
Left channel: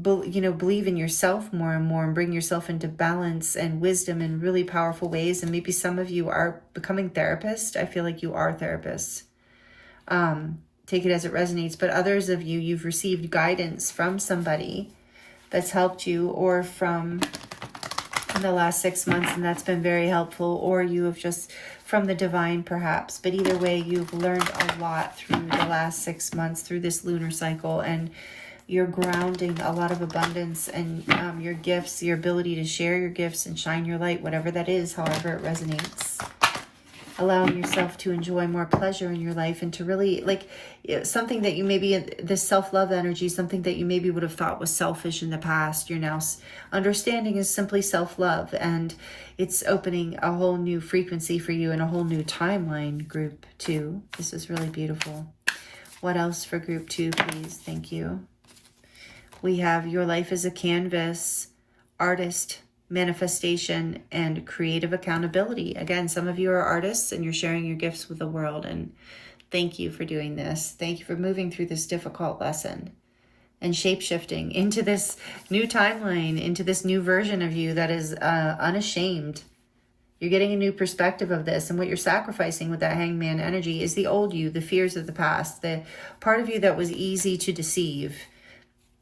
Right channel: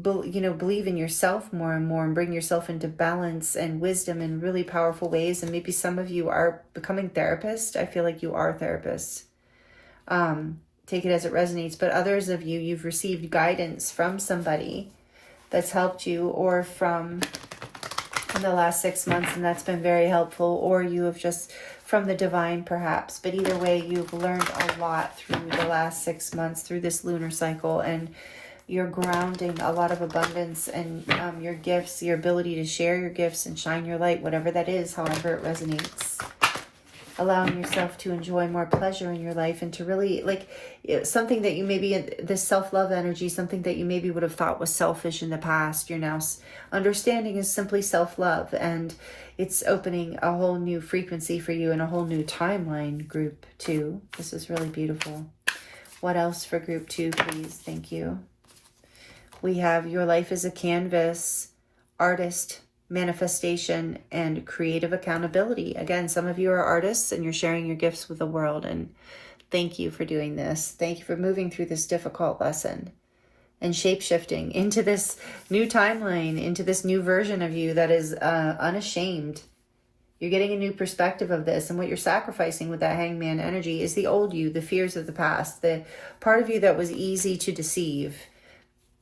believe in yourself more and more, and bring yourself into balance and wisdom in really powerful ways. And maybe some of you are becoming therapists. I feel like you are therapists. Take it as it resonates. But others of you, you've received guidance from somebody that's helped you, or from in the last 6 months, and that's been very helpful, or you have just from the divine perhaps. But either way, you've learned a lot through the last 6 months, through this lunar cycle, and you're grounding a lot of abundance and your gifts, your ability to share your gifts and shine your light, whatever that is, however it resonates. allowing yourself to enjoy more pleasure in your life, and to really, like, something that you maybe, this self-love energy, something that you maybe would have thought was selfish in the past, you're now understanding is simply self-love, and it's opening a whole new frequency for you and a whole new timeline, group 2. This is really beautiful. What else for group 2, please? Thank you. We have your life as a canvas, artist, manifestation, and creative accountability. Again, some of you are artists and you're sharing your gifts with the world, and thank you for doing this. Thank you for moving through this difficult lesson and shape-shifting into this new timeline, into this new version of you that is unashamed. You're getting a new perspective of this, and what you're sacrificing with that hangman energy is the old you, the fears of the past, the part of you that was easy to deceive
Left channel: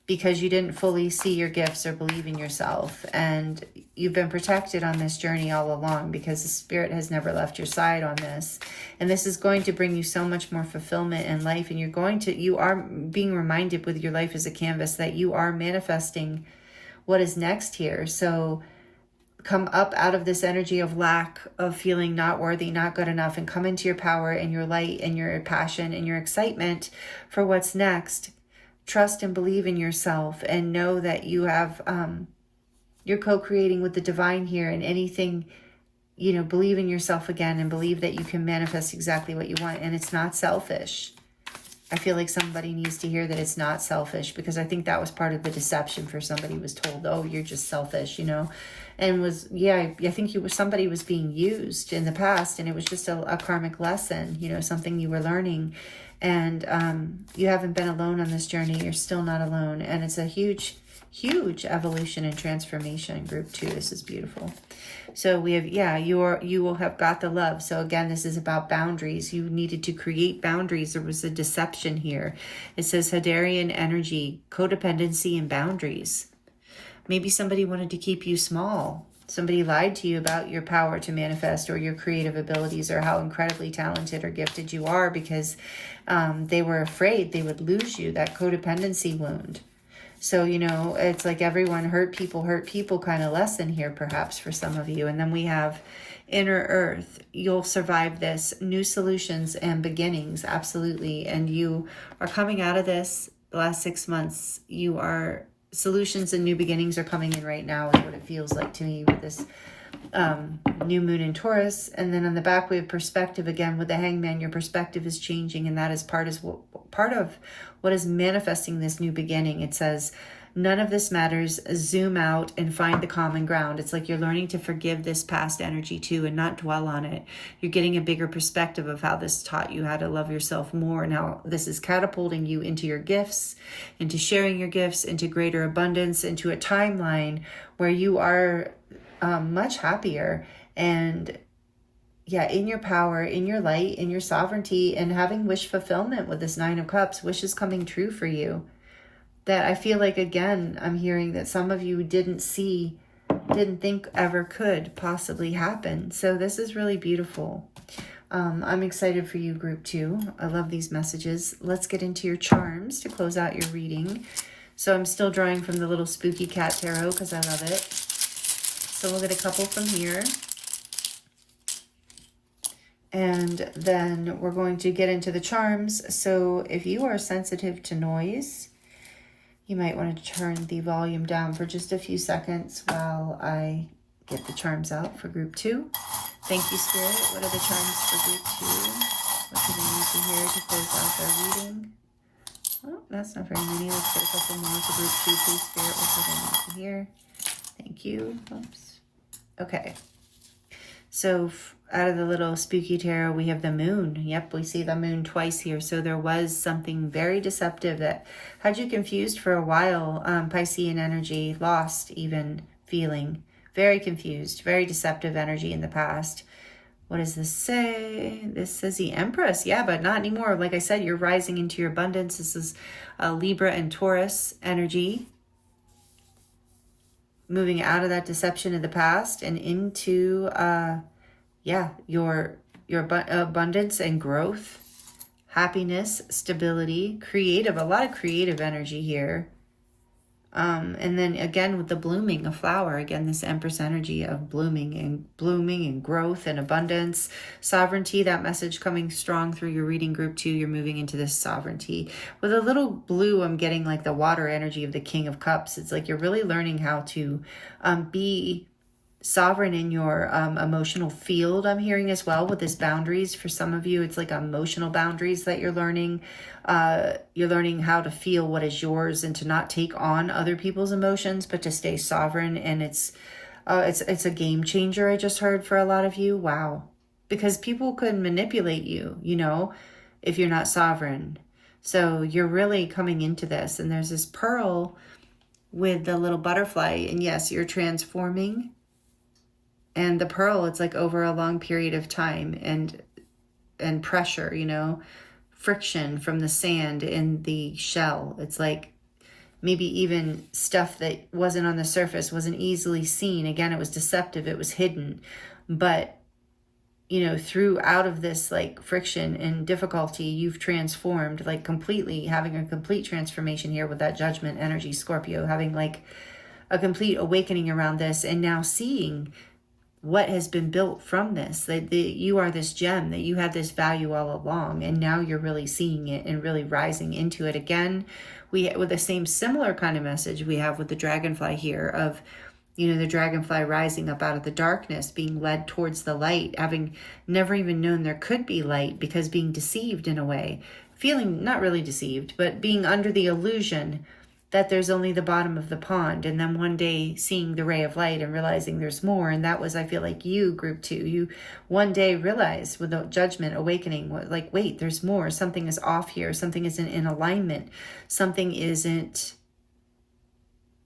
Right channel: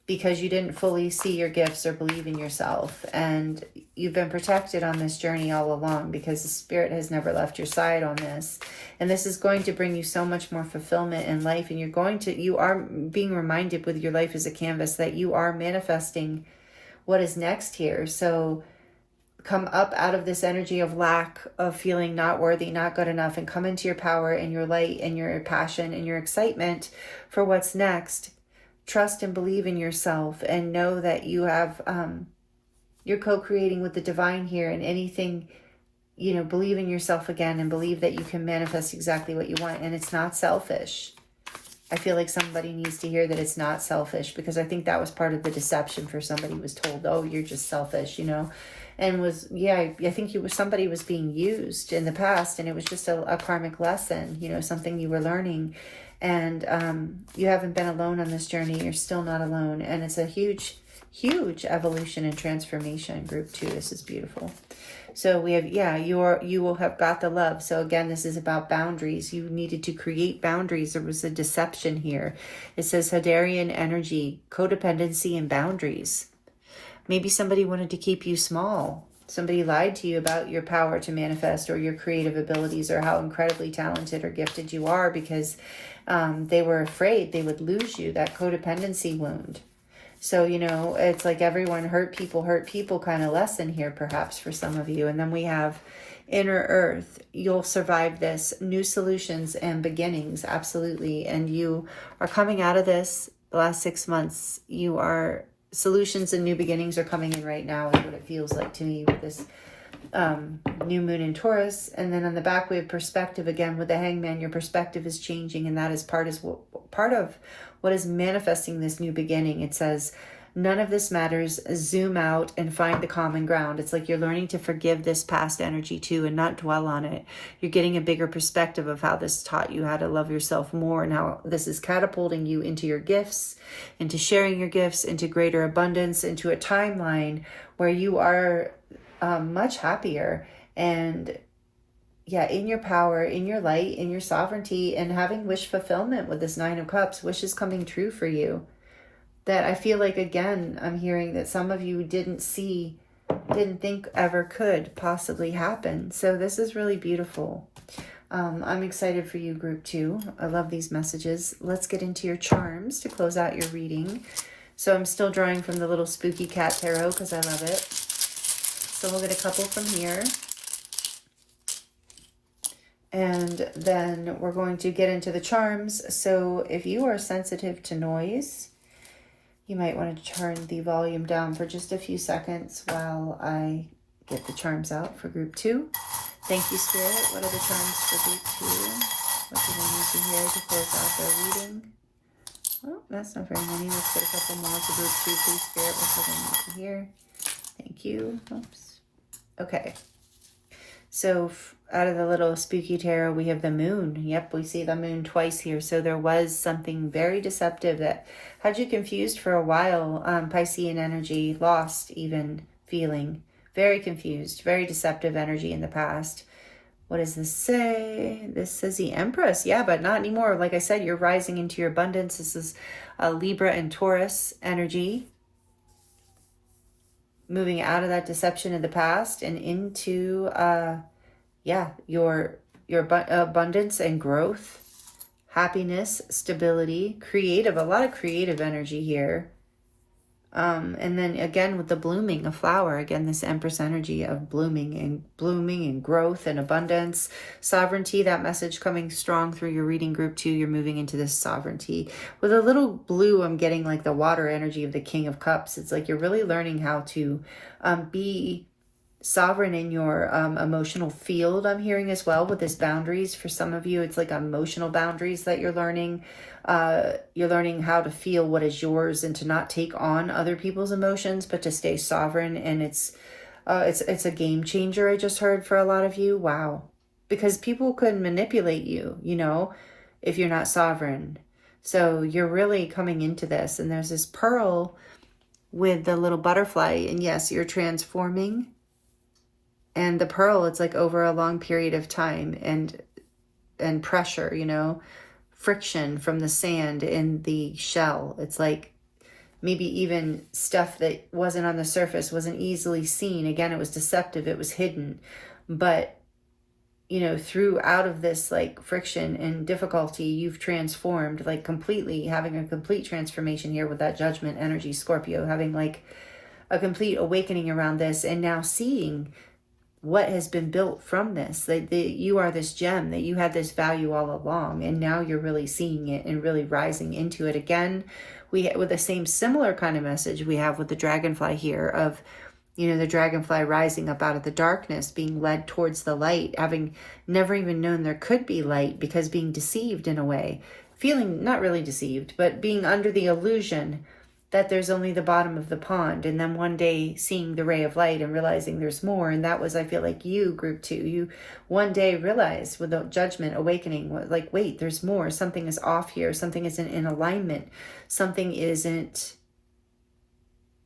because you didn't fully see your gifts or believe in yourself. And you've been protected on this journey all along because the Spirit has never left your side on this. And this is going to bring you so much more fulfillment in life. And you are being reminded with your life as a canvas that you are manifesting what is next here. So come up out of this energy of lack, of feeling not worthy, not good enough, and come into your power and your light and your passion and your excitement for what's next. Trust and believe in yourself, and know that you have, you're co-creating with the divine here, and anything, believe in yourself again, and believe that you can manifest exactly what you want. And it's not selfish. I feel like somebody needs to hear that it's not selfish, because I think that was part of the deception for somebody who was told, oh, you're just selfish, and I think somebody was being used in the past, and it was just a karmic lesson, something you were learning. And you haven't been alone on this journey. You're still not alone. And it's a huge, huge evolution and transformation, group 2. This is beautiful. So we have, you will have got the love. So again, this is about boundaries. You needed to create boundaries. There was a deception here. It says Hadarian energy, codependency, and boundaries. Maybe somebody wanted to keep you small. Somebody lied to you about your power to manifest, or your creative abilities, or how incredibly talented or gifted you are, because they were afraid they would lose you, that codependency wound. So, it's like everyone hurt people kind of lesson here, perhaps, for some of you. And then we have inner earth. You'll survive this. New solutions and beginnings, absolutely. And you are coming out of this the last 6 months. Solutions and new beginnings are coming in right now, is what it feels like to me with this new moon in Taurus. And then on the back we have perspective again with the hangman. Your perspective is changing, and that is part of what is manifesting this new beginning. It says, none of this matters. Zoom out and find the common ground. It's like you're learning to forgive this past energy too, and not dwell on it. You're getting a bigger perspective of how this taught you how to love yourself more, and how this is catapulting you into your gifts, into sharing your gifts, into greater abundance, into a timeline where you are much happier and in your power, in your light, in your sovereignty, and having wish fulfillment with this 9 of Cups. Wishes coming true for you. That I feel like, again, I'm hearing that some of you didn't think ever could possibly happen. So this is really beautiful. I'm excited for you, group 2. I love these messages. Let's get into your charms to close out your reading. So I'm still drawing from the little spooky cat tarot because I love it. So we'll get a couple from here. And then we're going to get into the charms. So if you are sensitive to noise, you might want to turn the volume down for just a few seconds while I get the charms out for group 2. Thank you, Spirit. What are the charms for group 2? What do they need to hear to close out their reading? Well, that's not very many. Let's put a couple more for group 2, please, Spirit. What do they need to hear? Thank you. Oops. Okay. So out of the little spooky tarot, we have the moon. Yep, we see the moon twice here. So there was something very deceptive that had you confused for a while. Piscean energy, lost even feeling. Very confused, very deceptive energy in the past. What does this say? This says the Empress. Yeah, but not anymore. Like I said, you're rising into your abundance. This is a Libra and Taurus energy. Moving out of that deception of the past and into your abundance and growth, happiness, stability, creative, a lot of creative energy here. And then again with the blooming, a flower, again, this Empress energy of blooming and growth and abundance, sovereignty, that message coming strong through your reading group too. You're moving into this sovereignty. With a little blue, I'm getting like the water energy of the King of Cups. It's like you're really learning how to be sovereign in your emotional field. I'm hearing as well with this boundaries. For some of you, it's like emotional boundaries that you're learning. You're learning how to feel what is yours and to not take on other people's emotions, but to stay sovereign. And it's a game changer. I just heard for a lot of you. Wow. Because people could manipulate you, you know, if you're not sovereign. So you're really coming into this, and there's this pearl with the little butterfly, and yes, you're transforming. And the pearl, it's like over a long period of time and pressure, you know, friction from the sand in the shell. It's like maybe even stuff that wasn't on the surface, wasn't easily seen. Again, it was deceptive, it was hidden. But, you know, through out of this like friction and difficulty, you've transformed like completely, having a complete transformation here with that judgment energy, Scorpio, having like a complete awakening around this, and now seeing what has been built from this, that you are this gem, that you had this value all along, and now you're really seeing it and really rising into it. Again, with the same similar kind of message we have with the dragonfly here of, you know, the dragonfly rising up out of the darkness, being led towards the light, having never even known there could be light, because being deceived in a way, feeling not really deceived, but being under the illusion that there's only the bottom of the pond, and then one day seeing the ray of light and realizing there's more. And that was, I feel like, you, group 2, you one day realized with the judgment awakening, like, wait, there's more, something is off here, something isn't in alignment, something isn't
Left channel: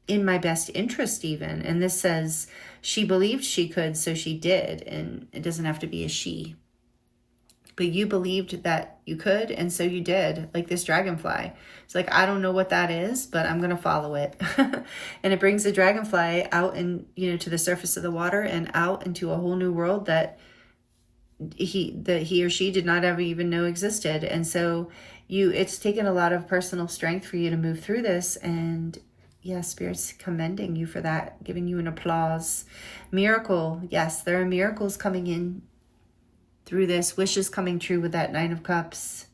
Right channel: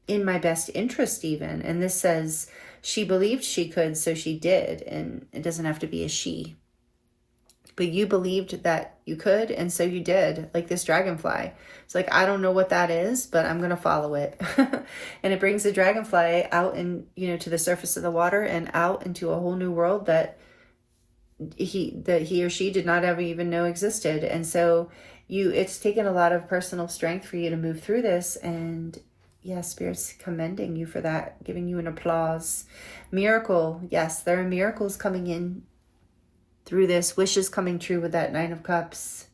in my best interest even. And this says she believed she could, so she did, and it doesn't have to be a she. But you believed that you could, and so you did, like this dragonfly. It's like, I don't know what that is, but I'm going to follow it. And it brings the dragonfly out and, you know, to the surface of the water and out into a whole new world that he or she did not ever even know existed. And so it's taken a lot of personal strength for you to move through this. And yeah, Spirit's commending you for that, giving you an applause. Miracle. Yes, there are miracles coming in through this, wishes coming true with that Nine of Cups,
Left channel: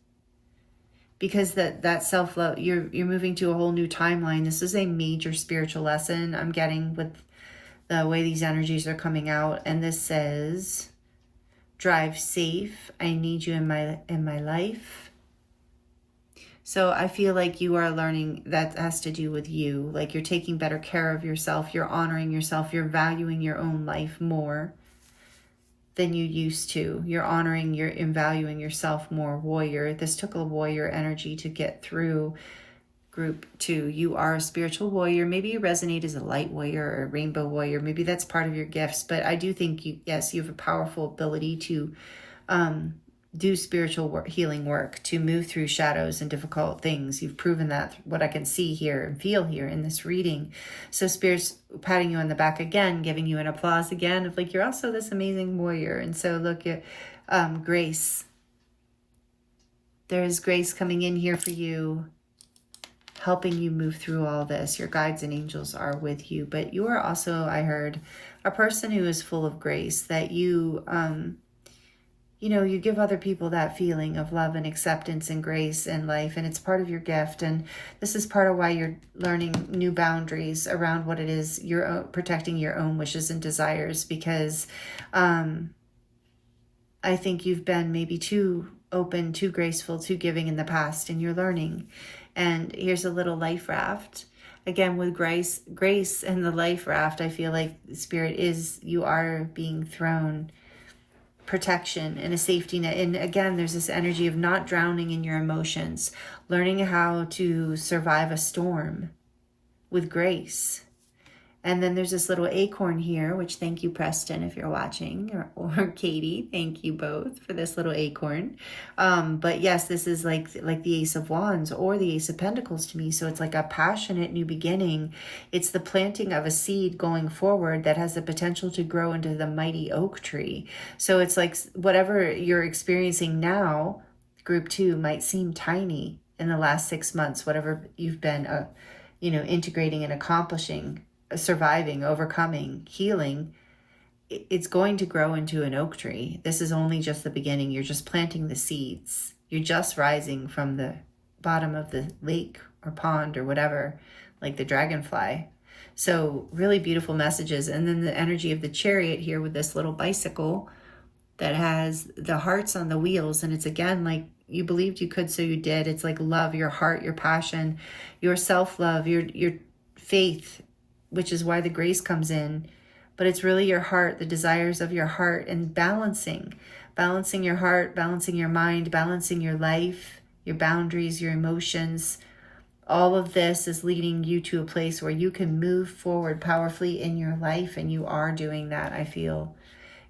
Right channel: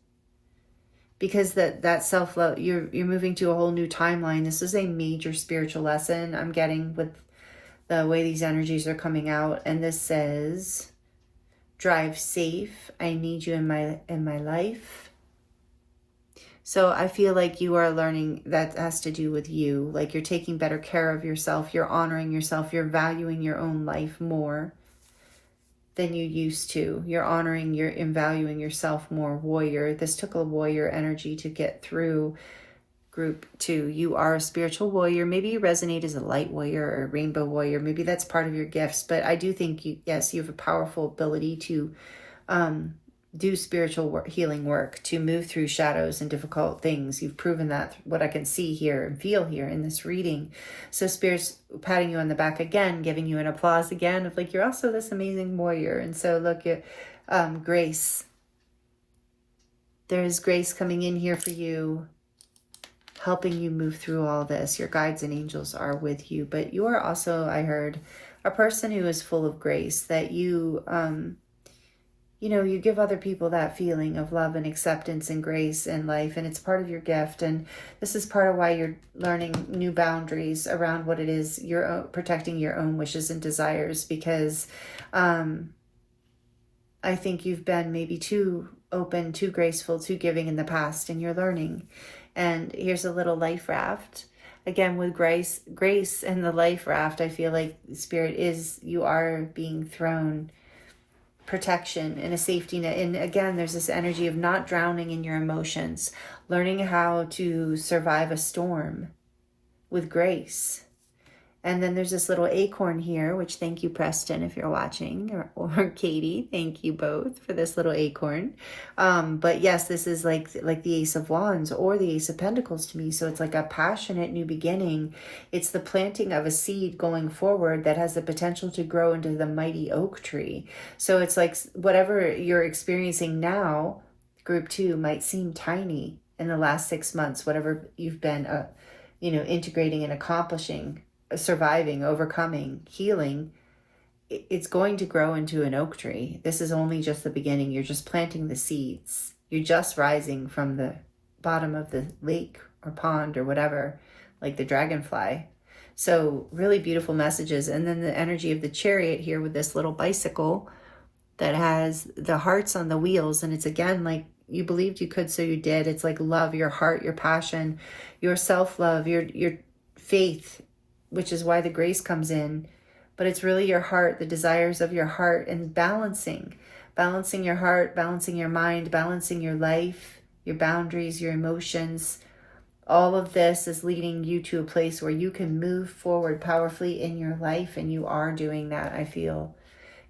because that self-love, you're moving to a whole new timeline. This is a major spiritual lesson I'm getting with the way these energies are coming out. And this says, drive safe, I need you in my life. So I feel like you are learning that has to do with you, like you're taking better care of yourself, you're honoring yourself, you're valuing your own life more than you used to. You're honoring and valuing yourself more. Warrior. This took a warrior energy to get through, group 2. You are a spiritual warrior. Maybe you resonate as a light warrior or a rainbow warrior. Maybe that's part of your gifts. But I do think you have a powerful ability to do spiritual healing work, to move through shadows and difficult things. You've proven that, what I can see here and feel here in this reading. So Spirit's patting you on the back again, giving you an applause again of like, you're also this amazing warrior. And so look at grace. There is grace coming in here for you, helping you move through all this. Your guides and angels are with you, but you are also, I heard, a person who is full of grace, that you you give other people that feeling of love and acceptance and grace in life, and it's part of your gift. And this is part of why you're learning new boundaries around what it is you're protecting your own wishes and desires, because I think you've been maybe too open, too graceful, too giving in the past, and you're learning. And here's a little life raft. Again, with grace and the life raft, I feel like Spirit you are being thrown protection and a safety net. And again, there's this energy of not drowning in your emotions, learning how to survive a storm with grace. And then there's this little acorn here, which, thank you, Preston, if you're watching, or Katie, thank you both for this little acorn. But yes, this is like the Ace of Wands or the Ace of Pentacles to me. So it's like a passionate new beginning. It's the planting of a seed going forward that has the potential to grow into the mighty oak tree. So it's like whatever you're experiencing now, group 2, might seem tiny in the last 6 months, whatever you've been integrating and accomplishing, surviving, overcoming, healing, it's going to grow into an oak tree. This is only just the beginning. You're just planting the seeds. You're just rising from the bottom of the lake or pond or whatever, like the dragonfly. So really beautiful messages. And then the energy of the chariot here with this little bicycle that has the hearts on the wheels. And it's again, like you believed you could, so you did. It's like love, your heart, your passion, your self-love, your faith, which is why the grace comes in. But it's really your heart, the desires of your heart, and balancing your heart, balancing your mind, balancing your life, your boundaries, your emotions. All of this is leading you to a place where you can move forward powerfully in your life. And you are doing that, I feel.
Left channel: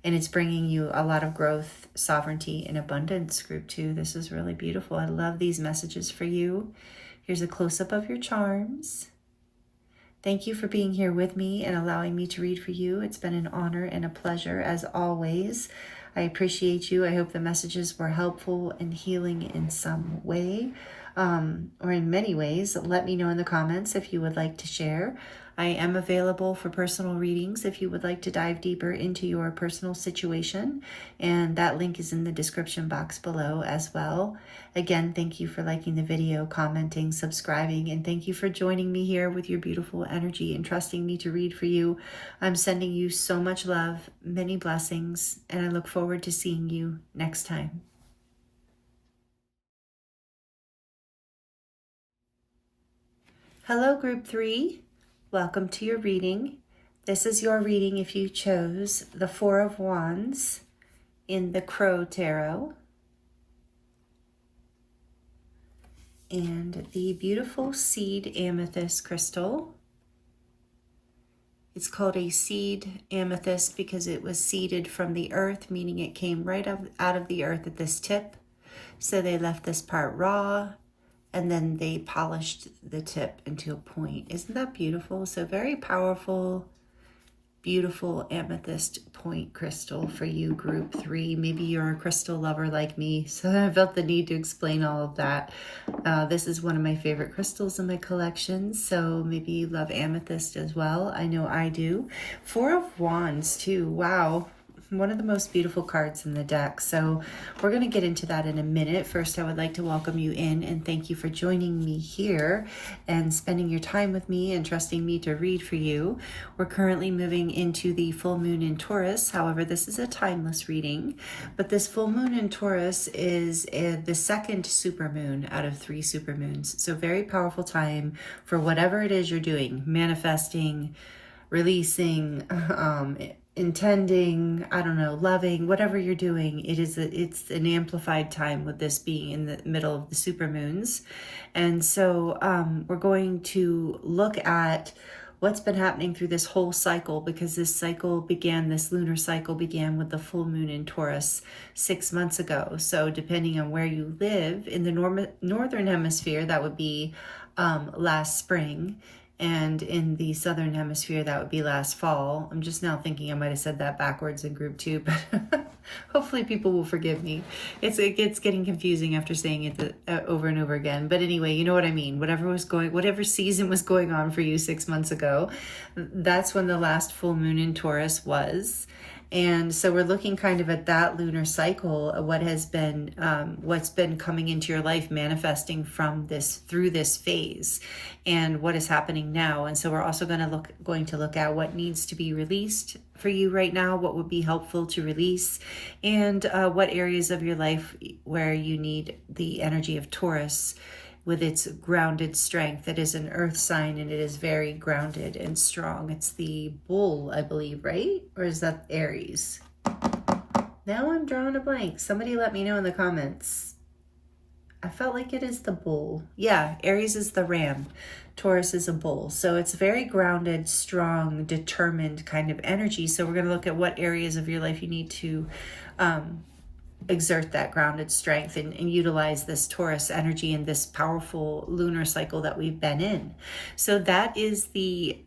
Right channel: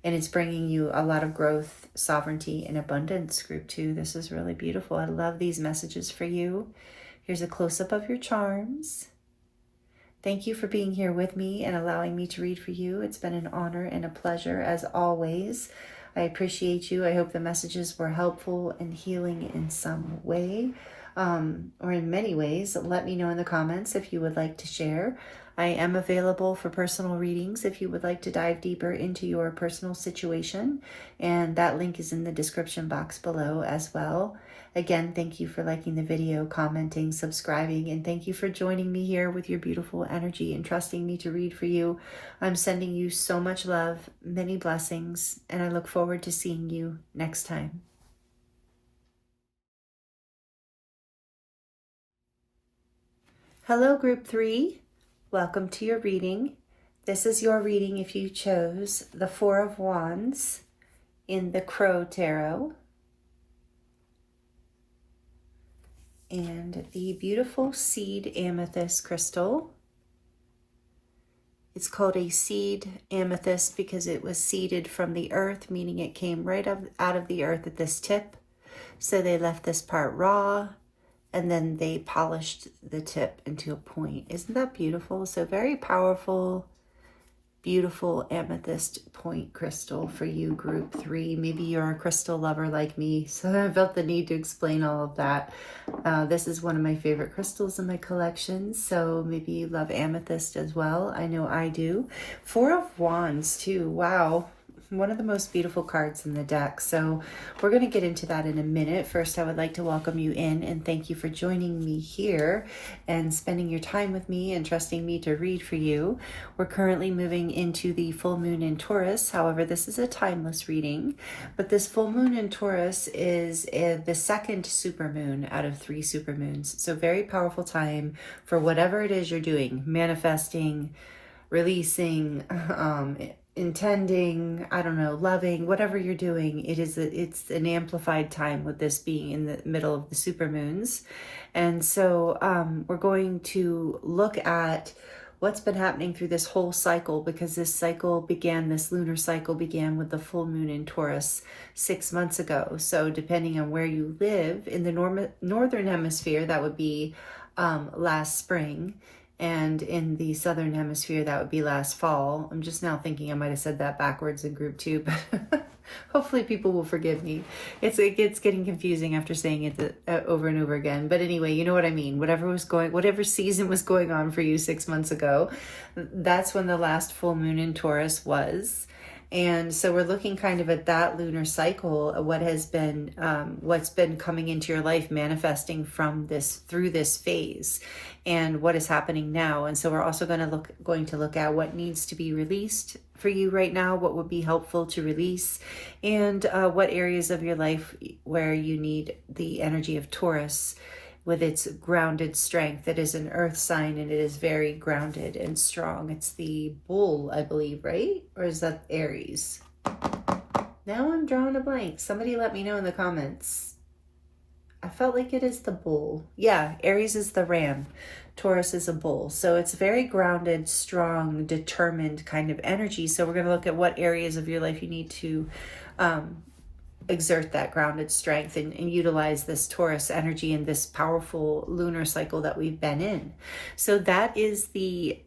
And it's bringing you a lot of growth, sovereignty, and abundance, group 2. This is really beautiful. I love these messages for you. Here's a close-up of your charms. Thank you for being here with me and allowing me to read for you. It's been an honor and a pleasure, as always. I appreciate you. I hope the messages were helpful and healing in some way, or in many ways. Let me know in the comments if you would like to share. I am available for personal readings if you would like to dive deeper into your personal situation, and that link is in the description box below as well. Again, thank you for liking the video, commenting, subscribing, and thank you for joining me here with your beautiful energy and trusting me to read for you. I'm sending you so much love, many blessings, and I look forward to seeing you next time. Hello, group 3. Welcome to your reading. This is your reading if you chose the 4 of Wands in the Crow Tarot. And the beautiful seed amethyst crystal. It's called a seed amethyst because it was seeded from the earth, meaning it came right out of the earth at this tip. So they left this part raw, and then they polished the tip into a point. Isn't that beautiful? So very powerful, beautiful amethyst point crystal for you, group 3. Maybe you're a crystal lover like me, so I felt the need to explain all of that. This is one of my favorite crystals in my collection, so maybe you love amethyst as well. I know I do. 4 of Wands too. Wow. One of the most beautiful cards in the deck. So we're going to get into that in a minute. First, I would like to welcome you in and thank you for joining me here and spending your time with me and trusting me to read for you. We're currently moving into the full moon in Taurus. However, this is a timeless reading, but this full moon in Taurus is the second supermoon out of 3 supermoons. So very powerful time for whatever it is you're doing, manifesting, releasing, intending, I don't know, loving, whatever you're doing. It's an amplified time with this being in the middle of the supermoons. And so we're going to look at what's been happening through this whole cycle, because this lunar cycle began with the full moon in Taurus 6 months ago. So depending on where you live in the northern hemisphere, that would be last spring. And in the southern hemisphere, that would be last fall. I'm just now thinking I might have said that backwards in group 2, but hopefully people will forgive me. It gets getting confusing after saying it over and over again. But anyway, you know what I mean. Whatever season was going on for you 6 months ago, that's when the last full moon in Taurus was. And so we're looking kind of at that lunar cycle, what's been coming into your life, manifesting through this phase, and what is happening now. And so we're also going to look at what needs to be released for you right now, what would be helpful to release, and what areas of your life where you need the energy of Taurus with its grounded strength. It is an earth sign and it is very grounded and strong. It's the bull, I believe, right? Or is that Aries? Now I'm drawing a blank. Somebody let me know in the comments. I felt like it is the bull. Yeah, Aries is the ram. Taurus is a bull. So it's very grounded, strong, determined kind of energy. So we're going to look at what areas of your life you need to exert that grounded strength and utilize this Taurus energy and this powerful lunar cycle that we've been in. So that is the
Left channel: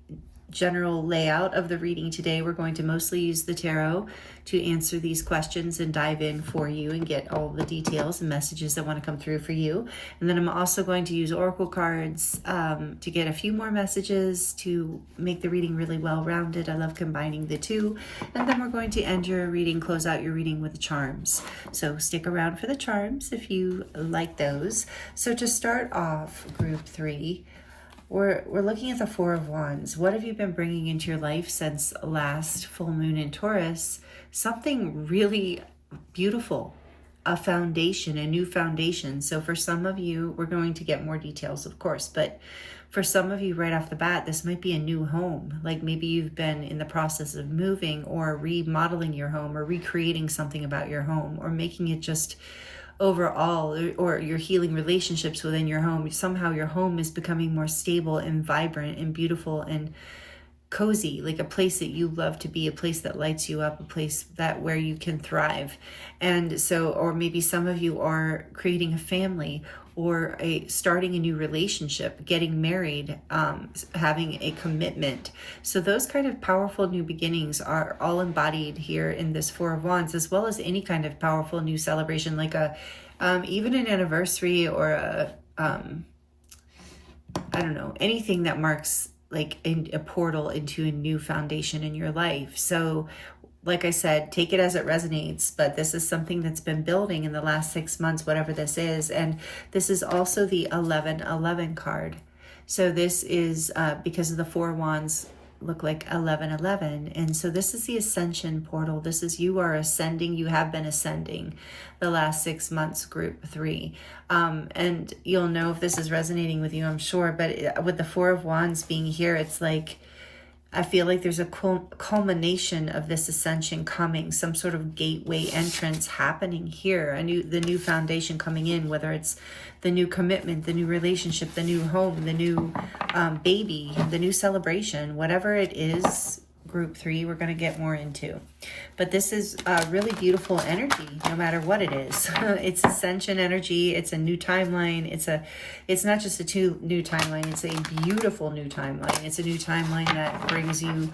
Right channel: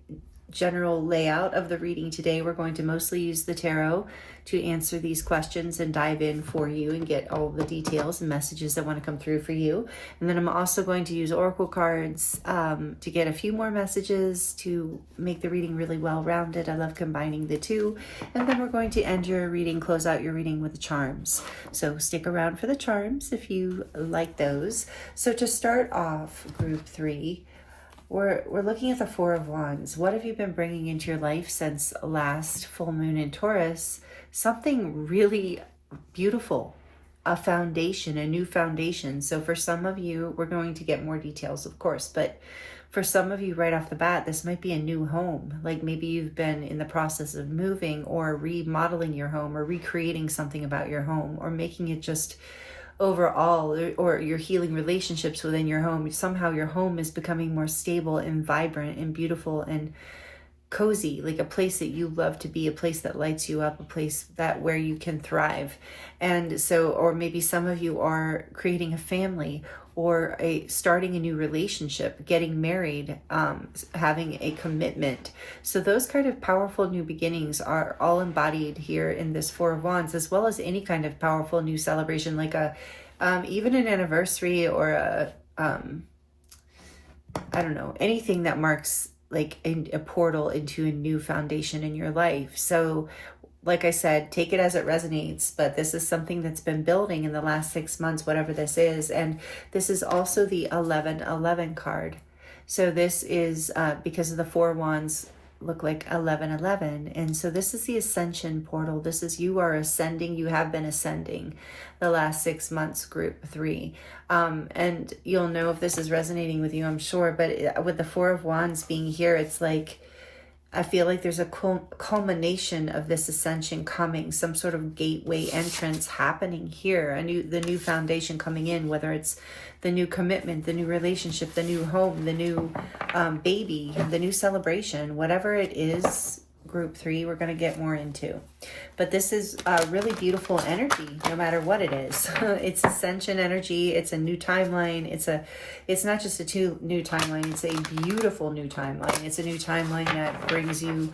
general layout of the reading today. We're going to mostly use the tarot to answer these questions and dive in for you and get all the details and messages that want to come through for you. And then I'm also going to use oracle cards to get a few more messages to make the reading really well-rounded. I love combining the two. And then we're going to end your reading, close out your reading with the charms. So stick around for the charms if you like those. So to start off, group 3, we're looking at the Four of Wands. What have you been bringing into your life since last full moon in Taurus? Something really beautiful, a foundation, a new foundation. So for some of you, we're going to get more details, of course, but for some of you right off the bat, this might be a new home. Like maybe you've been in the process of moving or remodeling your home or recreating something about your home or making it just overall, or you're healing relationships within your home. Somehow your home is becoming more stable and vibrant and beautiful and cozy, like a place that you love to be, a place that lights you up, a place that where you can thrive. And so, or maybe some of you are creating a family or starting a new relationship, getting married, having a commitment. So those kind of powerful new beginnings are all embodied here in this Four of Wands, as well as any kind of powerful new celebration, like even an anniversary or I don't know, anything that marks like a portal into a new foundation in your life. So like I said, take it as it resonates, but this is something that's been building in the last 6 months, whatever this is. And this is also the 1111 card. So this is because of the Four Wands look like 1111. And so this is the ascension portal. This is, you are ascending, you have been ascending the last 6 months, group 3. And you'll know if this is resonating with you, I'm sure, but with the Four of Wands being here, it's like, I feel like there's a culmination of this ascension coming, some sort of gateway entrance happening here, the new foundation coming in, whether it's the new commitment, the new relationship, the new home, the new baby, the new celebration, whatever it is, group 3, we're going to get more into. But this is really beautiful energy, no matter what it is. It's ascension energy. It's a new timeline. It's not just a new timeline. It's a beautiful new timeline. It's a new timeline that brings you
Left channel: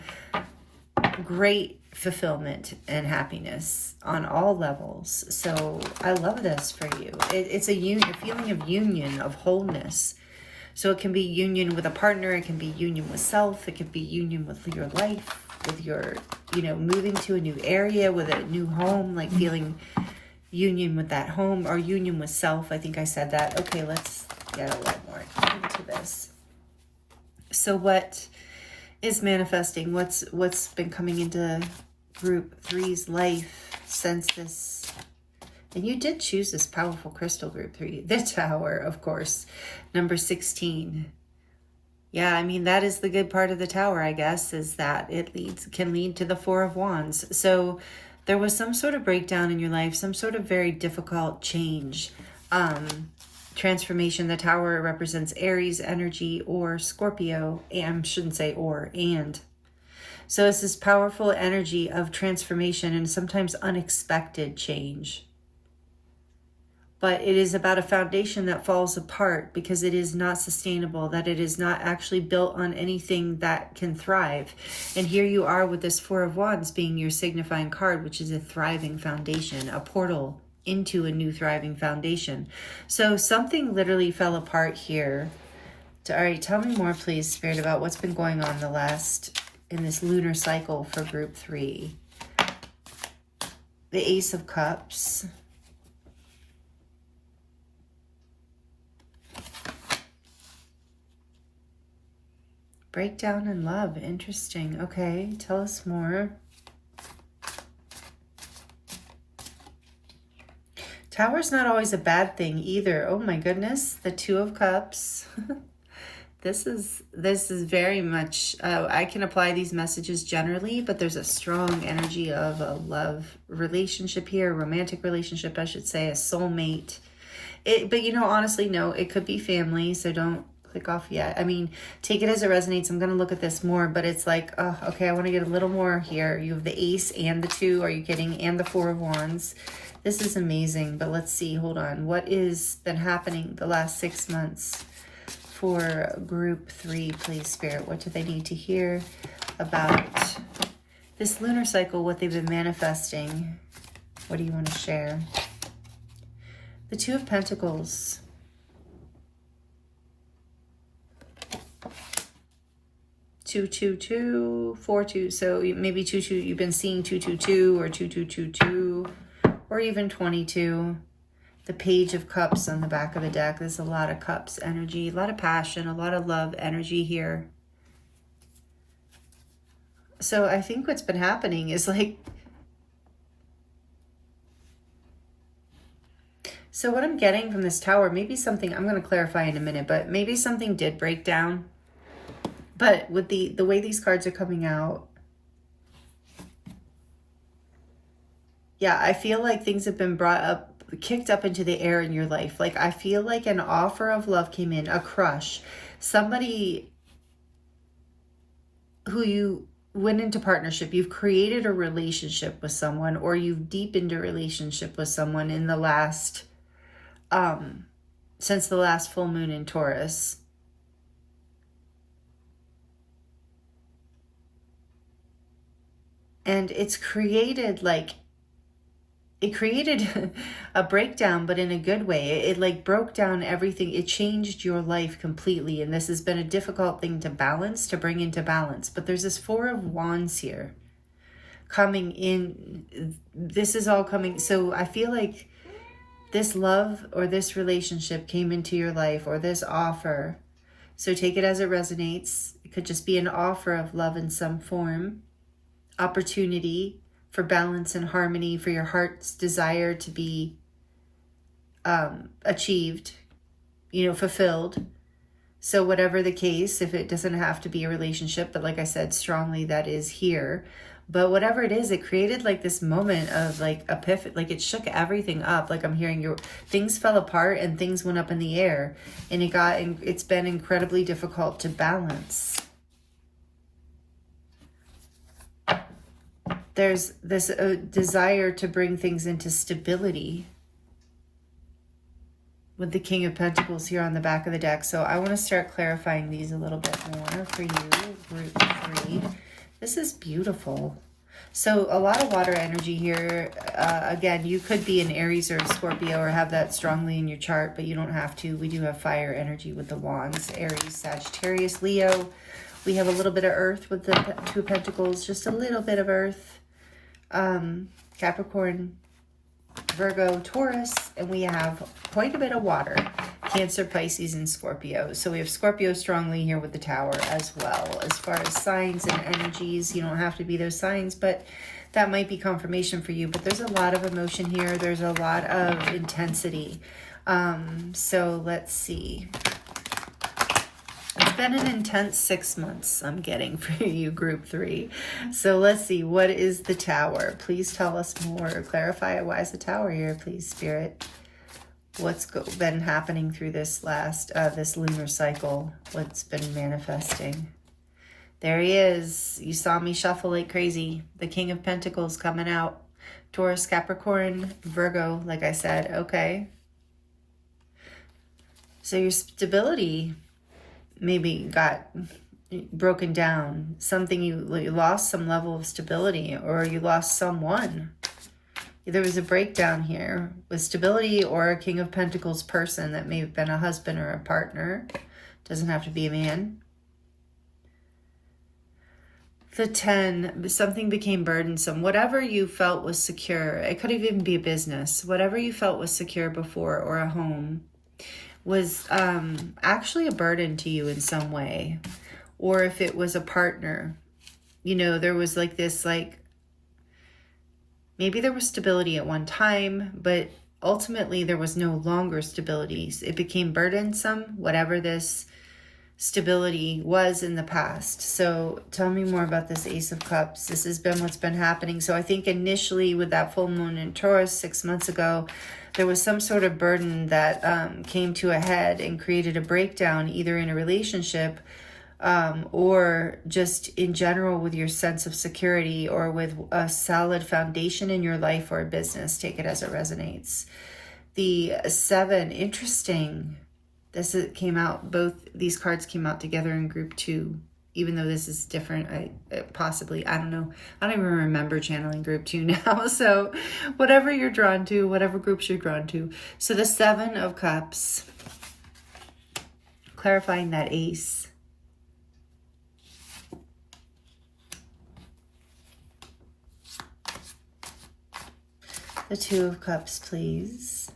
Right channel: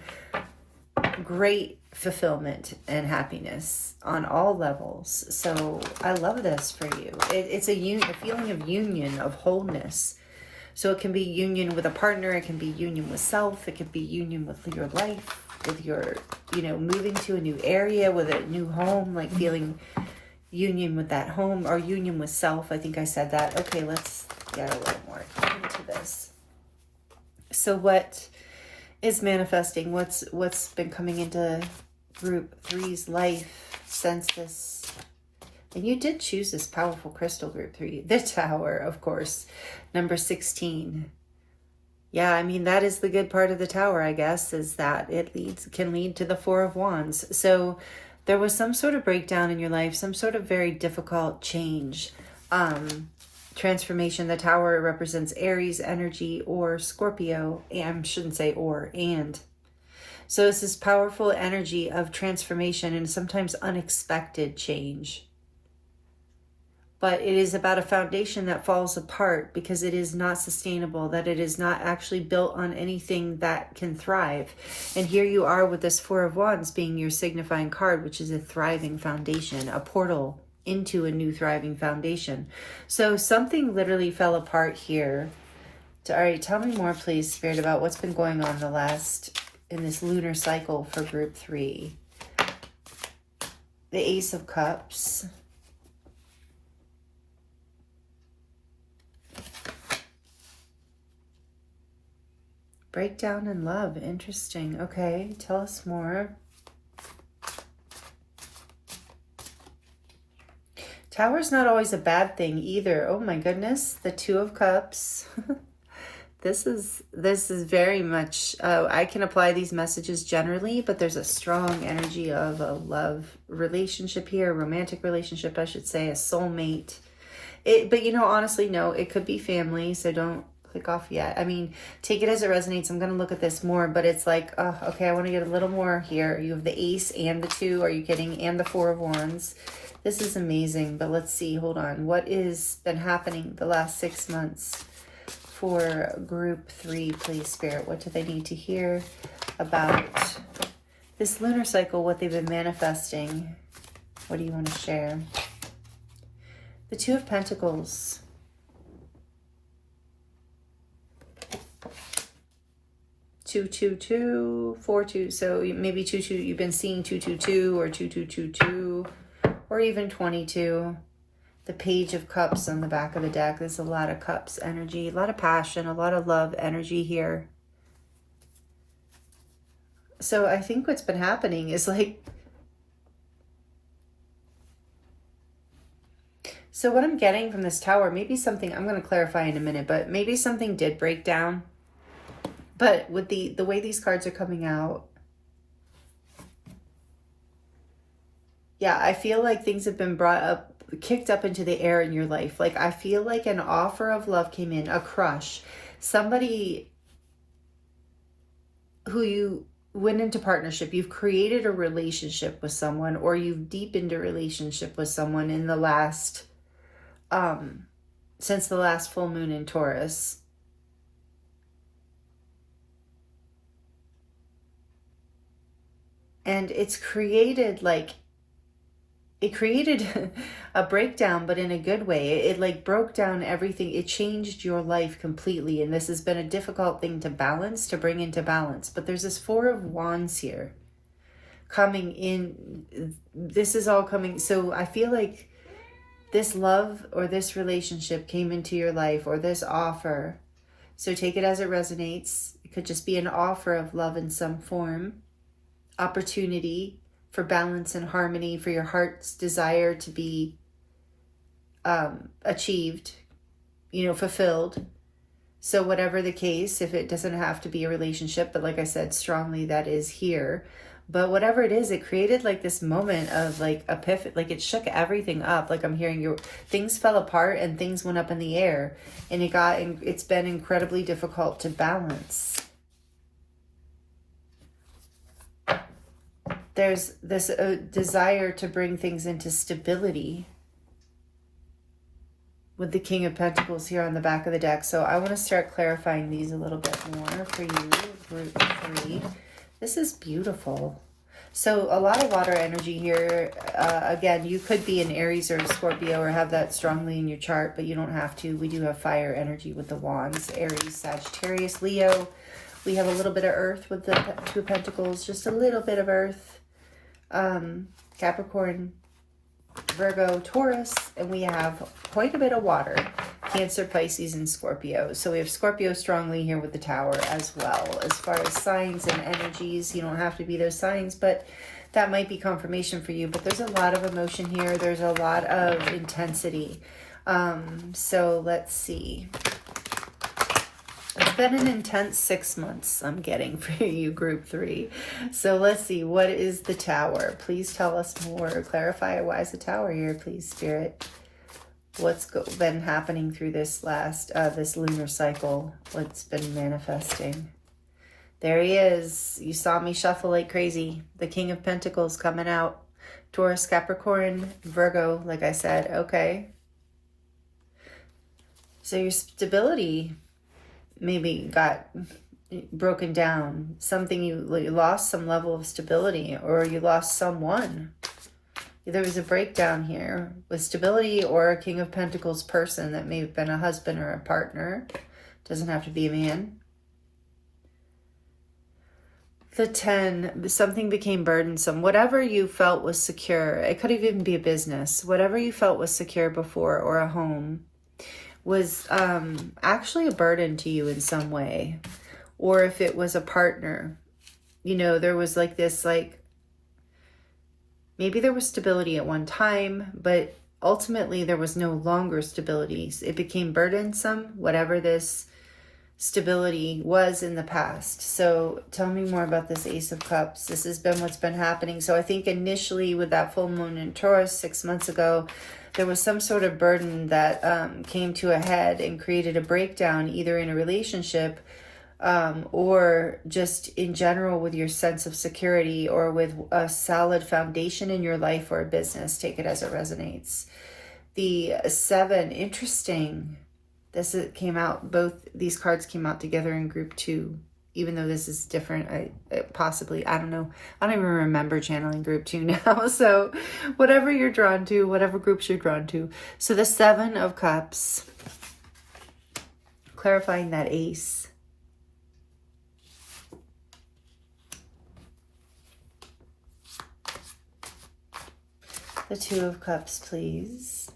great fulfillment and happiness on all levels. So I love this for you. It's a feeling of union, of wholeness. So it can be union with a partner. It can be union with self. It could be union with your life, with your, moving to a new area, with a new home, like feeling union with that home or union with self. I think I said that. Okay, let's get a little more into this. So what is manifesting? What's been coming into group 3's life since this? And you did choose this powerful crystal, group 3. The Tower, of course. Number 16. Yeah, I mean, that is the good part of the Tower, I guess, is that it can lead to the Four of Wands. So there was some sort of breakdown in your life, some sort of very difficult change, transformation. The Tower represents Aries energy or Scorpio, and I shouldn't say or, and. So it's this powerful energy of transformation and sometimes unexpected change. But it is about a foundation that falls apart because it is not sustainable, that it is not actually built on anything that can thrive. And here you are with this Four of Wands being your signifying card, which is a thriving foundation, a portal into a new thriving foundation. So something literally fell apart here. All right, tell me more, please, Spirit, about what's been going on in this lunar cycle for group 3. The Ace of Cups. Breakdown in love. Interesting. Okay, tell us more. Tower's not always a bad thing either. Oh my goodness. The Two of Cups. This is very much, I can apply these messages generally, but there's a strong energy of a love relationship here, a romantic relationship, I should say, a soulmate. But honestly, no, it could be family, so don't click off yet. I mean, take it as it resonates. I'm going to look at this more, but it's like, oh, okay, I want to get a little more here. You have the Ace and the 2, are you kidding? And the Four of Wands. This is amazing, but let's see, hold on. What is been happening the last 6 months for group 3, please, Spirit? What do they need to hear about this lunar cycle, what they've been manifesting? What do you want to share? The Two of Pentacles. Two, 2, 2, 4, 2. So maybe 2, 2. You've been seeing 2, 2, 2 or 2, 2, 2, 2, or even 22. The Page of Cups on the back of the deck. There's a lot of cups energy, a lot of passion, a lot of love energy here. So I think what's been happening is like, so what I'm getting from this Tower, maybe something, I'm going to clarify in a minute, but maybe something did break down. But with the way these cards are coming out, yeah, I feel like things have been brought up, kicked up into the air in your life. Like, I feel like an offer of love came in, a crush, somebody who you went into partnership, you've created a relationship with someone, or you've deepened a relationship with someone in the last, since the last full moon in Taurus. And it's created like, it created a breakdown, but in a good way. It like broke down everything. It changed your life completely. And this has been a difficult thing to balance, to bring into balance. But there's this Four of Wands here coming in. This is all coming. So I feel like this love or this relationship came into your life, or this offer. So take it as it resonates. It could just be an offer of love in some form. Opportunity for balance and harmony, for your heart's desire to be achieved, you know, fulfilled. So whatever the case, if it doesn't have to be a relationship, but like I said, strongly that is here. But whatever it is, it created like this moment of like epiphany, like it shook everything up. Like I'm hearing things fell apart and things went up in the air, and it's been incredibly difficult to balance. There's this desire to bring things into stability with the King of Pentacles here on the back of the deck. So I want to start clarifying these a little bit more for you, group 3. This is beautiful. So a lot of water energy here. Again, you could be an Aries or a Scorpio or have that strongly in your chart, but you don't have to. We do have fire energy with the Wands, Aries, Sagittarius, Leo. We have a little bit of earth with the Two of Pentacles, just a little bit of earth. Capricorn, Virgo, Taurus, and we have quite a bit of water, Cancer, Pisces, and Scorpio. So we have Scorpio strongly here with the Tower as well. As far as signs and energies, you don't have to be those signs, but that might be confirmation for you. But there's a lot of emotion here. There's a lot of intensity. So let's see. It's been an intense 6 months I'm getting for you, group 3. So let's see, what is the Tower? Please tell us more. Clarify, why is the Tower here, please, Spirit? What's been happening through this this lunar cycle? What's been manifesting? There he is. You saw me shuffle like crazy. The King of Pentacles coming out. Taurus, Capricorn, Virgo, like I said. Okay. So your stability maybe got broken down. Something you lost some level of stability, or you lost someone. There was a breakdown here with stability, or a King of Pentacles person that may have been a husband or a partner. Doesn't have to be a man. The 10, something became burdensome. Whatever you felt was secure, it could even be a business. Whatever you felt was secure before, or a home, was actually a burden to you in some way. Or if it was a partner, you know, there was like this, like, maybe there was stability at one time, but ultimately there was no longer stability. It became burdensome, whatever this stability was in the past. So tell me more about this Ace of Cups. This has been what's been happening. So I think initially with that full moon in Taurus 6 months ago, there was some sort of burden that came to a head and created a breakdown, either in a relationship or just in general with your sense of security, or with a solid foundation in your life or a business. Take it as it resonates. The 7, interesting. came out, both these cards came out together in group 2, even though this is different. I don't know. I don't even remember channeling group 2 now. So whatever you're drawn to, whatever groups you're drawn to. So the 7 of Cups, clarifying that Ace. The 2 of Cups, please.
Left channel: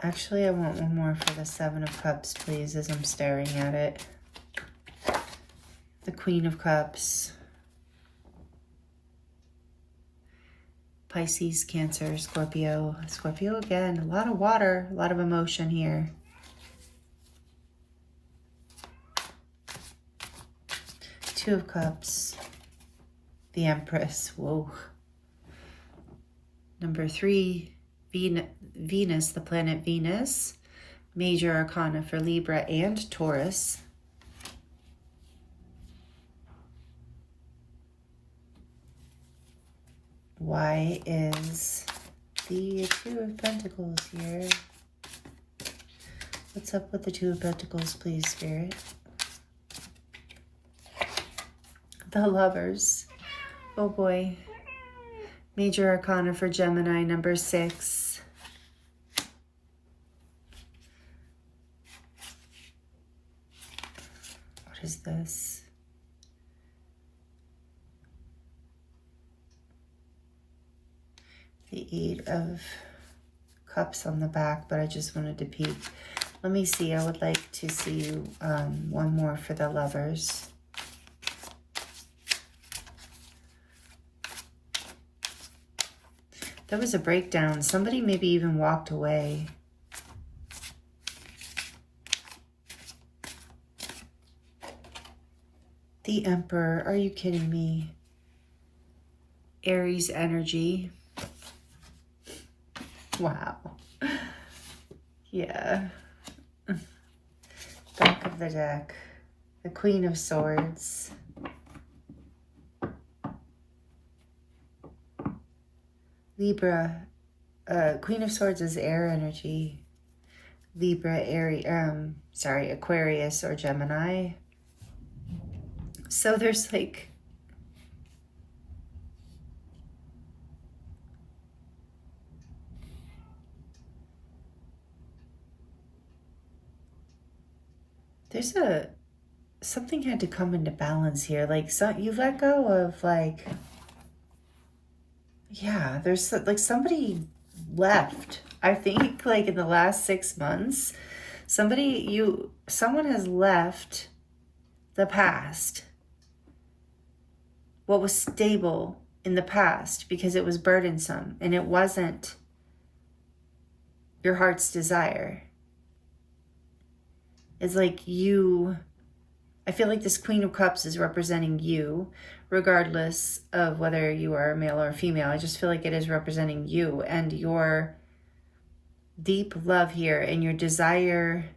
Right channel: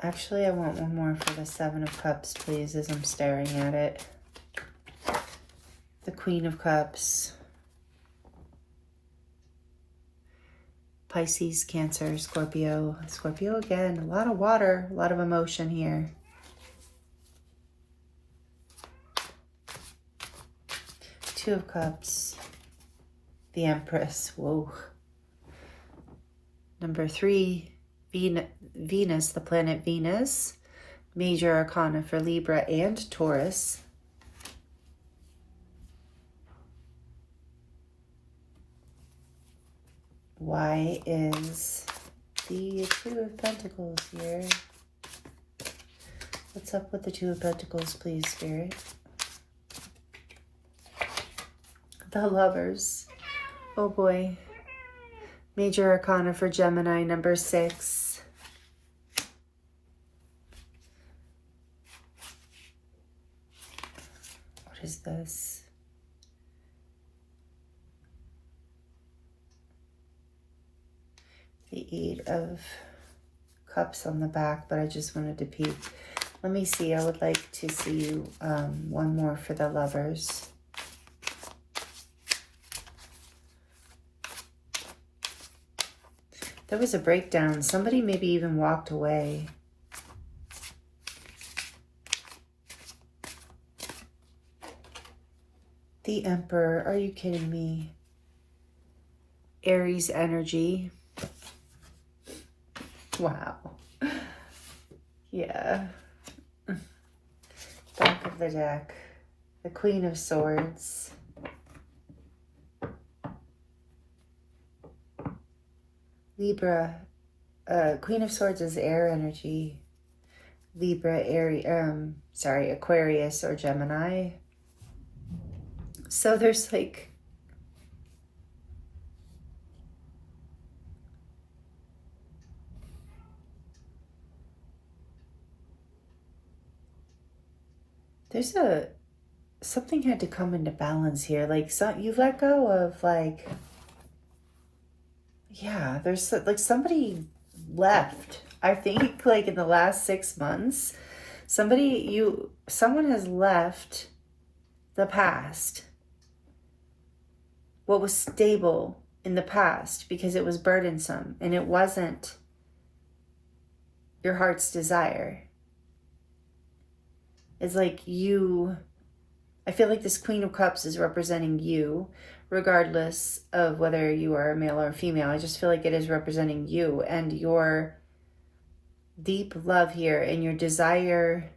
Actually, I want one more for the 7 of Cups, please, as I'm staring at it. The Queen of Cups. Pisces, Cancer, Scorpio. Scorpio again. A lot of water, a lot of emotion here. Two of Cups. The Empress. Whoa. Number 3, Venus, the planet Venus. Major Arcana for Libra and Taurus. Why is the 2 of Pentacles here? What's up with the 2 of Pentacles, please, Spirit? The Lovers. Oh boy. Major Arcana for Gemini, number 6. What is this? The 8 of Cups on the back, but I just wanted to peek. Let me see. I would like to see one more for the Lovers. There was a breakdown. Somebody maybe even walked away. The Emperor. Are you kidding me? Aries energy. Wow. Yeah. Back of the deck. The Queen of Swords. Libra. Queen of Swords is air energy. Libra, Aquarius or Gemini. So there's like... something had to come into balance here. Like, you let go of, like, yeah, there's like somebody left. I think like in the last 6 months, someone has left the past. What was stable in the past because it was burdensome and it wasn't your heart's desire. It's like I feel like this Queen of Cups is representing you, regardless of whether you are a male or a female. I just feel like it is representing you and your deep love here and your desire.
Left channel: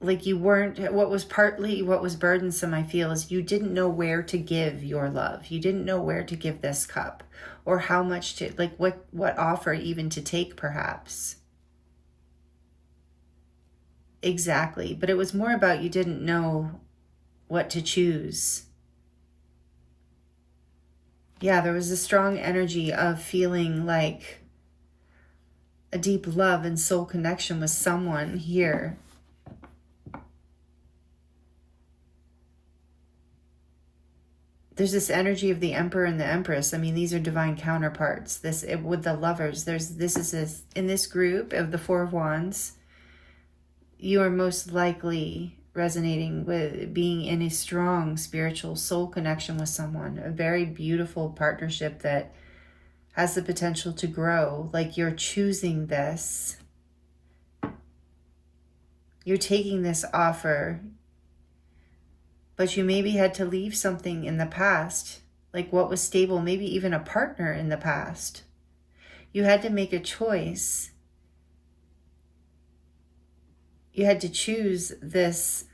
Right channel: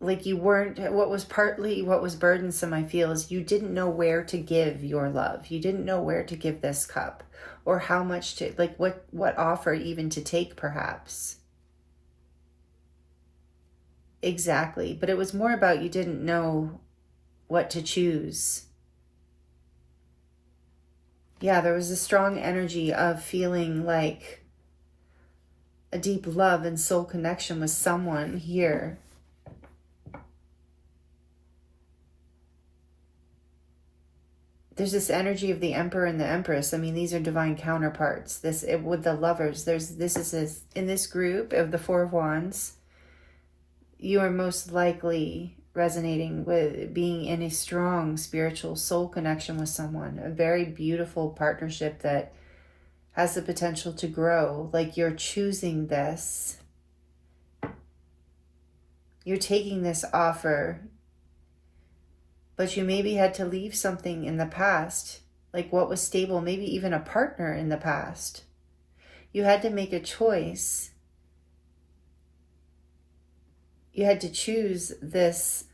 Like what was burdensome, I feel, is you didn't know where to give your love. You didn't know where to give this cup or how much to, like what offer even to take, perhaps. Exactly. But it was more about you didn't know what to choose. Yeah, there was a strong energy of feeling like a deep love and soul connection with someone here. There's this energy of the Emperor and the Empress. I mean, these are divine counterparts. With the Lovers, in this group of the 4 of Wands, you are most likely resonating with being in a strong spiritual soul connection with someone, a very beautiful partnership that has the potential to grow. Like, you're choosing this. You're taking this offer, but you maybe had to leave something in the past, like what was stable, maybe even a partner in the past. You had to make a choice. You had to choose this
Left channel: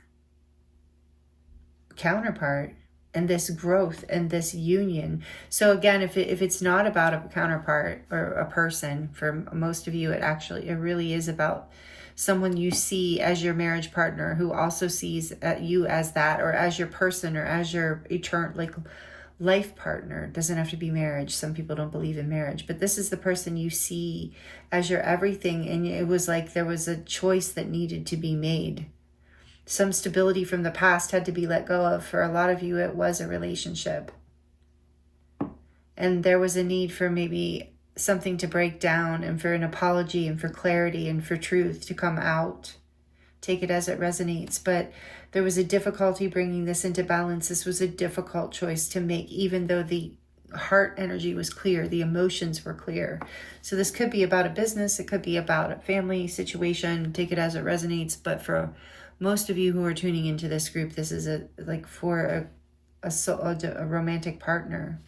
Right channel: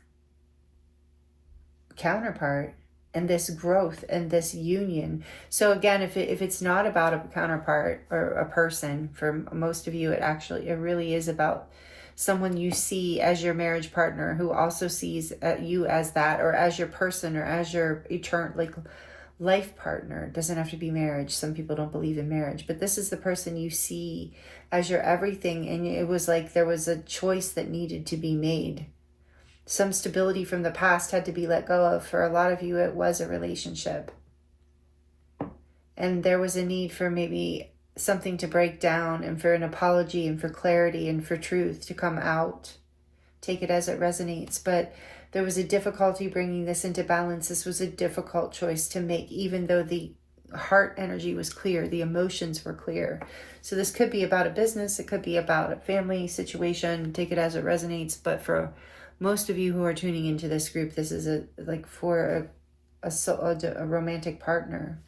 counterpart. and this growth and this union. So again, if it's not about a counterpart or a person, for most of you, it really is about someone you see as your marriage partner, who also sees you as that, or as your person, or as your eternal, like, life partner. It doesn't have to be marriage. Some people don't believe in marriage, but this is the person you see as your everything. And it was like there was a choice that needed to be made. Some stability from the past had to be let go of. For a lot of you, it was a relationship. And there was a need for maybe something to break down, and for an apology, and for clarity, and for truth to come out. Take it as it resonates. But there was a difficulty bringing this into balance. This was a difficult choice to make, even though the heart energy was clear, the emotions were clear. So this could be about a business. It could be about a family situation. Take it as it resonates. But for most of you who are tuning into this group, this is for a romantic partner.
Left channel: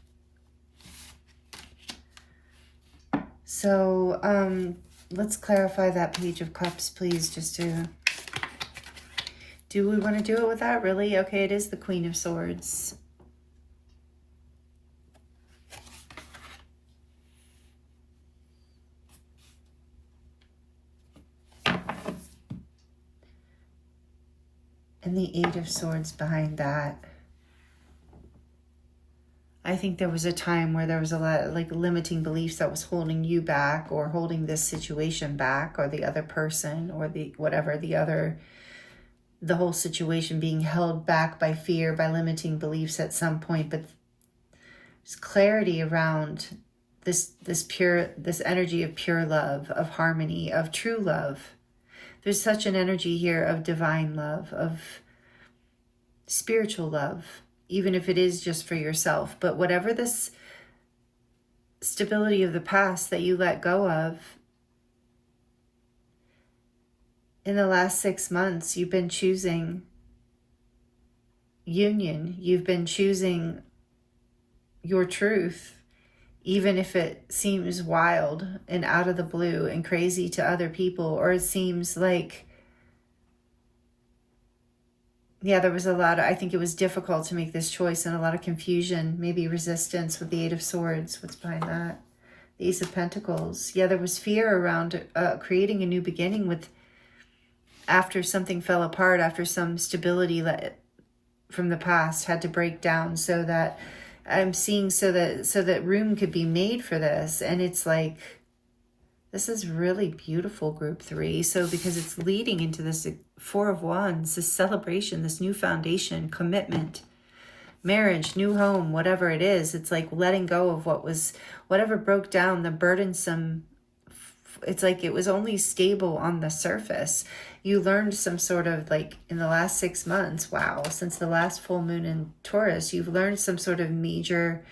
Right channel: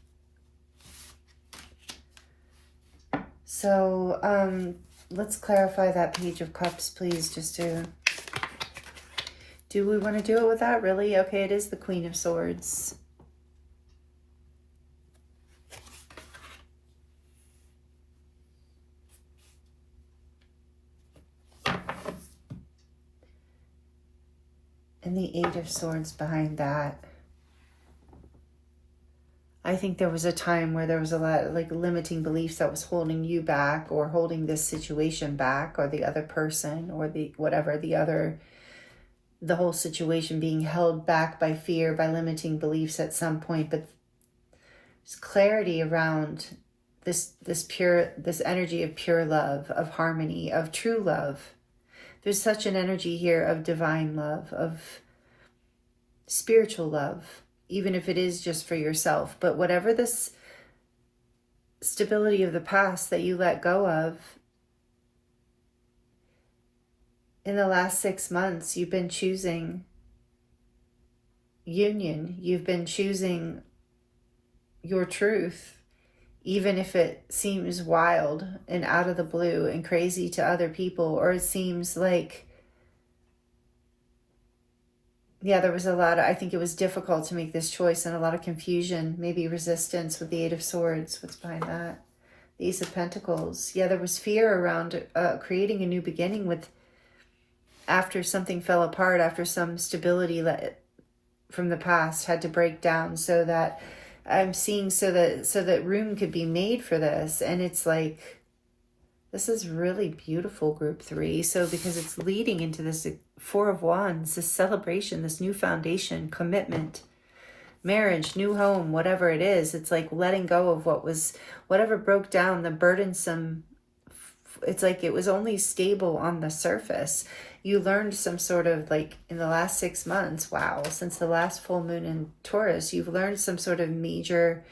So let's clarify that Page of Cups, please, just to... Do we want to do it with that? Really? Okay, it is the Queen of Swords. And the Eight of Swords behind that. I think there was a time where there was a lot of limiting beliefs that was holding you back, or holding this situation back, or the other person, or the whole situation being held back by fear, by limiting beliefs at some point. But there's clarity around this energy of pure love, of harmony, of true love. There's such an energy here of divine love, of spiritual love, even if it is just for yourself. But whatever this stability of the past that you let go of, in the last 6 months, you've been choosing union. You've been choosing your truth, even if it seems wild and out of the blue and crazy to other people, or it seems like, there was a lot I think it was difficult to make this choice, and a lot of confusion, maybe resistance with the Eight of Swords. What's behind that? The Ace of Pentacles. There was fear around creating a new beginning after something fell apart, after some stability from the past had to break down, so that I'm seeing so that room could be made for this. And it's like, this is really beautiful, Group 3. So because it's leading into this Four of Wands, this celebration, this new foundation, commitment, marriage, new home, whatever it is. It's like letting go of whatever broke down, the burdensome. It's like it was only stable on the surface. You learned some sort of, in the last 6 months, since the last full moon in Taurus, you've learned some sort of major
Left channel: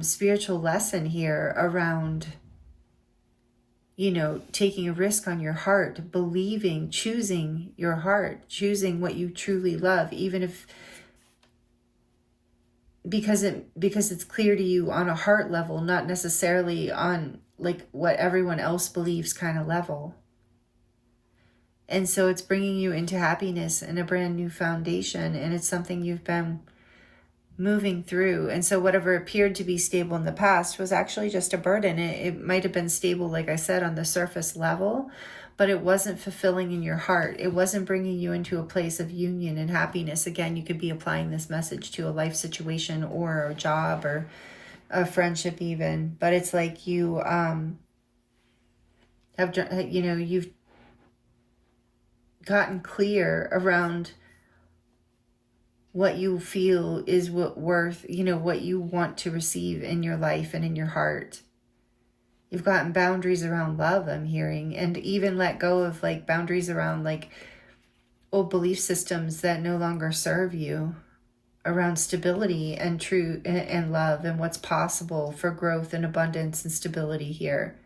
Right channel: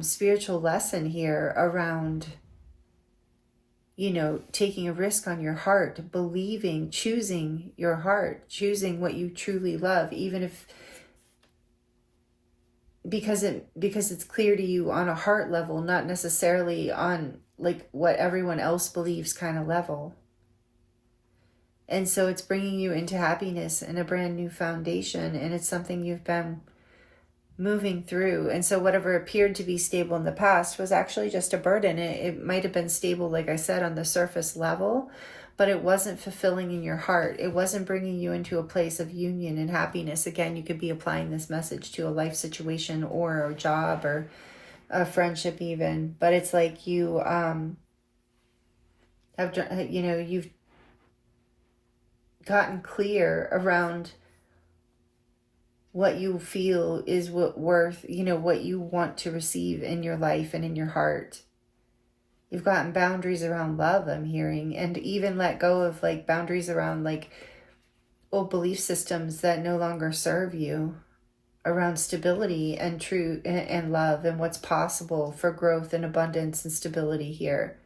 spiritual lesson here around, taking a risk on your heart, believing, choosing your heart, choosing what you truly love, even if, because it's clear to you on a heart level, not necessarily on what everyone else believes kind of level. And so it's bringing you into happiness and a brand new foundation, and it's something you've been moving through. And so whatever appeared to be stable in the past was actually just a burden. It might have been stable, like I said, on the surface level, but it wasn't fulfilling in your heart. It wasn't bringing you into a place of union and happiness. Again, you could be applying this message to a life situation, or a job, or a friendship even. But it's like you you've gotten clear around what you feel is what you want to receive in your life and in your heart. You've gotten boundaries around love, I'm hearing, and even let go of boundaries around old belief systems that no longer serve you, around stability and truth and love, and what's possible for growth and abundance and stability here.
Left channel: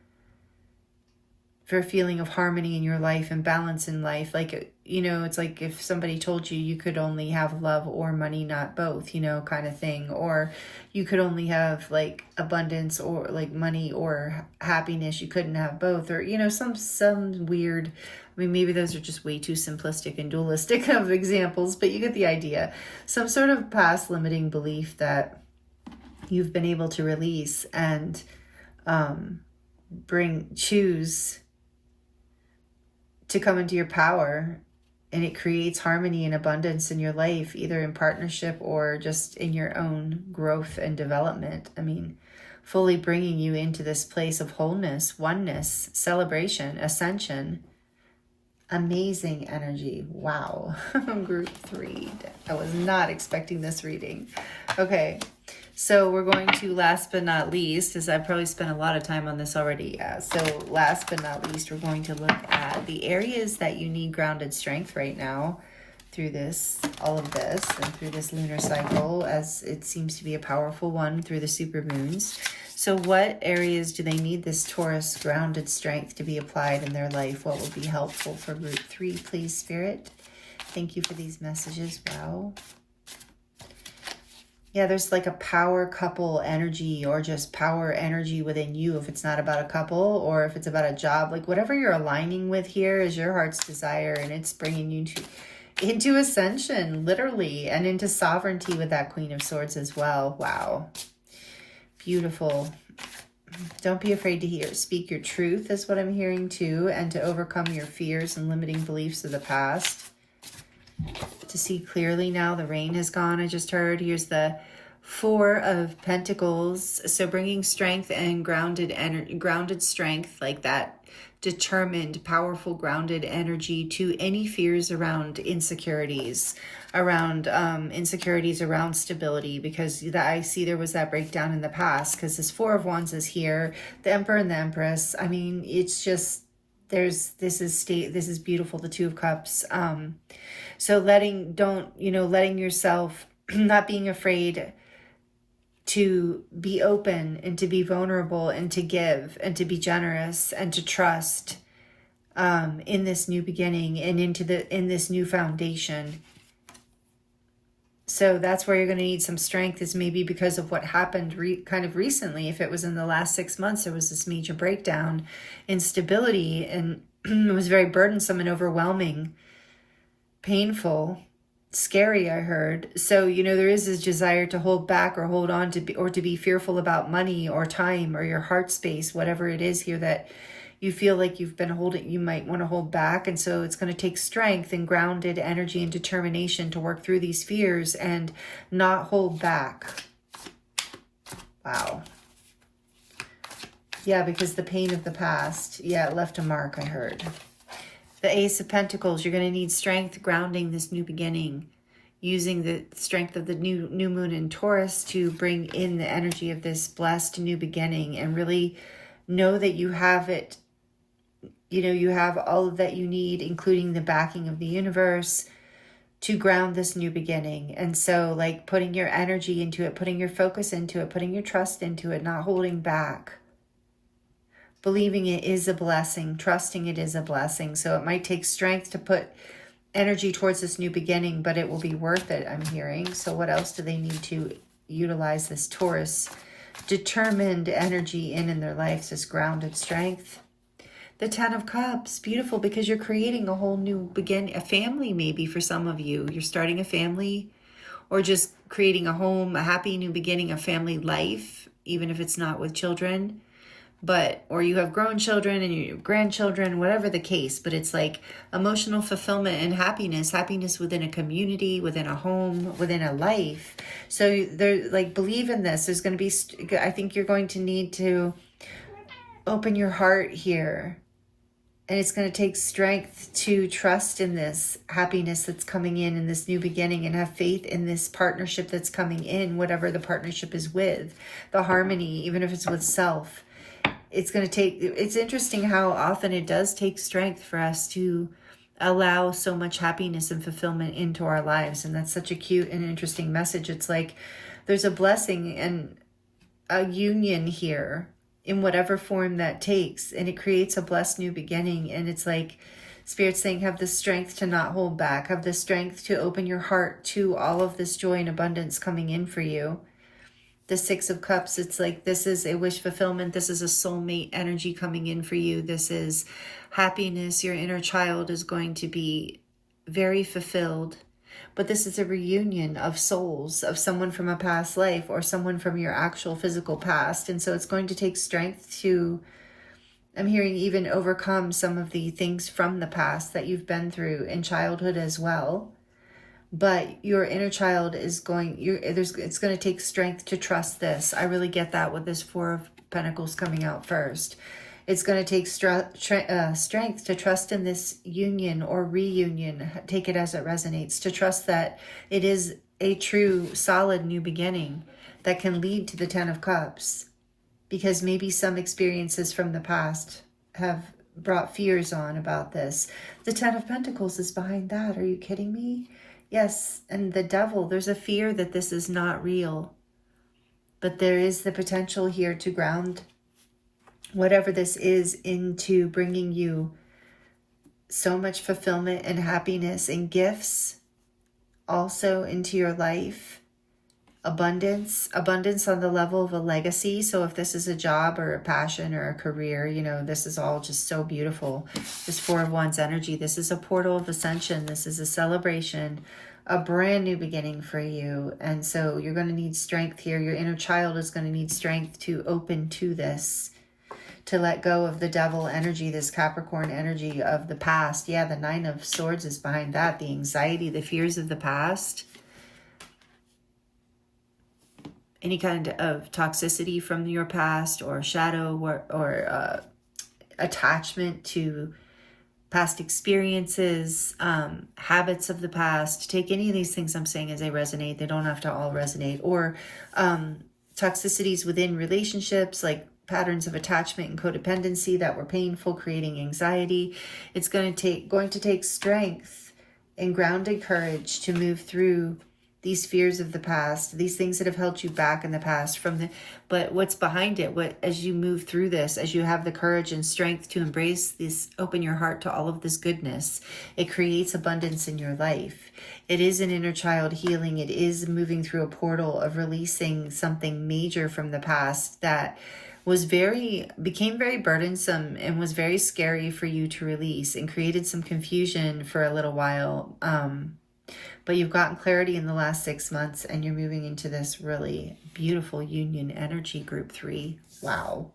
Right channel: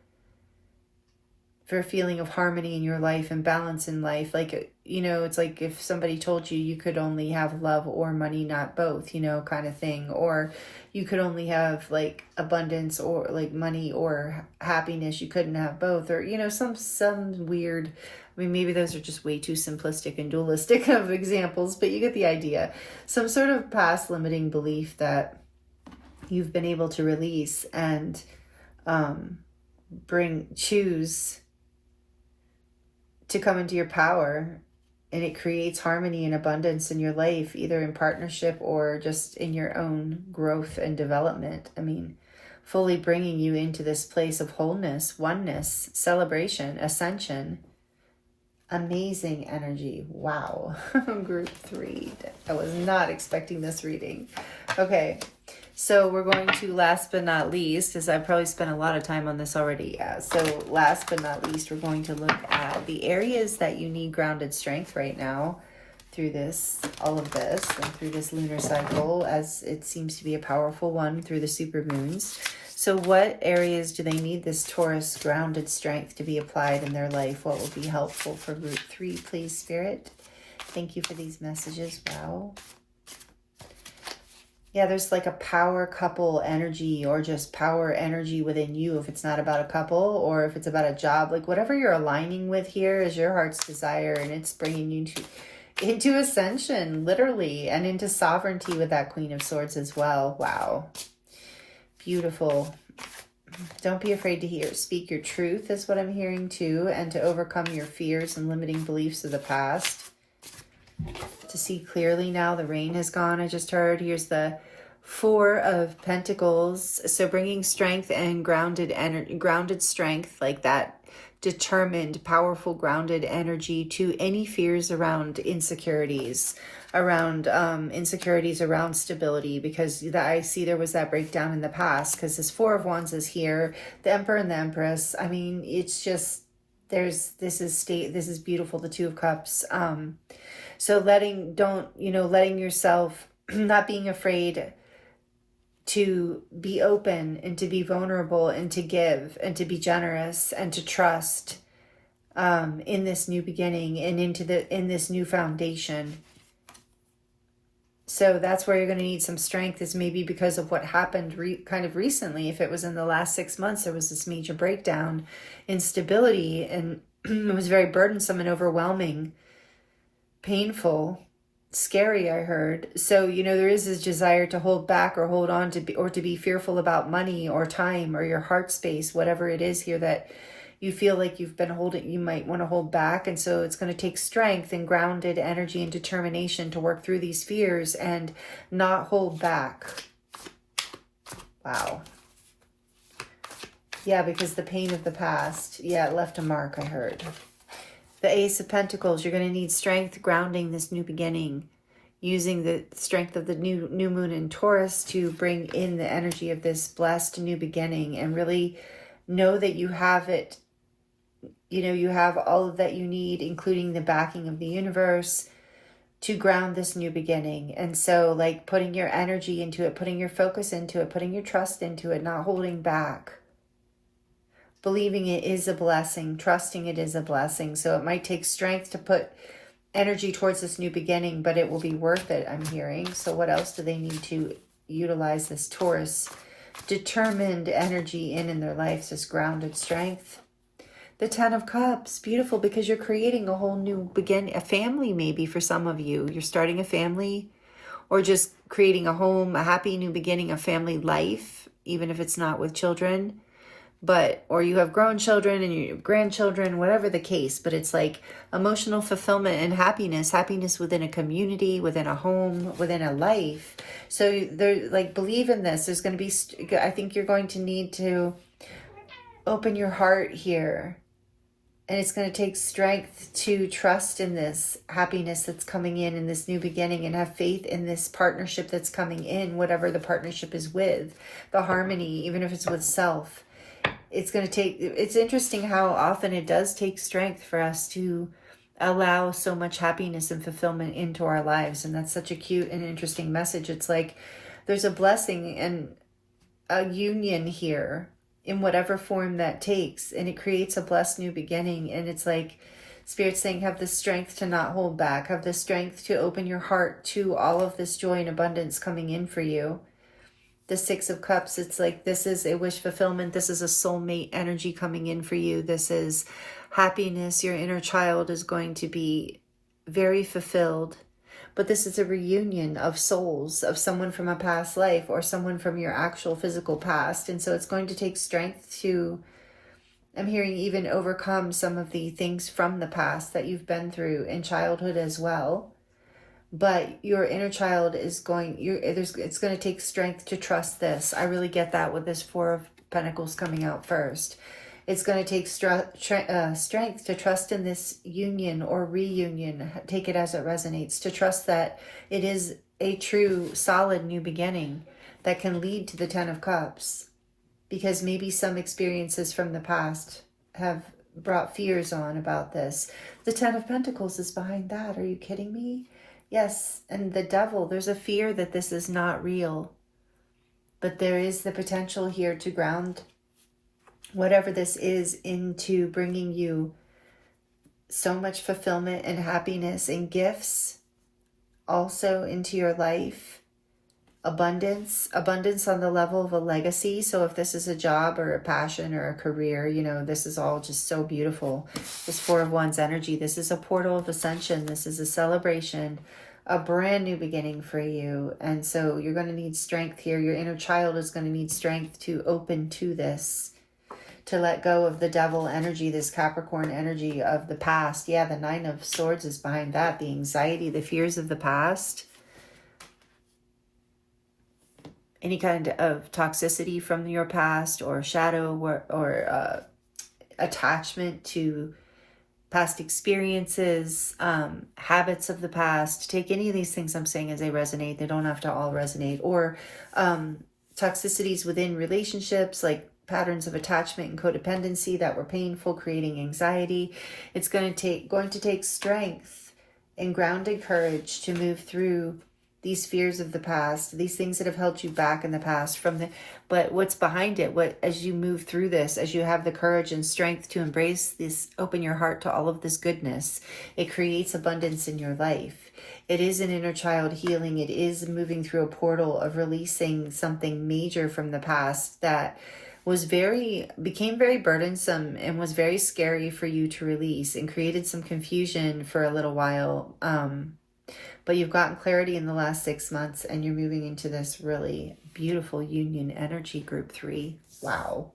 For a feeling of harmony in your life and balance in life. It's like if somebody told you could only have love or money, not both, kind of thing. Or you could only have abundance or money or happiness. You couldn't have both, or, some weird I mean, maybe those are just way too simplistic and dualistic of examples, but you get the idea. Some sort of past limiting belief that you've been able to release and choose to come into your power, and it creates harmony and abundance in your life, either in partnership or just in your own growth and development. I mean, fully bringing you into this place of wholeness, oneness, celebration, ascension. Amazing energy. Wow. Group 3. I was not expecting this reading. Okay. So we're going to, last but not least, as I've probably spent a lot of time on this already. So last but not least, we're going to look at the areas that you need grounded strength right now through this, all of this, and through this lunar cycle, as it seems to be a powerful one through the supermoons. So what areas do they need this Taurus grounded strength to be applied in their life? What would be helpful for Group 3, please, Spirit? Thank you for these messages. Wow. Yeah, there's like a power couple energy, or just power energy within you, if it's not about a couple or if it's about a job. Like whatever you're aligning with here is your heart's desire, and it's bringing you into ascension, literally, and into sovereignty with that Queen of Swords as well. Wow. Beautiful. Don't be afraid to speak your truth is what I'm hearing too, and to overcome your fears and limiting beliefs of the past. To see clearly now, the rain has gone. I just heard, here's the 4 of Pentacles. So bringing strength and grounded strength, like that determined, powerful, grounded energy to any fears around insecurities, around stability, because I see there was that breakdown in the past, because this 4 of Wands is here, the Emperor and the Empress. I mean, it's just, this is beautiful, the 2 of Cups. So letting yourself, not being afraid to be open and to be vulnerable and to give and to be generous and to trust in this new beginning and in this new foundation. So that's where you're going to need some strength, is maybe because of what happened kind of recently. If it was in the last 6 months, there was this major breakdown in stability, and it was very burdensome and overwhelming, painful, scary, I heard. So, there is this desire to hold back or hold on to be fearful about money or time or your heart space, whatever it is here that you feel like you've been holding, you might want to hold back. And so it's going to take strength and grounded energy and determination to work through these fears and not hold back. Wow. Yeah, because the pain of the past, it left a mark, I heard. The Ace of Pentacles, you're going to need strength grounding this new beginning, using the strength of the new moon in Taurus to bring in the energy of this blessed new beginning, and really know that you have it. You have all of that you need, including the backing of the universe, to ground this new beginning. And so, like, putting your energy into it, putting your focus into it, putting your trust into it, not holding back. Believing it is a blessing, trusting it is a blessing. So it might take strength to put energy towards this new beginning, but it will be worth it, I'm hearing. So what else do they need to utilize this Taurus determined energy in their lives, this grounded strength? The 10 of Cups, beautiful, because you're creating a whole new beginning, a family maybe for some of you. You're starting a family, or just creating a home, a happy new beginning, a family life, even if it's not with children. Or you have grown children and you have grandchildren, whatever the case, but it's like emotional fulfillment and happiness within a community, within a home, within a life. So they're like, believe in this. There's going to be, I think you're going to need to open your heart here, and it's going to take strength to trust in this happiness that's coming in this new beginning, and have faith in this partnership that's coming in, whatever the partnership is with, the harmony, even if it's with self. It's interesting how often it does take strength for us to allow so much happiness and fulfillment into our lives. And that's such a cute and interesting message. It's like there's a blessing and a union here in whatever form that takes, and it creates a blessed new beginning. And it's like Spirit's saying, have the strength to not hold back, have the strength to open your heart to all of this joy and abundance coming in for you. The 6 of Cups, it's like this is a wish fulfillment. This is a soulmate energy coming in for you. This is happiness. Your inner child is going to be very fulfilled. But this is a reunion of souls, of someone from a past life or someone from your actual physical past. And so it's going to take strength to, I'm hearing, even overcome some of the things from the past that you've been through in childhood as well. But your inner child is it's going to take strength to trust this. I really get that with this Four of Pentacles coming out first. It's going to take strength to trust in this union or reunion. Take it as it resonates. To trust that it is a true, solid new beginning that can lead to the Ten of Cups. Because maybe some experiences from the past have brought fears on about this. The Ten of Pentacles is behind that. Are you kidding me? Yes, and the Devil, there's a fear that this is not real. But there is the potential here to ground whatever this is into bringing you so much fulfillment and happiness and gifts also into your life. Abundance on the level of a legacy. So if this is a job or a passion or a career, you know, this is all just so beautiful. This Four of Wands energy, this is a portal of ascension. This is a celebration, a brand new beginning for you. And so you're going to need strength here. Your inner child is going to need strength to open to this, to let go of the Devil energy, this Capricorn energy of the past. Yeah, the Nine of Swords is behind that. The anxiety, the fears of the past. Any kind of toxicity from your past or shadow or attachment to past experiences, habits of the past. Take any of these things I'm saying as they resonate. They don't have to all resonate. Or toxicities within relationships, like patterns of attachment and codependency that were painful, creating anxiety. It's going to take strength and grounded courage to move through these fears of the past, these things that have held you back in the past but what's behind it, as you move through this, as you have the courage and strength to embrace this, open your heart to all of this goodness, it creates abundance in your life. It is an inner child healing. It is moving through a portal of releasing something major from the past that became very burdensome and was very scary for you to release and created some confusion for a little while. But you've gotten clarity in the last 6 months and you're moving into this really beautiful union energy, group 3. Wow.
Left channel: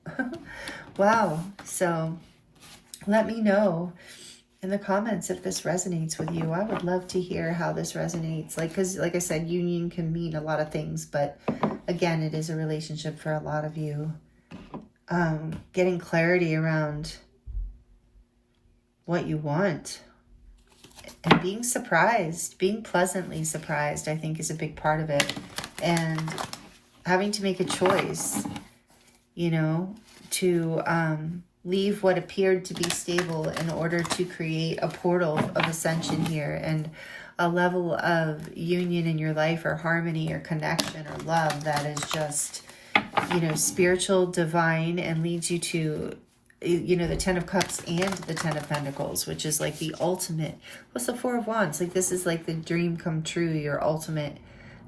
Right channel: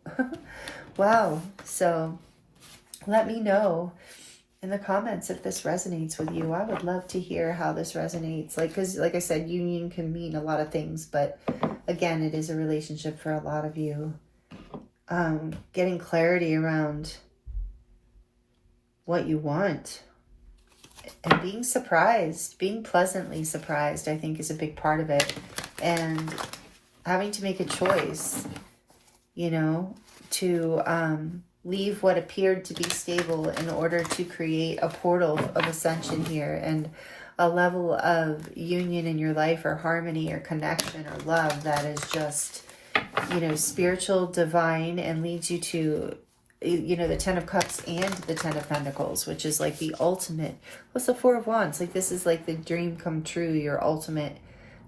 Wow. So let me know in the comments if this resonates with you. I would love to hear how this resonates. Because like I said, union can mean a lot of things, but again, it is a relationship for a lot of you. Getting clarity around what you want. And being surprised, being pleasantly surprised, I think is a big part of it. And having to make a choice, you know, to leave what appeared to be stable in order to create a portal of ascension here and a level of union in your life or harmony or connection or love that is just, you know, spiritual, divine, and leads you to, you know, the Ten of Cups and the Ten of Pentacles, which is like the ultimate. What's the Four of Wands? Like this is like the dream come true, your ultimate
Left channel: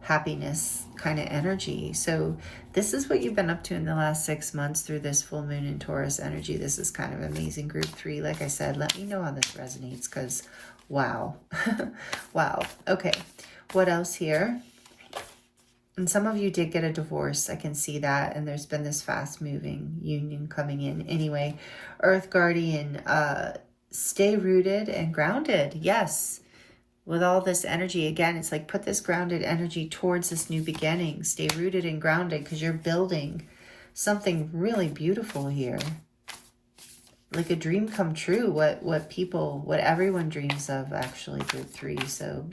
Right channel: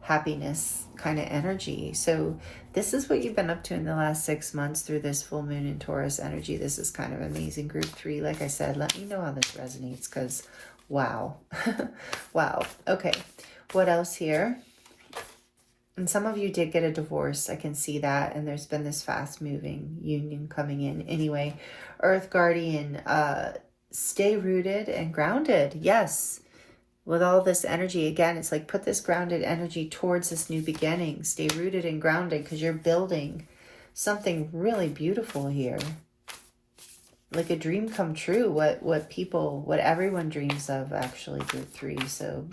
happiness kind of energy. So this is what you've been up to in the last 6 months through this full moon in Taurus energy. This is kind of amazing, group 3. Like I said, let me know how this resonates because wow. Wow. Okay. What else here? And some of you did get a divorce. I can see that. And there's been this fast moving union coming in. Anyway, Earth Guardian, stay rooted and grounded. Yes. With all this energy, again, it's like put this grounded energy towards this new beginning. Stay rooted and grounded because you're building something really beautiful here. Like a dream come true. What everyone dreams of, actually, group 3. So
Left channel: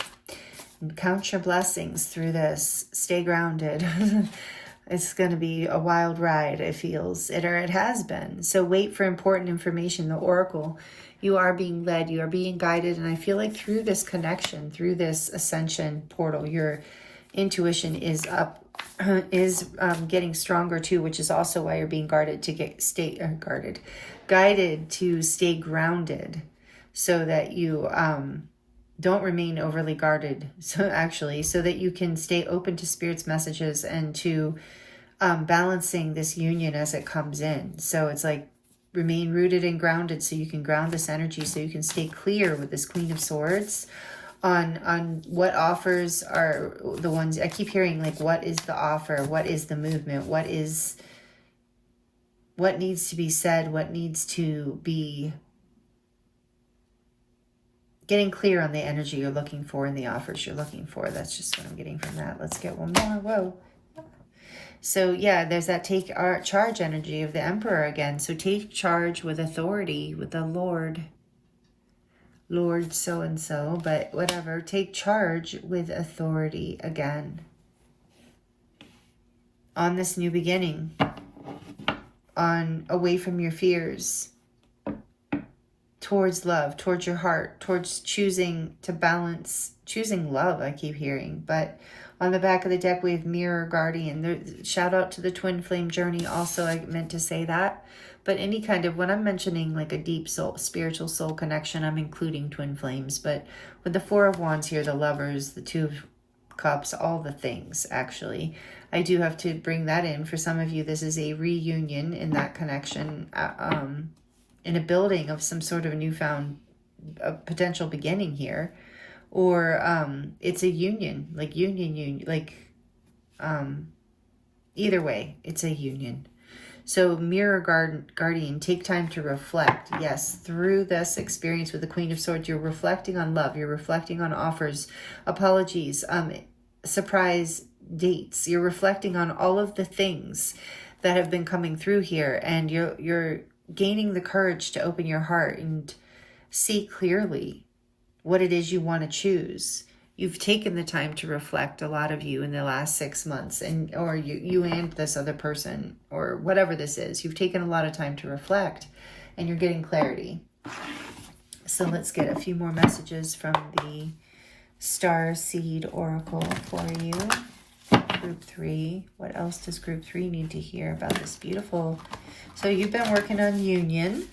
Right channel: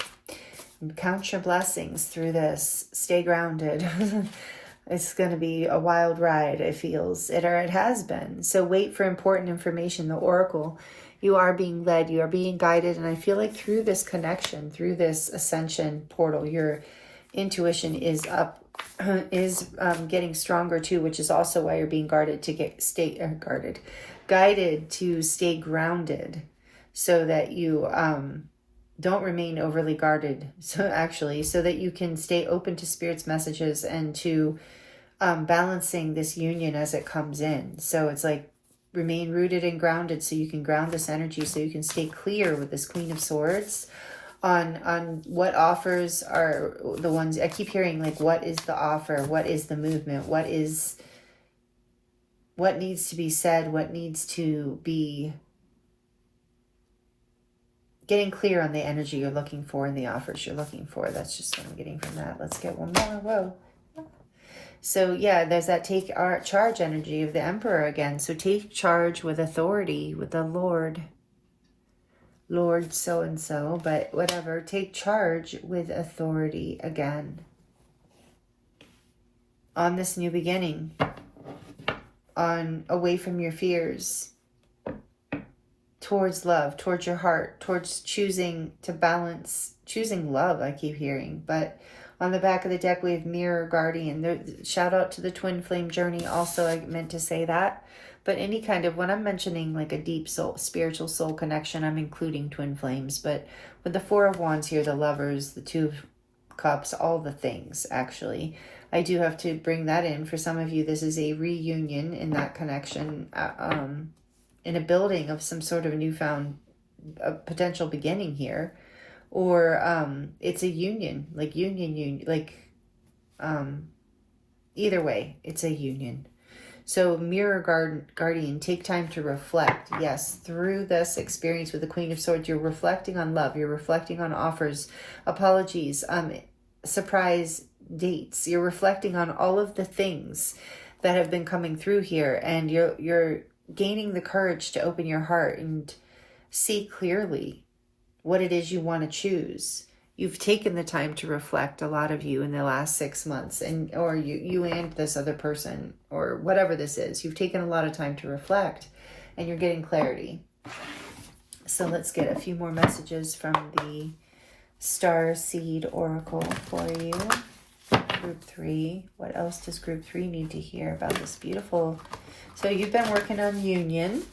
count your blessings through this. Stay grounded. It's going to be a wild ride, it feels. It has been. So wait for important information. The Oracle, you are being led. You are being guided. And I feel like through this connection, through this ascension portal, your intuition is up, getting stronger too, which is also why you're being guided to stay grounded so that you don't remain overly guarded. So that you can stay open to Spirit's messages and to balancing this union as it comes in. So it's like remain rooted and grounded, so you can ground this energy, so you can stay clear with this Queen of Swords on what offers are the ones. I keep hearing, like, what is the offer? What is the movement? What needs to be said? What needs to be, getting clear on the energy you're looking for and the offers you're looking for. That's just what I'm getting from that. Let's get one more. Whoa. So yeah, there's that take charge energy of the Emperor again. So take charge with authority, with the Lord so-and-so, but whatever. Take charge with authority again on this new beginning, on away from your fears, towards love, towards your heart, towards choosing to balance, choosing love, I keep hearing. But on the back of the deck, we have Mirror Guardian. Shout out to the Twin Flame Journey also, I meant to say that. But any kind of, when I'm mentioning like a deep soul, spiritual soul connection, I'm including twin flames. But with the Four of Wands here, the Lovers, the Two of Cups, all the things, actually. I do have to bring that in. For some of you, this is a reunion in that connection, in a building of some sort of newfound potential beginning here. Or it's a union, like either way, it's a union. So Mirror Guardian, take time to reflect. Yes, through this experience with the Queen of Swords, you're reflecting on love. You're reflecting on offers, apologies, surprise dates. You're reflecting on all of the things that have been coming through here. And you're gaining the courage to open your heart and see clearly what it is you want to choose. You've taken the time to reflect, a lot of you, in the last 6 months, or you and this other person, or whatever this is. You've taken a lot of time to reflect, and you're getting clarity. So let's get a few more messages from the Star Seed Oracle for you. Group 3. What else does Group 3 need to hear about this beautiful... So you've been working on union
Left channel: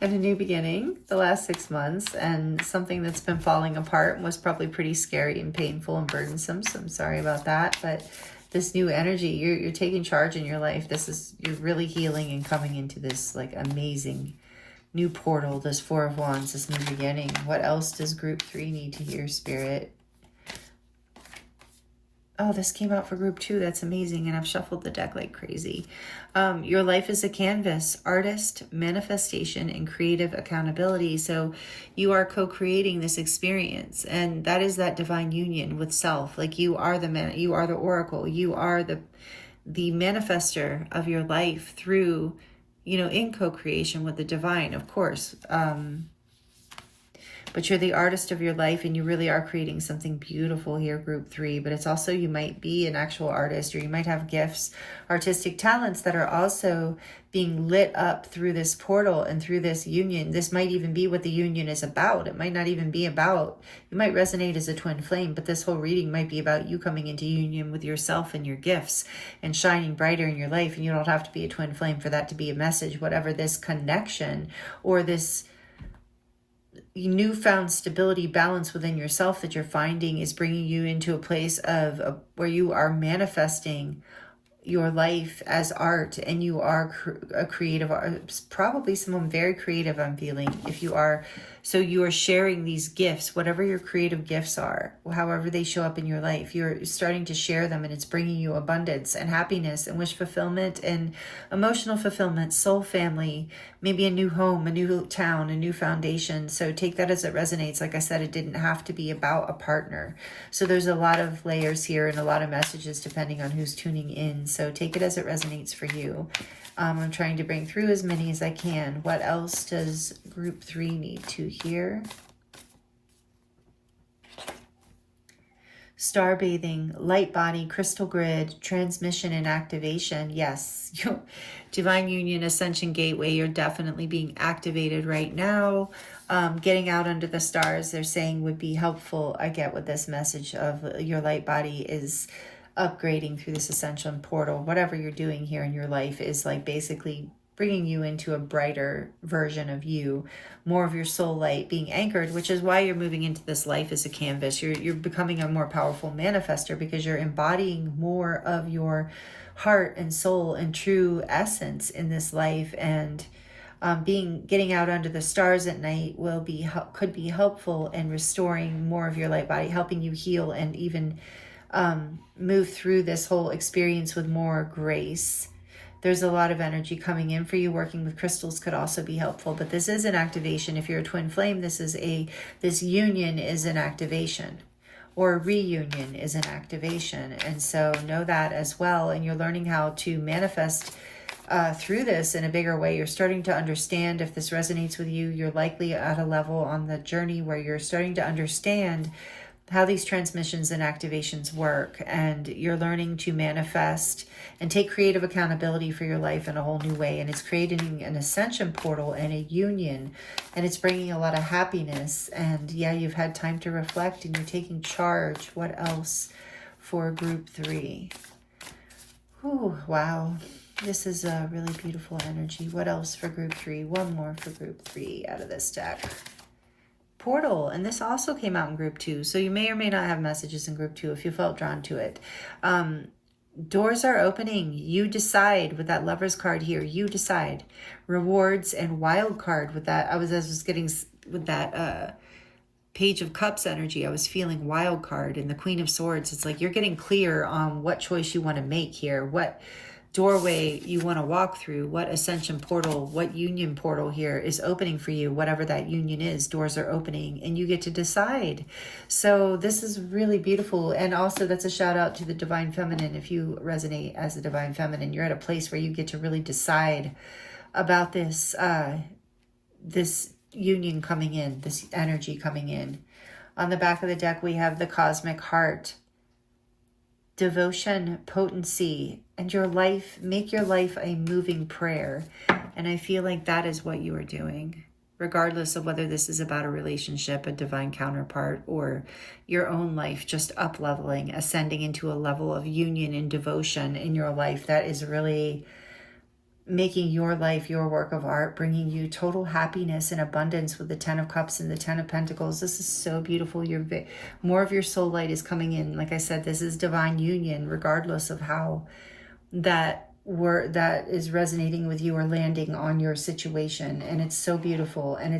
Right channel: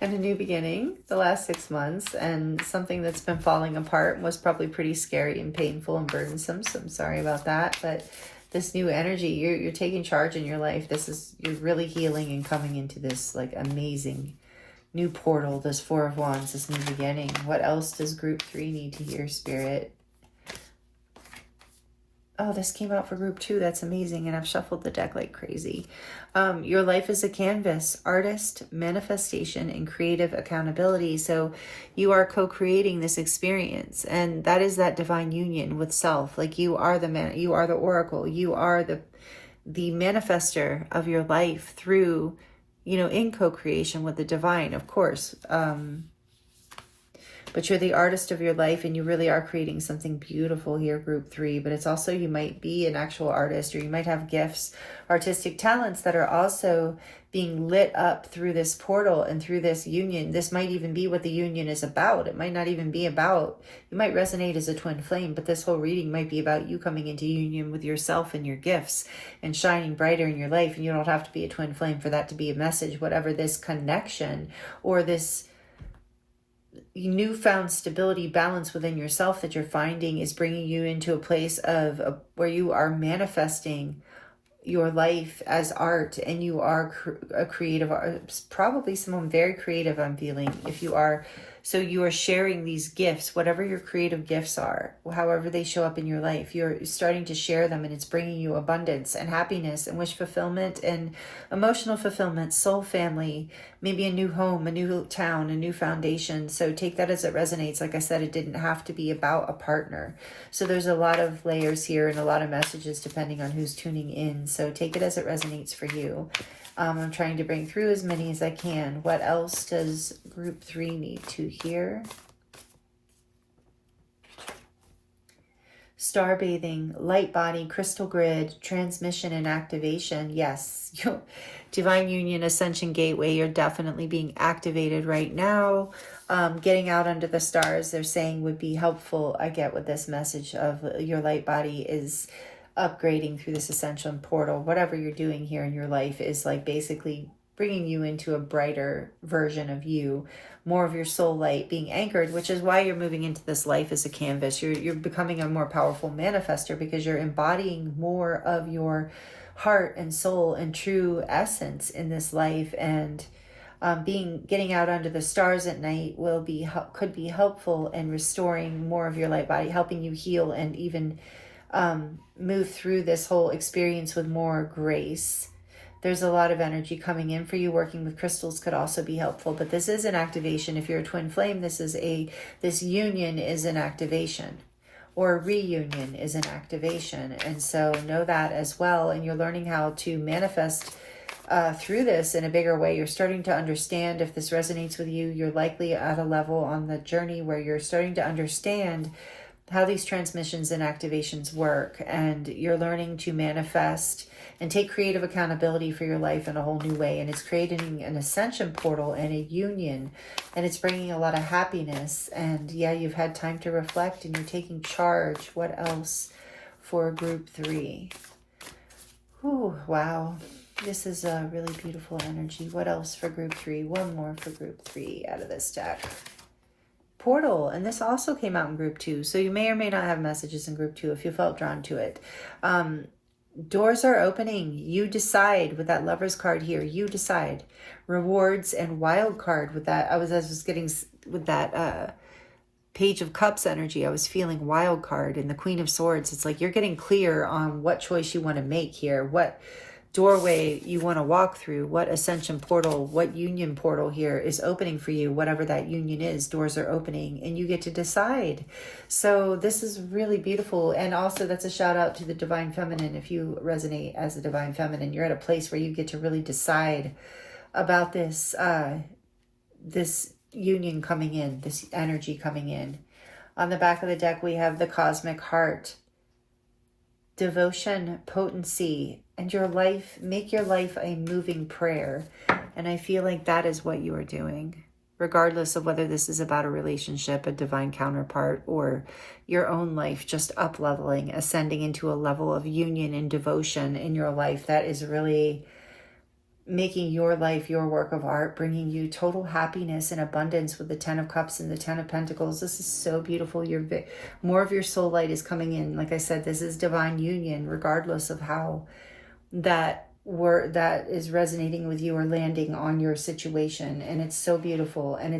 and a new beginning the last 6 months, and something that's been falling apart was probably pretty scary and painful and burdensome. So I'm sorry about that. But this new energy, you're taking charge in your life. You're really healing and coming into this like amazing new portal, this Four of Wands, this new beginning. What else does Group 3 need to hear, Spirit? Oh, this came out for Group 2. That's amazing. And I've shuffled the deck like crazy. Your life is a canvas, artist, manifestation, and creative accountability. So you are co-creating this experience. And that is that divine union with self. Like you are the man, you are the oracle. You are the manifester of your life through, in co-creation with the divine, of course. But you're the artist of your life, and you really are creating something beautiful here, Group 3. But it's also, you might be an actual artist, or you might have gifts, artistic talents that are also being lit up through this portal and through this union. This might even be what the union is about. It might not even be about, you might resonate as a twin flame, but this whole reading might be about you coming into union with yourself and your gifts and shining brighter in your life. And you don't have to be a twin flame for that to be a message. Whatever this connection or this newfound stability, balance within yourself that you're finding is bringing you into a place of where you are manifesting your life as art, and you are a creative, probably someone very creative, I'm feeling. If you are, so you are sharing these gifts, whatever your creative gifts are, however they show up in your life, you're starting to share them, and it's bringing you abundance and happiness and wish fulfillment and emotional fulfillment, soul family, maybe a new home, a new town, a new foundation. So take that as it resonates. Like I said, it didn't have to be about a partner. So there's a lot of layers here and a lot of messages depending on who's tuning in. So take it as it resonates for you. I'm trying to bring through as many as I can. What else does Group 3 need to hear? Star bathing, light body, crystal grid, transmission and activation. Yes, divine union, ascension gateway, you're definitely being activated right now. Getting out under the stars, they're saying, would be helpful. I get what this message of your light body is upgrading through this ascension portal. Whatever you're doing here in your life is like basically bringing you into a brighter version of you, more of your soul light being anchored, which is why you're moving into this life as a canvas. You're becoming a more powerful manifester because you're embodying more of your heart and soul and true essence in this life. And getting out under the stars at night could be helpful in restoring more of your light body, helping you heal and even move through this whole experience with more grace. There's a lot of energy coming in for you. Working with crystals could also be helpful, but this is an activation. If you're a twin flame, this union is an activation, or a reunion is an activation. And so know that as well. And you're learning how to manifest through this in a bigger way. You're starting to understand, if this resonates with you, you're likely at a level on the journey where you're starting to understand how these transmissions and activations work, and you're learning to manifest and take creative accountability for your life in a whole new way. And it's creating an ascension portal and a union, and it's bringing a lot of happiness. And yeah, you've had time to reflect and you're taking charge. What else for group 3? Ooh, wow. This is a really beautiful energy. What else for group 3? One more for group 3 out of this deck. Portal, and this also came out in group 2, so you may or may not have messages in group 2 if you felt drawn to it. Doors are opening. You decide with that Lover's card here. You decide. Rewards and Wild card with that. I was getting with that Page of Cups energy. I was feeling Wild card and the Queen of Swords. It's like you're getting clear on what choice you want to make here, what doorway you want to walk through, what ascension portal, what union portal here is opening for you. Whatever that union is, doors are opening and you get to decide. So this is really beautiful. And also that's a shout out to the Divine Feminine. If you resonate as a Divine Feminine, you're at a place where you get to really decide about this this union coming in, this energy coming in. On the back of the deck, we have the Cosmic Heart, devotion, potency, and your life. Make your life a moving prayer. And I feel like that is what you are doing, regardless of whether this is about a relationship, a divine counterpart, or your own life, just up leveling, ascending into a level of union and devotion in your life that is really making your life your work of art, bringing you total happiness and abundance with the 10 of Cups and the 10 of Pentacles. This is so beautiful. More of your soul light is coming in. Like I said, this is divine union, regardless of how that is resonating with you or landing on your situation. And it's so beautiful. And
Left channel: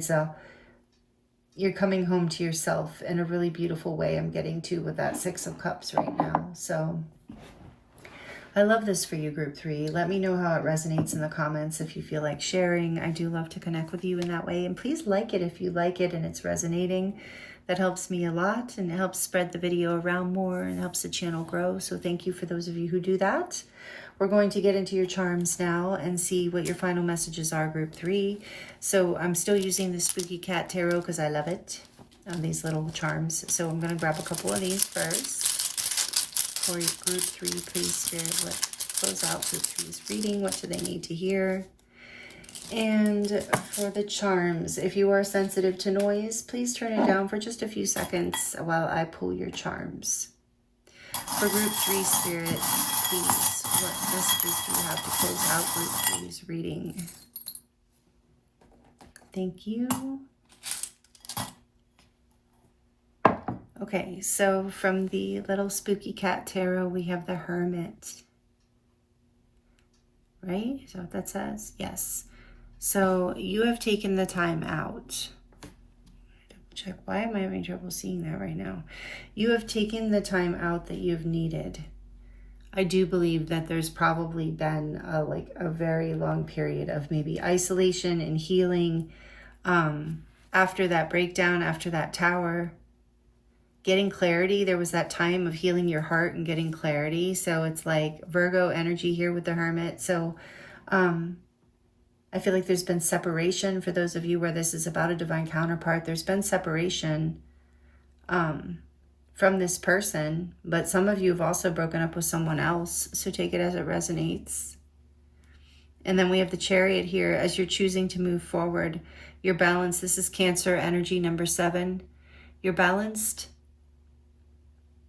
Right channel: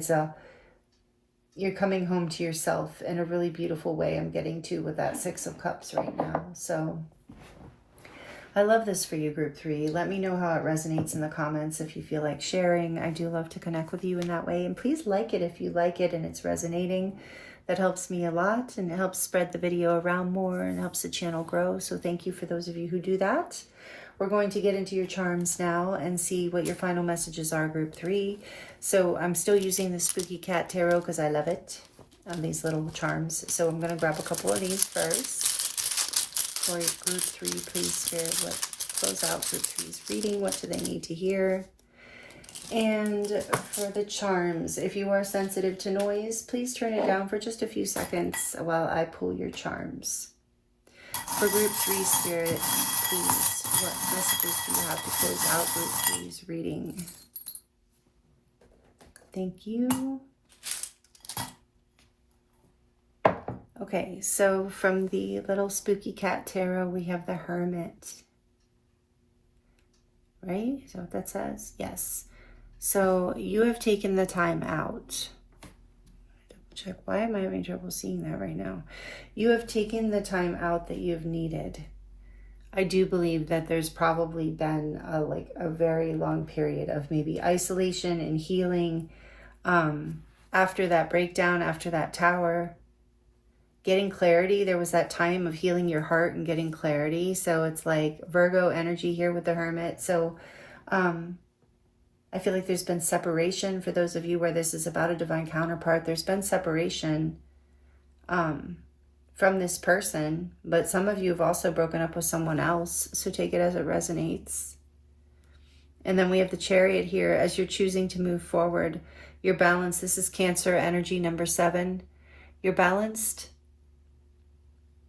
you're coming home to yourself in a really beautiful way. I'm getting to with that 6 of Cups right now. So I love this for you, group 3. Let me know how it resonates in the comments if you feel like sharing. I do love to connect with you in that way. And please like it if you like it and it's resonating. That helps me a lot, and it helps spread the video around more and helps the channel grow. So thank you for those of you who do that. We're going to get into your charms now and see what your final messages are, group 3. So I'm still using the Spooky Cat Tarot because I love it. These little charms. So I'm going to grab a couple of these first. For group 3, please, Spirit, let's close out group 3's reading. What do they need to hear? And for the charms, if you are sensitive to noise, please turn it down for just a few seconds while I pull your charms. For group 3, Spirit, please, what messages do you have to close out group 3's reading? Thank you. Okay, so from the little Spooky Cat Tarot, we have the Hermit. Right? Is that what that says? Yes. So you have taken the time out. Check. Why am I having trouble seeing that right now? You have taken the time out that you've needed. I do believe that there's probably been a very long period of maybe isolation and healing after that breakdown, after that tower. Getting clarity. There was that time of healing your heart and getting clarity. So it's like Virgo energy here with the Hermit. So I feel like there's been separation for those of you where this is about a divine counterpart. There's been separation from this person, but some of you have also broken up with someone else. So take it as it resonates. And then we have the Chariot here as you're choosing to move forward. You're balanced. This is Cancer energy number 7. You're balanced.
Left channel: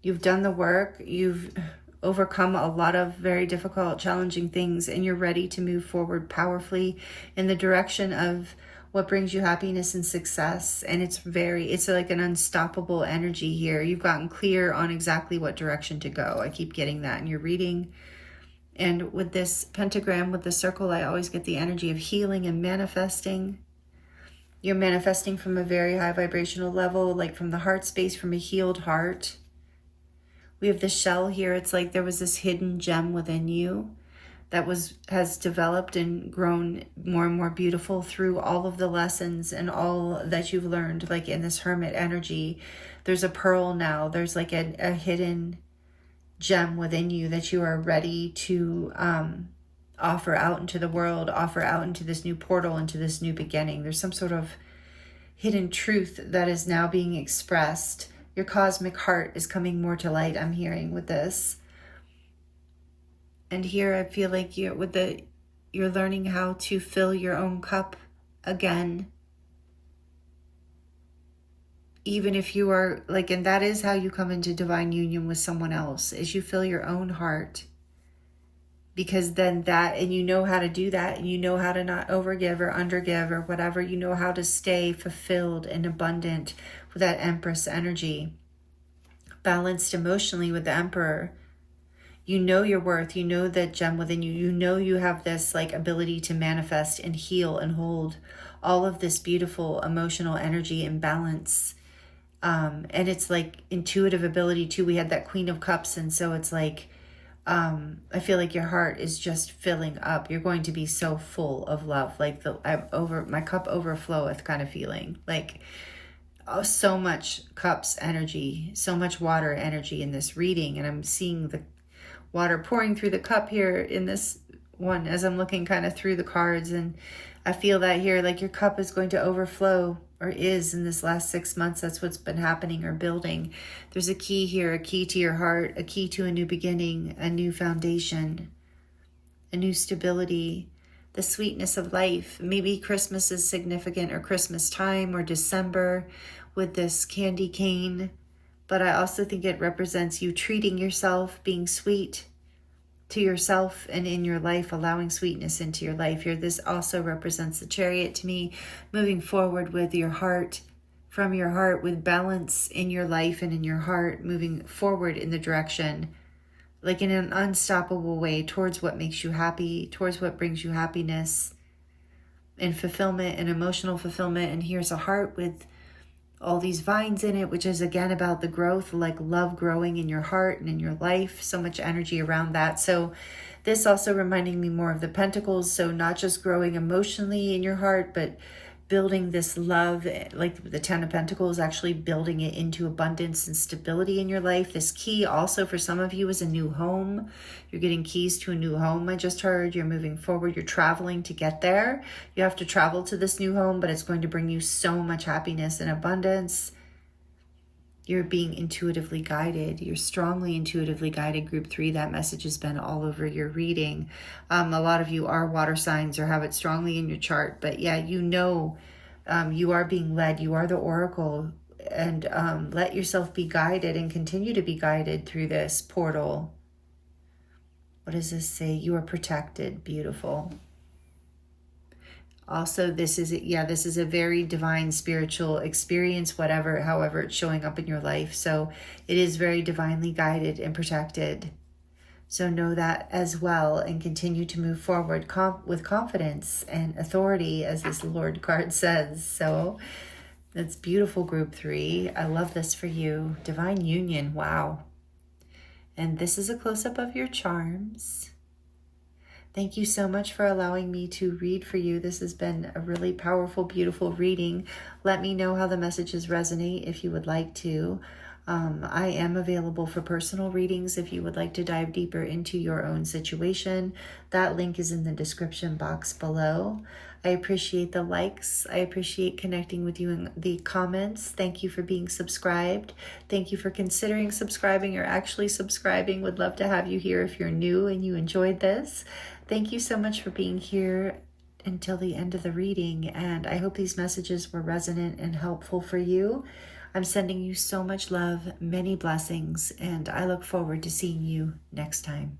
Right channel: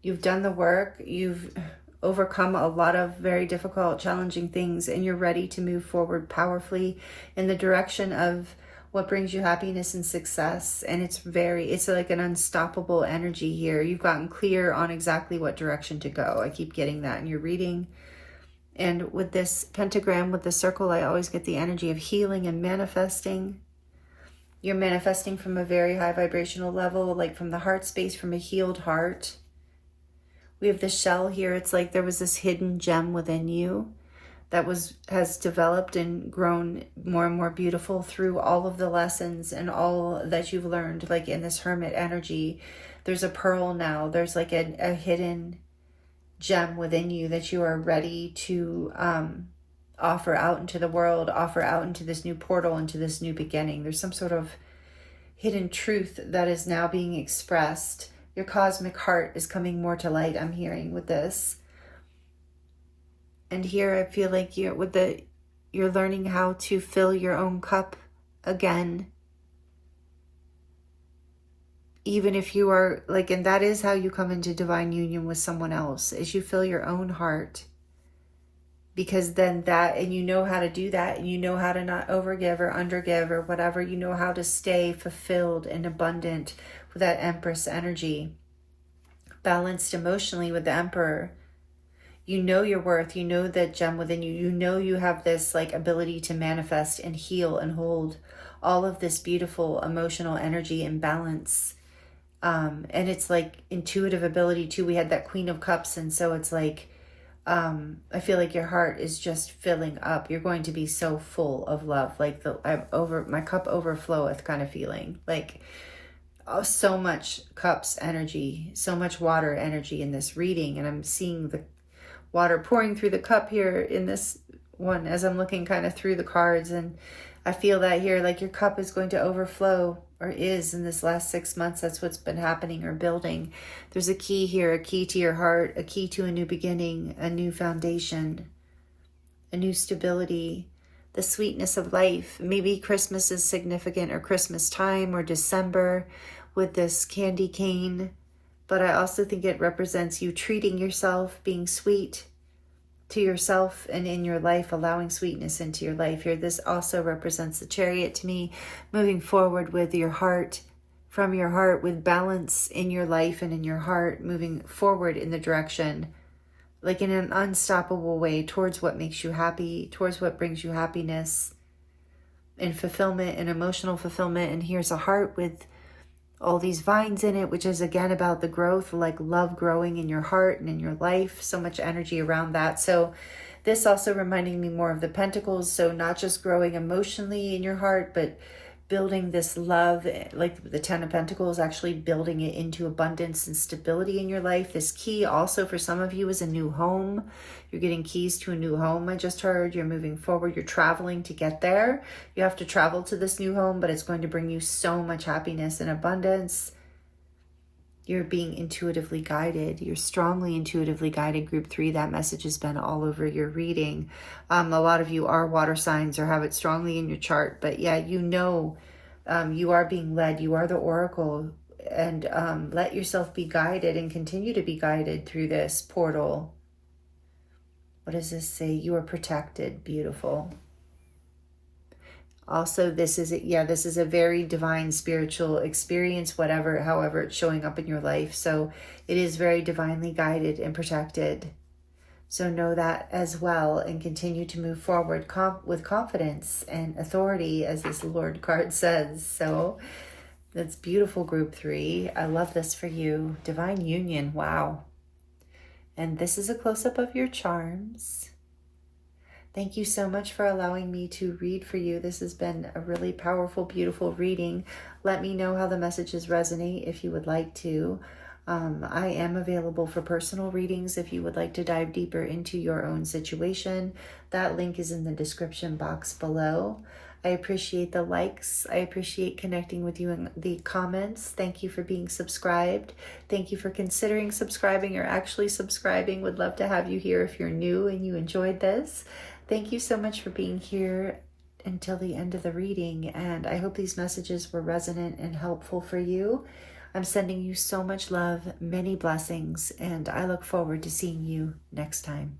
You've done the work, you've overcome a lot of very difficult, challenging things, and you're ready to move forward powerfully in the direction of what brings you happiness and success. And it's like an unstoppable energy here. You've gotten clear on exactly what direction to go. I keep getting that in your reading. And with this pentagram, with the circle, I always get the energy of healing and manifesting. You're manifesting from a very high vibrational level, like from the heart space, from a healed heart. We have the shell here. It's like there was this hidden gem within you that has developed and grown more and more beautiful through all of the lessons and all that you've learned. Like in this hermit energy, there's a pearl now. There's like a hidden gem within you that you are ready to offer out into the world, offer out into this new portal, into this new beginning. There's some sort of hidden truth that is now being expressed. Your cosmic heart is coming more to light, I'm hearing with this. And here I feel like you're learning how to fill your own cup again. Even if you are like, and that is how you come into divine union with someone else, is you fill your own heart. Because then and you know how to do that, and you know how to not overgive or undergive or whatever. You know how to stay fulfilled and abundant with that Empress energy. Balanced emotionally with the Emperor. You know your worth. You know that gem within you. You know you have this like ability to manifest and heal and hold all of this beautiful emotional energy and balance. And it's like intuitive ability too. We had that Queen of Cups, and so it's like, I feel like your heart is just filling up. You're going to be so full of love, like my cup overfloweth kind of feeling. Like so much cups energy, so much water energy in this reading, and I'm seeing the water pouring through the cup here in this one as I'm looking kind of through the cards, and I feel that here, like your cup is going to overflow, or is in this last 6 months. That's what's been happening or building. There's a key here, a key to your heart, a key to a new beginning, a new foundation, a new stability, the sweetness of life. Maybe Christmas is significant, or Christmas time, or December with this candy cane. But I also think it represents you treating yourself, being sweet to yourself and in your life, allowing sweetness into your life here. This also represents the Chariot to me, moving forward with your heart, from your heart, with balance in your life and in your heart, moving forward in the direction, like in an unstoppable way, towards what makes you happy, towards what brings you happiness and fulfillment and emotional fulfillment. And here's a heart with all these vines in it, which is again about the growth, like love growing in your heart and in your life. So much energy around that. So this also reminding me more of the Pentacles. So not just growing emotionally in your heart, but building this love, like the Ten of Pentacles, actually building it into abundance and stability in your life. This key also for some of you is a new home. You're getting keys to a new home. I just heard you're moving forward. You're traveling to get there. You have to travel to this new home, but it's going to bring you so much happiness and abundance. You're being intuitively guided. You're strongly intuitively guided. Group 3, that message has been all over your reading. A lot of you are water signs or have it strongly in your chart. But yeah, you know you are being led. You are the oracle. And let yourself be guided and continue to be guided through this portal. What does this say? You are protected. Beautiful. Also, this is a very divine spiritual experience, however it's showing up in your life. So it is very divinely guided and protected. So know that as well, and continue to move forward with confidence and authority, as this Lord card says. So that's beautiful, Group 3. I love this for you. Divine union. Wow. And this is a close-up of your charms. Thank you so much for allowing me to read for you. This has been a really powerful, beautiful reading. Let me know how the messages resonate if you would like to. I am available for personal readings if you would like to dive deeper into your own situation. That link is in the description box below. I appreciate the likes. I appreciate connecting with you in the comments. Thank you for being subscribed. Thank you for considering subscribing or actually subscribing. Would love to have you here if you're new and you enjoyed this. Thank you so much for being here until the end of the reading, and I hope these messages were resonant and helpful for you. I'm sending you so much love, many blessings, and I look forward to seeing you next time.